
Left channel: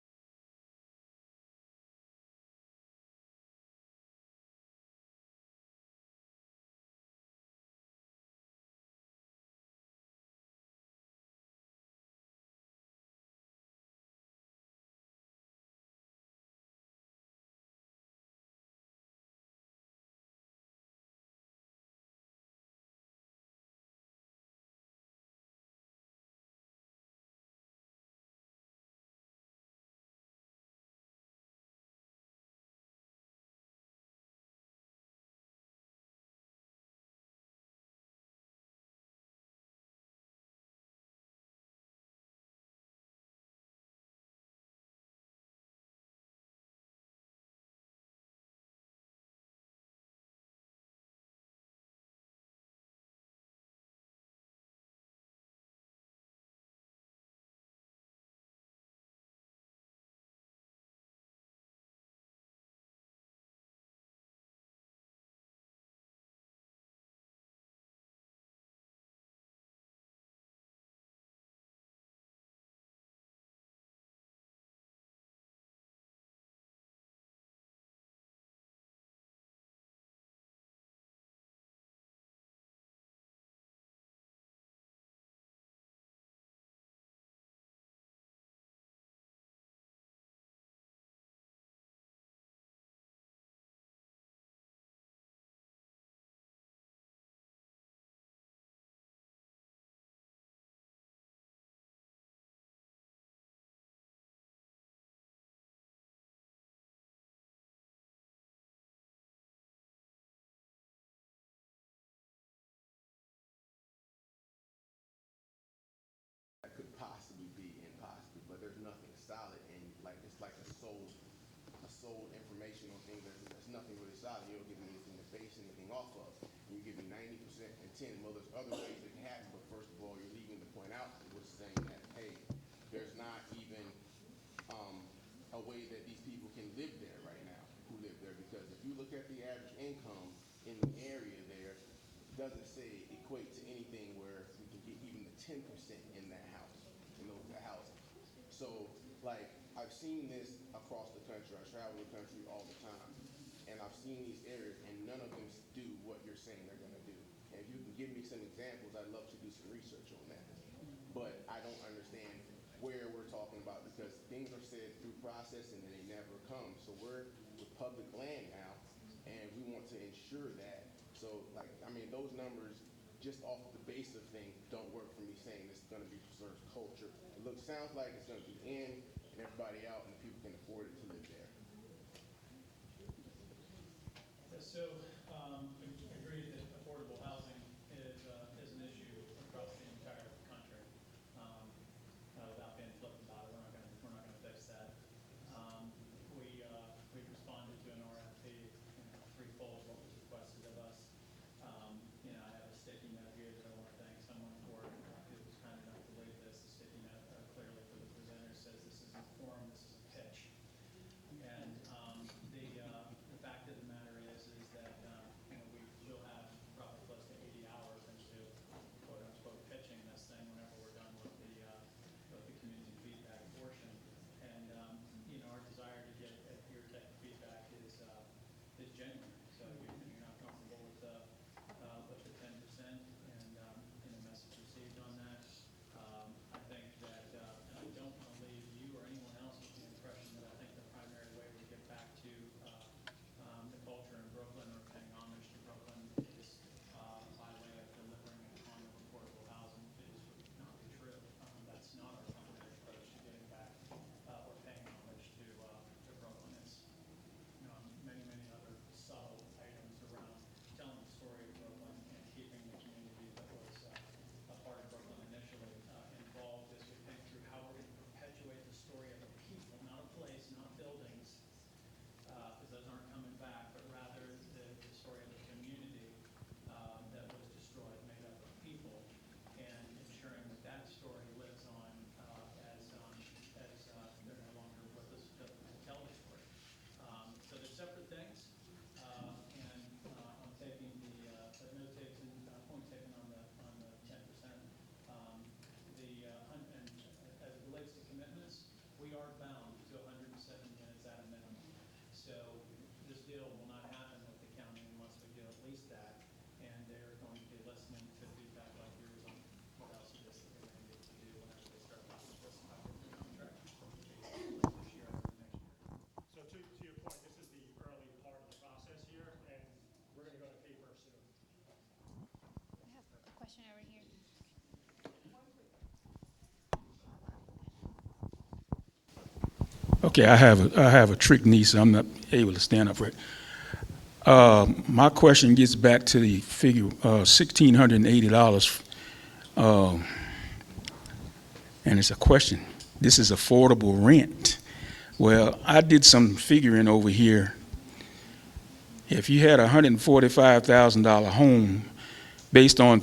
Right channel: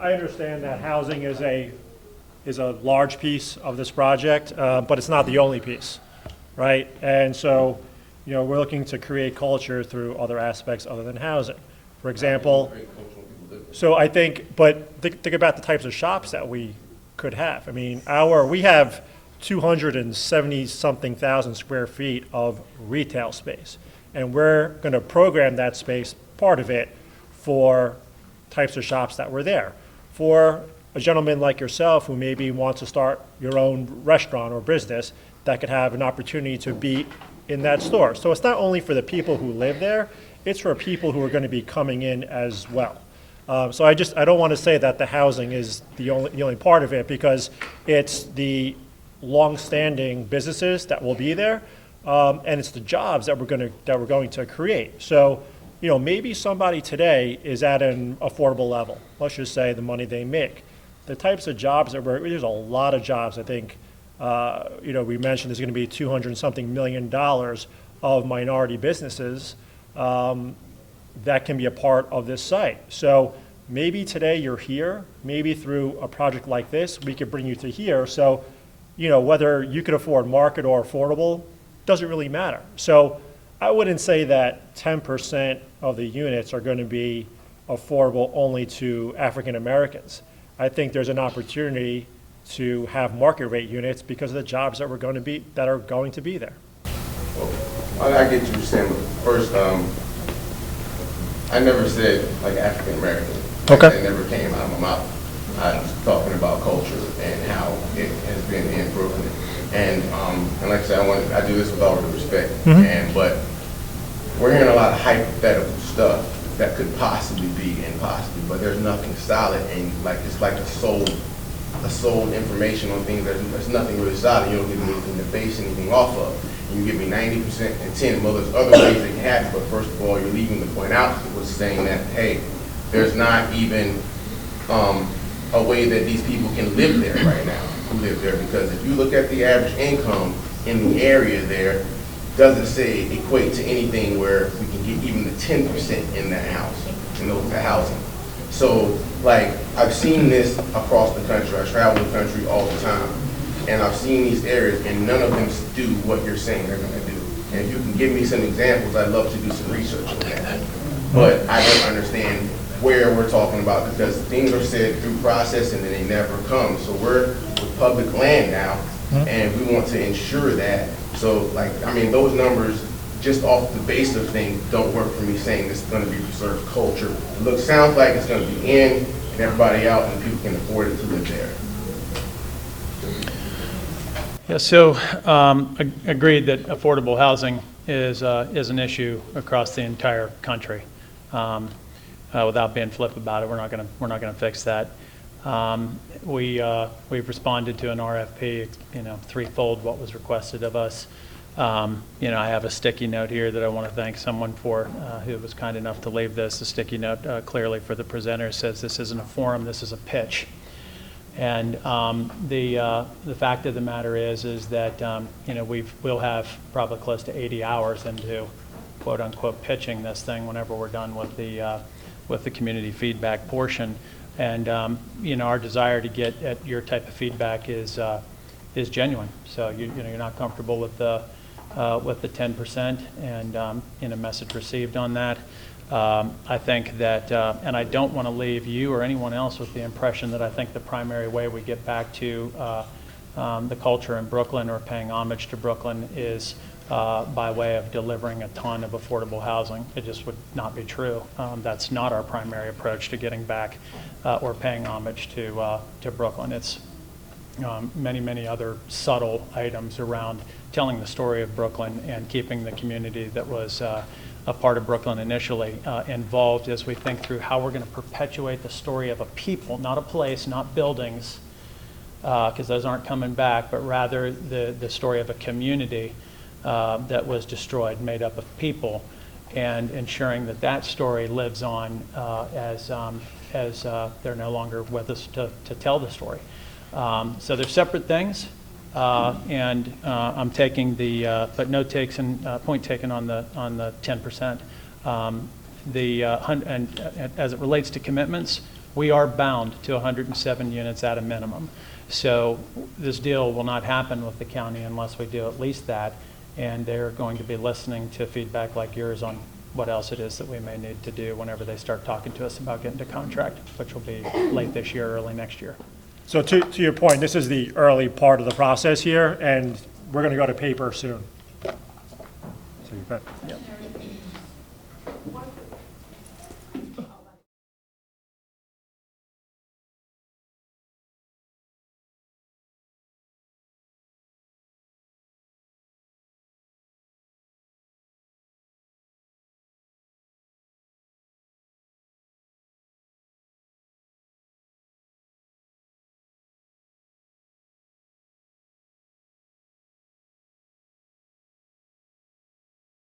I understand that housing is a large piece of this project, but it's not the only piece, right? And so, we're looking to create culture through other aspects other than housing. For example, so I think, but think about the types of shops that we could have. I mean, we have 270-something thousand square feet of retail space, and we're going to program that space, part of it, for types of shops that were there. For a gentleman like yourself who maybe wants to start your own restaurant or business, that could have an opportunity to be in that store. So it's not only for the people who live there, it's for people who are going to be coming in as well. So I don't want to say that the housing is the only part of it, because it's the long-standing businesses that will be there, and it's the jobs that we're going to create. So, maybe somebody today is at an affordable level. Let's just say the money they make. The types of jobs there's a lot of jobs. I think, we mentioned there's going to be $200-something million of minority businesses that can be a part of this site. So maybe today you're here. Maybe through a project like this, we could bring you to here. So, whether you can afford market or affordable doesn't really matter. So I wouldn't say that 10% of the units are going to be affordable only to African Americans. I think there's an opportunity to have market rate units because of the jobs that are going to be there. Well, I get you saying, but first, I never said like African American. Okay. That never came out of my mouth. I was talking about culture and how it has been in Brooklyn. And like I said, I do this with all due respect. Mm-hmm. But we're hearing a lot of hypothetical stuff that could possibly be impossible, but there's nothing solid, and it's like a sold information on things there's nothing really solid. You don't give me anything to base anything off of. You give me 90% and 10. Well, there's other ways that can happen, but first of all, you're leaving the point out was saying that, hey, there's not even a way that these people can live there right now, who live there, because if you look at the average income in the area there, doesn't say equate to anything where we can get even the 10% in that house, in those housing. So, I've seen this across the country. I travel the country all the time, and I've seen these areas, and none of them do what you're saying they're going to do. And if you can give me some examples, I'd love to do some research on that. But I don't understand where we're talking about, because things are said through process and then they never come. So we're with public land now, and we want to ensure that. So, those numbers, just off the base of things, don't work for me saying this is going to be preserved culture. Sounds like it's going to be in and everybody out, and people can afford it to live there. Yeah, so agreed that affordable housing is an issue across the entire country. Without being flip about it, we're not going to fix that. We've responded to an RFP, threefold what was requested of us. I have a sticky note here that I want to thank someone for who was kind enough to leave this. The sticky note clearly for the presenter says this isn't a forum, this is a pitch. And the fact of the matter is that we'll have probably close to 80 hours into quote unquote pitching this thing whenever we're done with the community feedback portion. And our desire to get at your type of feedback is genuine. So you're not comfortable with the 10% and message received on that. I think that, and I don't want to leave you or anyone else with the impression that I think the primary way we get back to the culture in Brooklyn or paying homage to Brooklyn is by way of delivering a ton of affordable housing. It just would not be true. That's not our primary approach to getting back or paying homage to Brooklyn. It's many, many other subtle items around telling the story of Brooklyn and keeping the community that was a part of Brooklyn initially involved as we think through how we're going to perpetuate the story of a people, not a place, not buildings, because those aren't coming back, but rather the story of a community that was destroyed, made up of people, and ensuring that that story lives on as they're no longer with us to tell the story. So they're separate things, and I'm taking the, but no takes and point taken on the 10%. And as it relates to commitments, we are bound to 107 units at a minimum. So this deal will not happen with the county unless we do at least that, and they're going to be listening to feedback like yours on what else it is that we may need to do whenever they start talking to us about getting to contract, which will be late this year, early next year. So to your point, this is the early part of the process here, and we're going to go to paper soon. So you bet. Yep. Okay, I have a trick niece. I'm not able to stand up for it. My question gets back to the figure $1,680, and it's a question. This is affordable rent. Well, I did some figuring over here. If you had a $145,000 home based on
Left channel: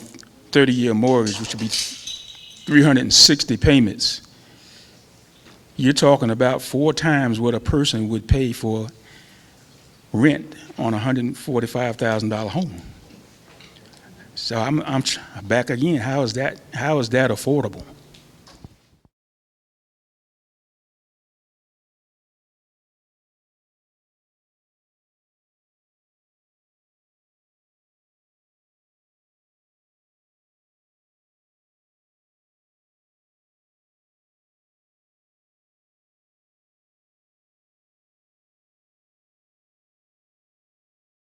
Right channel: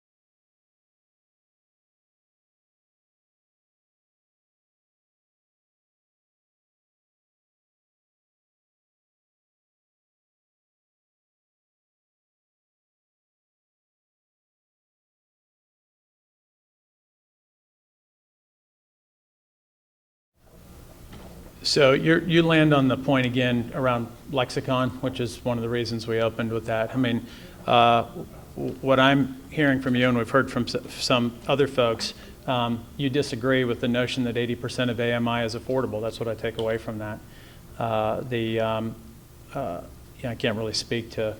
30-year mortgage, which would be 360 payments, you're talking about 4 times what a person would pay for rent on a $145,000 home. So I'm back again. How is that affordable? So you land on the point again around lexicon, which is one of the reasons we opened with that. I mean, what I'm hearing from you, and we've heard from some other folks, you disagree with the notion that 80% of AMI is affordable. That's what I take away from that. I can't really speak to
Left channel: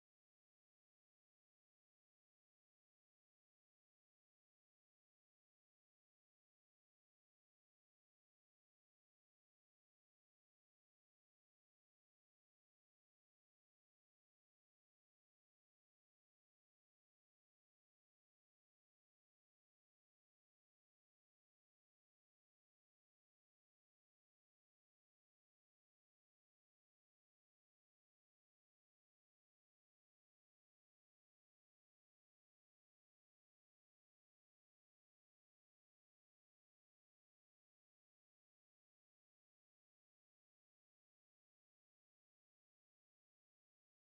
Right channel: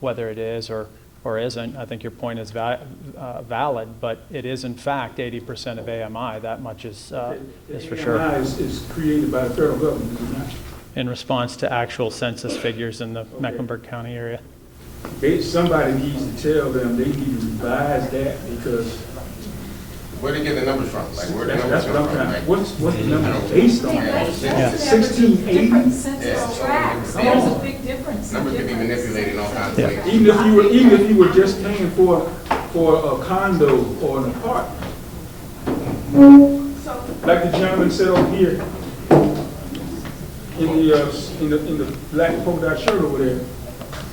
whether it is or isn't. I think your point is valid, but it is in fact 80% of AMI. That much is for sure. AMI is created by the federal government, is it not? In response to actual census figures in the Mecklenburg County area. Somebody needs to tell them they need to revise that because. Where do you get the numbers from? Like, where the That's numbers what I'm come from? trying. What's the number based on? 1680. There's a big difference. Numbers can be manipulated in all kinds of ways. Even if you were just paying for a condo or an apartment, like the gentleman said over here in the black polka dot shirt over there,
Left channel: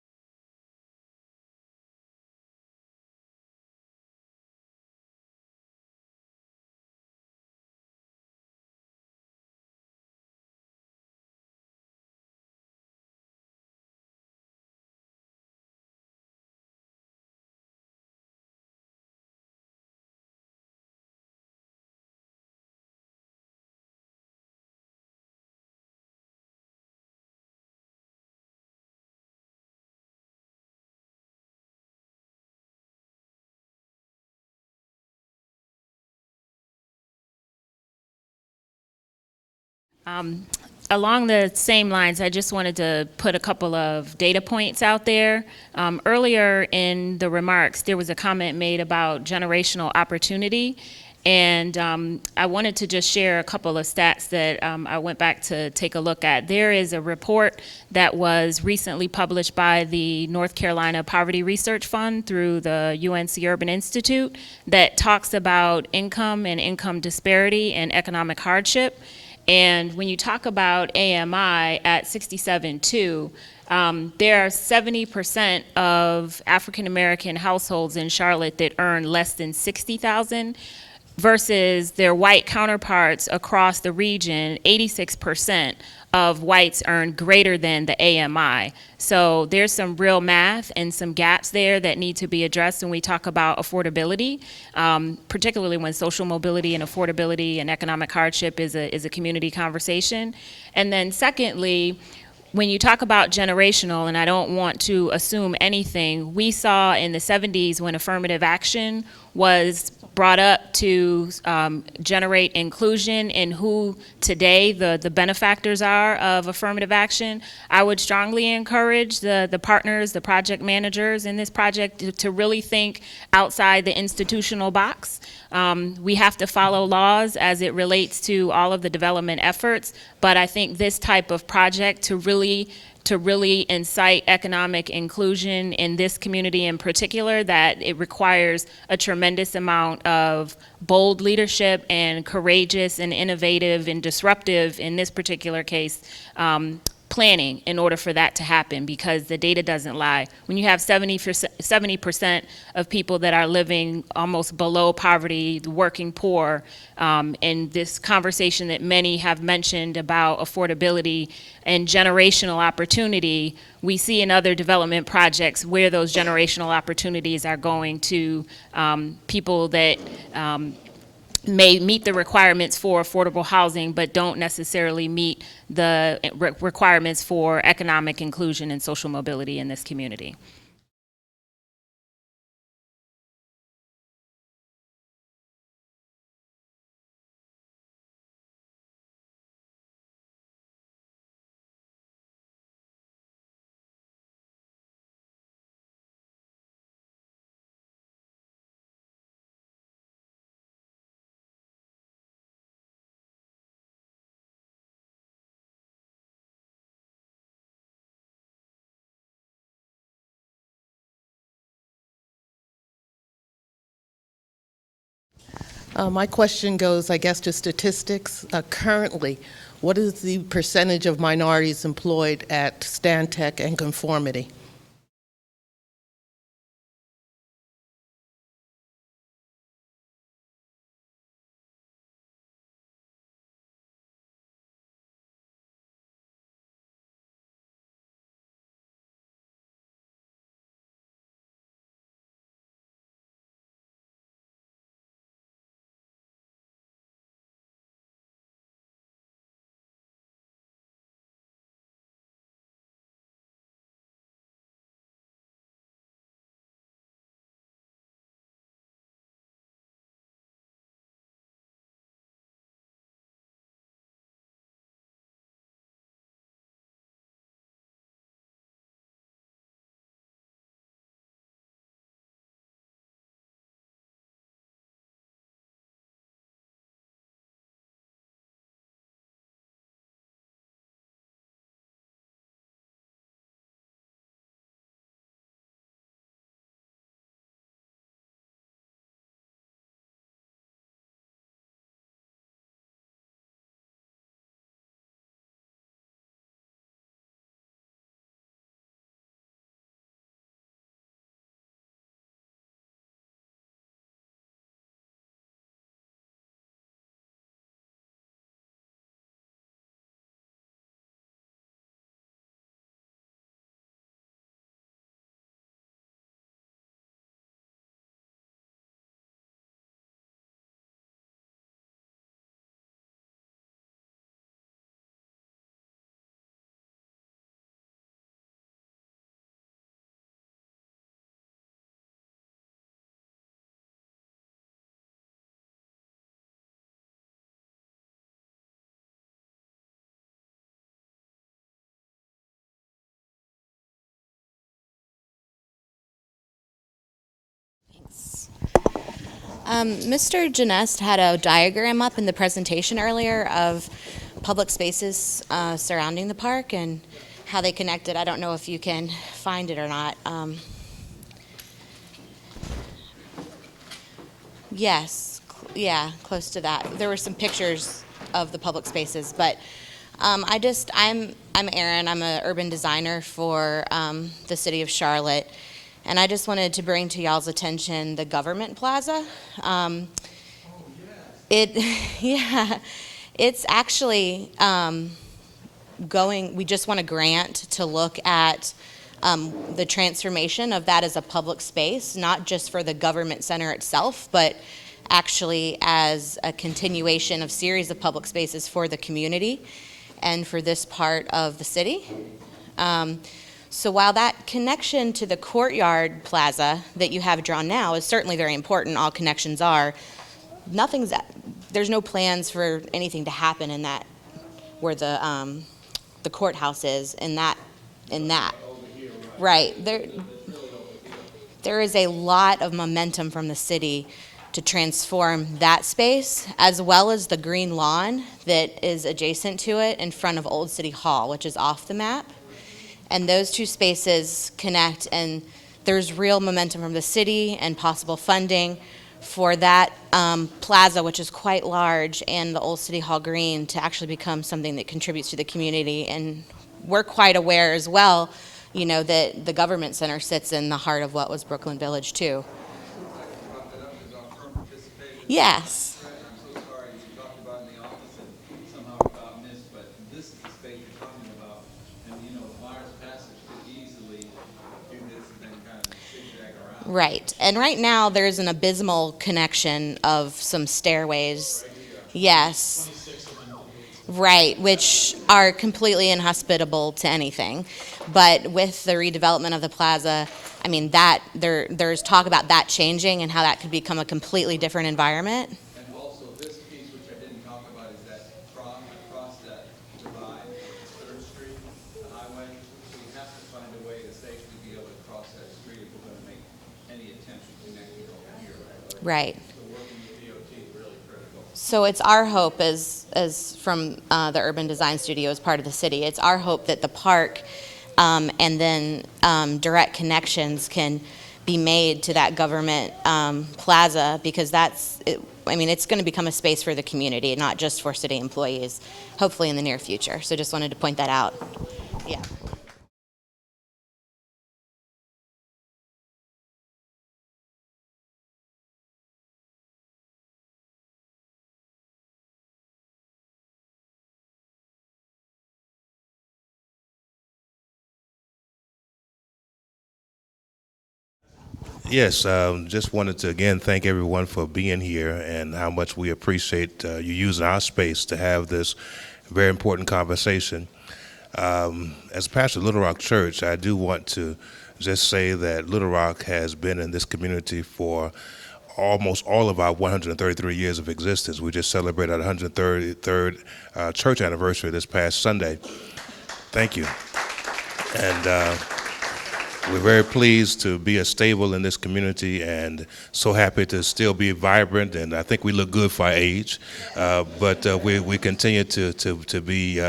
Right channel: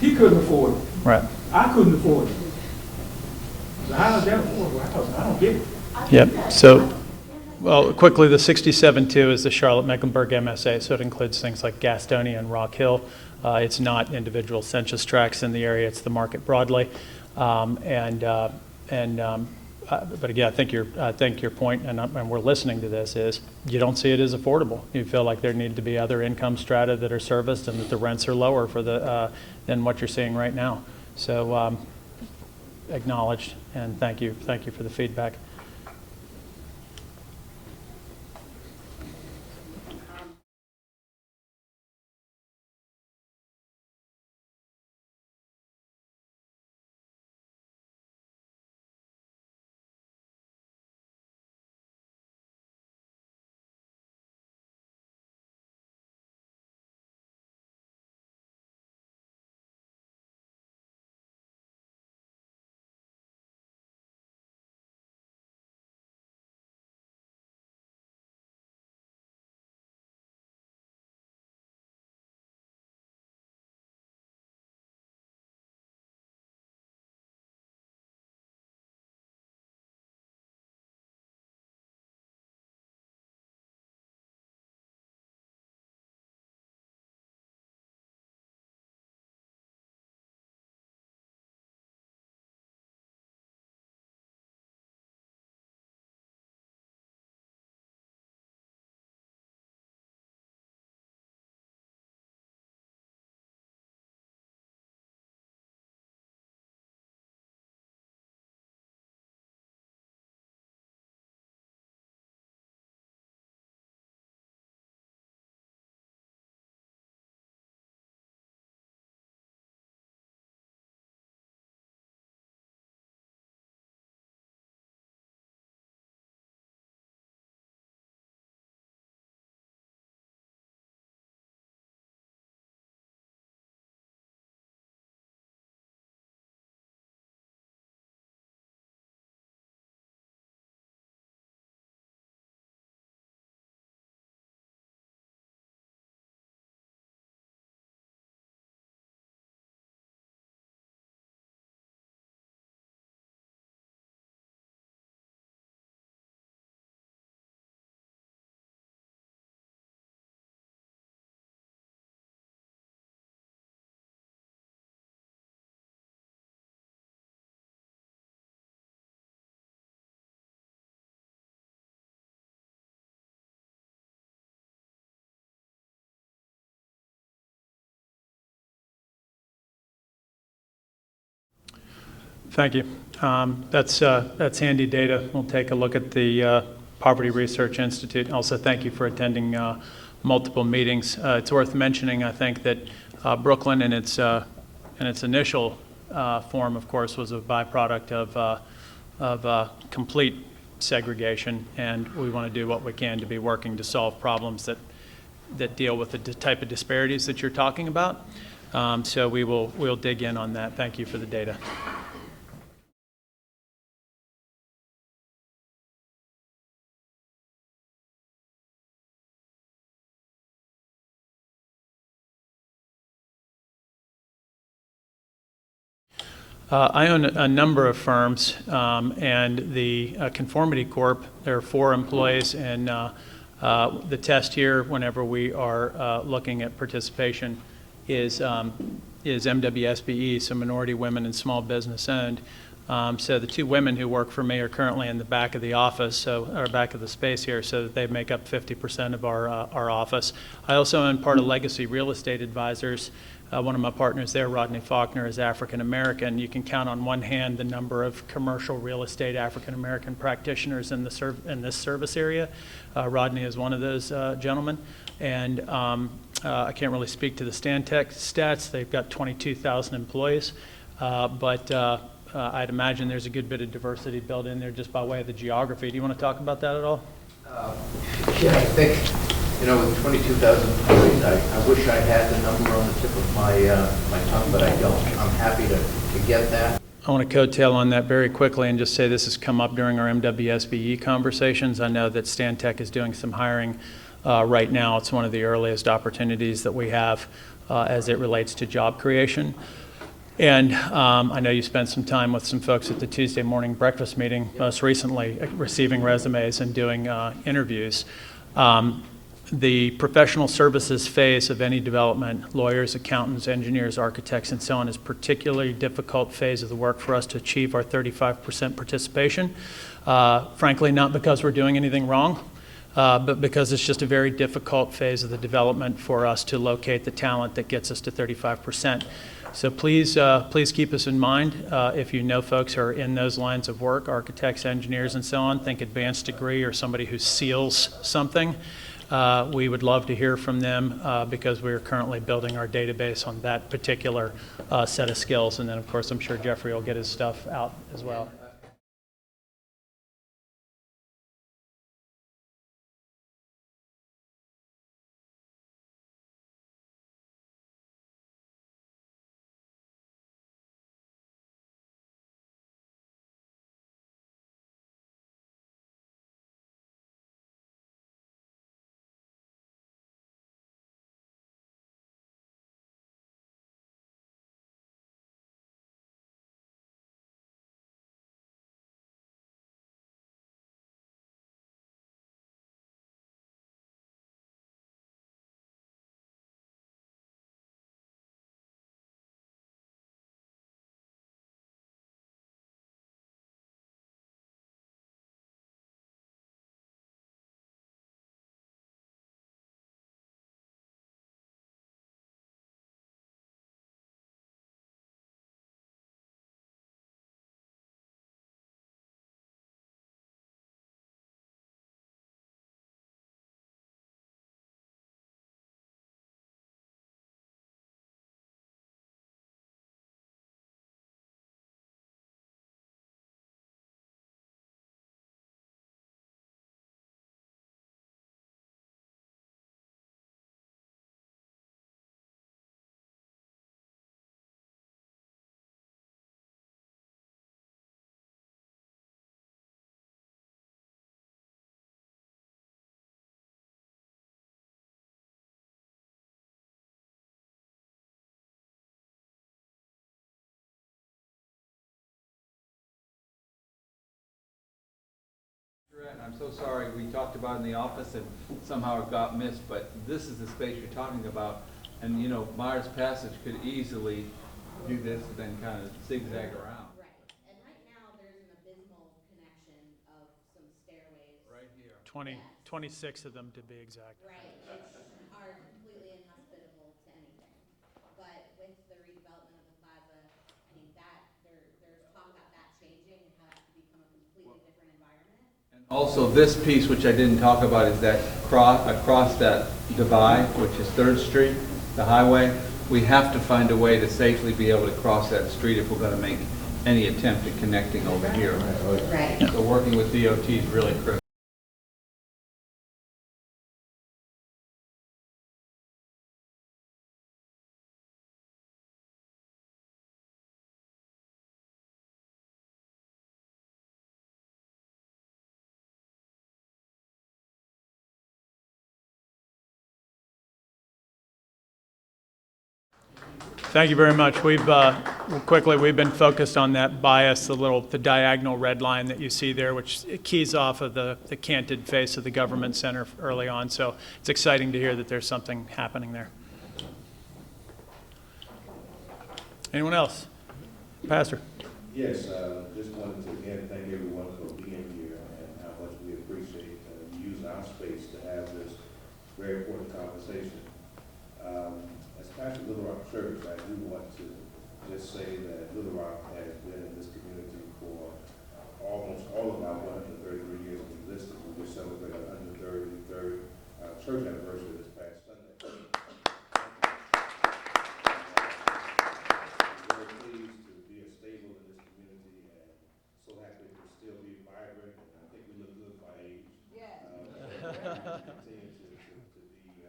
he couldn't afford it. Right. I couldn't afford it. So how is that affordable housing? I don't get it. Yep. So, well, quickly, the 67-2 is the Charlotte-Mecklenburg MSA, so it includes things like Gastonia and Rock Hill. It's not individual census tracts in the area; it's the market broadly. But again, I think your point, and we're listening to this, is you don't see it as affordable. You feel like there need to be other income strata that are serviced, and that the rents are lower for than what you're seeing right now. So, acknowledged, and thank you for the feedback. Along the same lines, I just wanted to put a couple of data points out there. Earlier in the remarks, there was a comment made about generational opportunity, and I wanted to just share a couple of stats that I went back to take a look at. There is a report that was recently published by the North Carolina Poverty Research Fund through the UNC Urban Institute that talks about income and income disparity and economic hardship. And when you talk about AMI at 67.2, there are 70% of African American households in Charlotte that earn less than $60,000 versus their white counterparts across the region. 86% of whites earn greater than the AMI. So there's some real math and some gaps there that need to be addressed when we talk about affordability, particularly when social mobility and affordability and economic hardship is a community conversation. And then secondly, when you talk about generational, and I don't want to assume anything, we saw in the 70s when affirmative action was brought up to generate inclusion in who today the benefactors are of affirmative action. I would strongly encourage the partners, the project managers in this project to really think outside the institutional box. We have to follow laws as it relates to all of the development efforts, but I think this type of project to really incite economic inclusion in this community in particular, that it requires a tremendous amount of bold leadership and courageous and innovative and disruptive, in this particular case, planning in order for that to happen, because the data doesn't lie. When you have 70% of people that are living almost below poverty, the working poor, and this conversation that many have mentioned about affordability and generational opportunity, we see in other development projects where those generational opportunities are going to people that may meet the requirements for affordable housing, but don't necessarily meet the requirements for economic inclusion and social mobility in this community. Thank you. That's handy data. We'll take a look at the Poverty Research Institute. Also, thank you for attending multiple meetings. It's worth mentioning, I think, that Brooklyn in its initial form, of course, was a byproduct of complete segregation, and we want to do what we can to be working to solve problems that deal with the type of disparities that you're talking about. So we'll dig in on that. Thank you for the data. My question goes, I guess, to statistics. Currently, what is the percentage of minorities employed at Stantec and Conformity? I own a number of firms, and the Conformity Corp, there are 4 employees, and the test here, whenever we are looking at participation, is MWSBE, so minority women and small business owned. So the 2 women who work for me are currently in the back of the office, or back of the space here, so that they make up 50% of our office. I also own part of Legacy Real Estate Advisors. One of my partners there, Rodney Faulkner, is African American. You can count on one hand the number of commercial real estate African American practitioners in this service area. Rodney is one of those gentlemen. And I can't really speak to the Stantec stats. They've got 22,000 employees. But I'd imagine there's a good bit of diversity built in there just by way of the geography. Do you want to talk about that at all? Yeah, I think, with 22,000 employees, I wish I had the number on the tip of my tongue, but I don't. I'm happy to get that. I want to coattail on that very quickly and just say this has come up during our MWSBE conversations. I know that Stantec is doing some hiring right now. It's one of the earliest opportunities that we have as it relates to job creation. And I know you spent some time with some folks at the Tuesday morning breakfast meeting, most recently receiving resumes and doing interviews. The professional services phase of any development, lawyers, accountants, engineers, architects, and so on, is a particularly difficult phase of the work for us to achieve our 35% participation. Frankly, not because we're doing anything wrong, but because it's just a very difficult phase of the development for us to locate the talent that gets us to 35%. So please keep us in mind if you know folks who are in those lines of work, architects, engineers, and so on. Think advanced degree or somebody who seals something. We would love to hear from them because we are currently building our database on that particular set of skills. And then, of course, I'm sure Jeffrey will get his stuff out as well. Mr. Genest had a diagram up in the presentation earlier of public spaces surrounding the park and how they connected. I don't know if you can find it or not. Yes, yeah, close to that. There were some pictures of the public spaces, but I'm Erin. I'm an urban designer for the city of Charlotte, and I just wanted to bring to y'all's attention the Government Plaza. Yeah, it's actually we just want a grant to look at the transformation of that as a public space, not just for the government center itself, but actually as a continuation of series of public spaces for the community and for this part of the city. So while that connection to the courtyard plaza that you have drawn now is certainly very important, all connections are, there's no plans for anything to happen in that, where the courthouse is, in that. Right, there is a lot of momentum from the city to transform that space, as well as the green lawn that is adjacent to it in front of Old City Hall, which is off the map. And those two spaces connect, and there's real momentum from the city and possible funding for that plaza, which is quite large, and the Old City Hall Green to actually become something that contributes to the community. And we're quite aware as well, that the government center sits in the heart of what was Brooklyn Village too. Yes. I'm so sorry, we talked about it in the office and somehow it got missed, but this is the space you're talking about. And Myers Passage could easily do this and then kind of zigzag around. Right. And right now there's an abysmal connection of some stairways. Yes. 26 of them. Right, which are completely inhospitable to anything. But with the redevelopment of the plaza, I mean, there's talk about that changing and how that could become a completely different environment. Also, this piece, which I didn't talk about, is that across that divide, which is 3rd Street, the highway, we have to find a way to safely be able to cross that street if we're going to make any attempt at connecting over here. Right. So working with DOT is really critical. So it's our hope, as from the Urban Design Studio as part of the city, it's our hope that the park and then direct connections can be made to that government plaza, because it's going to become a space for the community, not just for city employees, hopefully in the near future. So just wanted to point that out. Yeah. Thank you very much. We've been focused on that bias, the diagonal red line that you see there, which keys off of the canted face of the government center early on. So it's exciting to hear that there's something happening there. Anyone else? Pastor. Yes, just wanted to again thank everyone for being here and how much we appreciate you using our space to have this very important conversation. As pastor of Little Rock Church, I do want to just say that Little Rock has been in this community for almost all of our 133 years of existence. We just celebrated our 133rd church anniversary this past Sunday. Thank you. And we're very pleased to be a stable in this community and so happy to still be vibrant, and I think we look good for our age, but we continue to be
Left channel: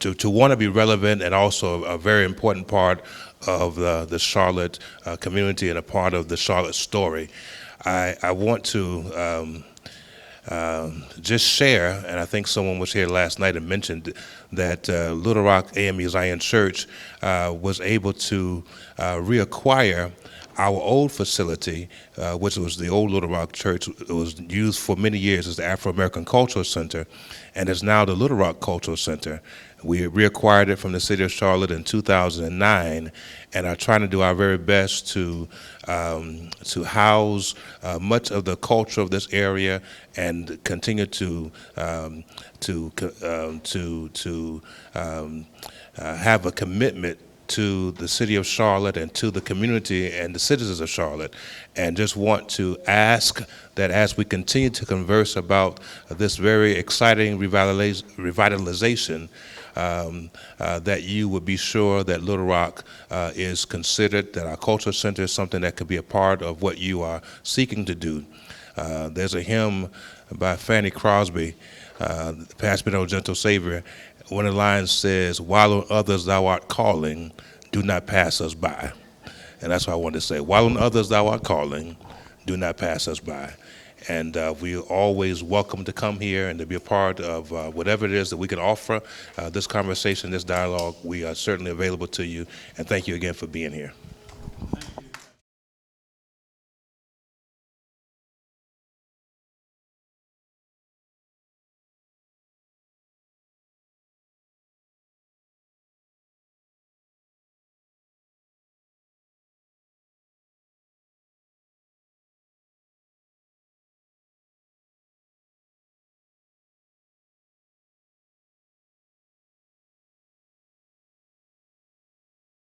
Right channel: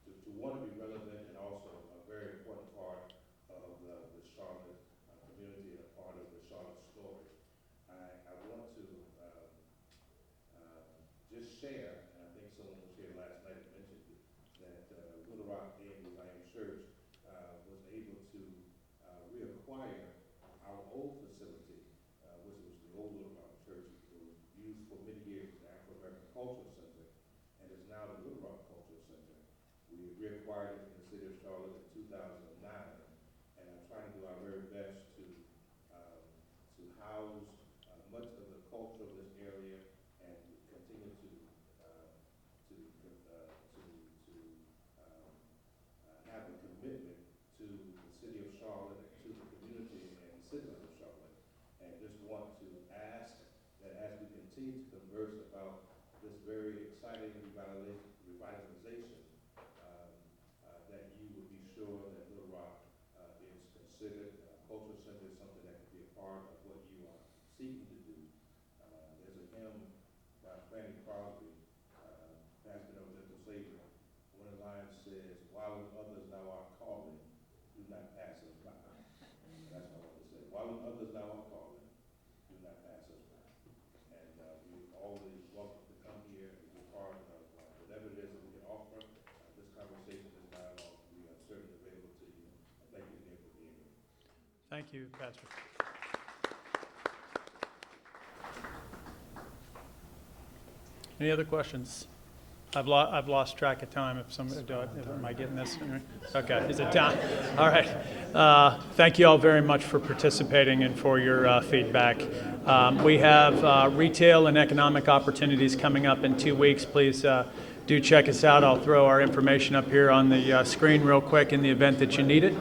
to want to be relevant and also a very important part of the Charlotte community and a part of the Charlotte story. I want to just share, and I think someone was here last night and mentioned that Little Rock AME Zion Church was able to reacquire our old facility, which was the old Little Rock Church. It was used for many years as the Afro-American Cultural Center, and is now the Little Rock Cultural Center. We reacquired it from the city of Charlotte in 2009, and are trying to do our very best to house much of the culture of this area and continue to have a commitment to the city of Charlotte and to the community and the citizens of Charlotte, and just want to ask that as we continue to converse about this very exciting revitalization, that you would be sure that Little Rock is considered, that our cultural center is something that could be a part of what you are seeking to do. There's a hymn by Fanny Crosby, Pass Me No Gentle Savior. One of the lines says, "While on others thou art calling, do not pass us by." And that's what I wanted to say. While on others thou art calling, do not pass us by. And we're always welcome to come here and to be a part of whatever it is that we can offer. This conversation, this dialogue, we are certainly available to you. And thank you again for being here. Thank you, Pastor. Any other questions? I've lost track of time. If some, am I getting this? Okay, is it time? All right. Thank you all very much for participating and for your feedback. We have retail and economic opportunities coming up in 2 weeks. Please do check us out. I'll throw our information up here on the screen real quick in the event that you need it.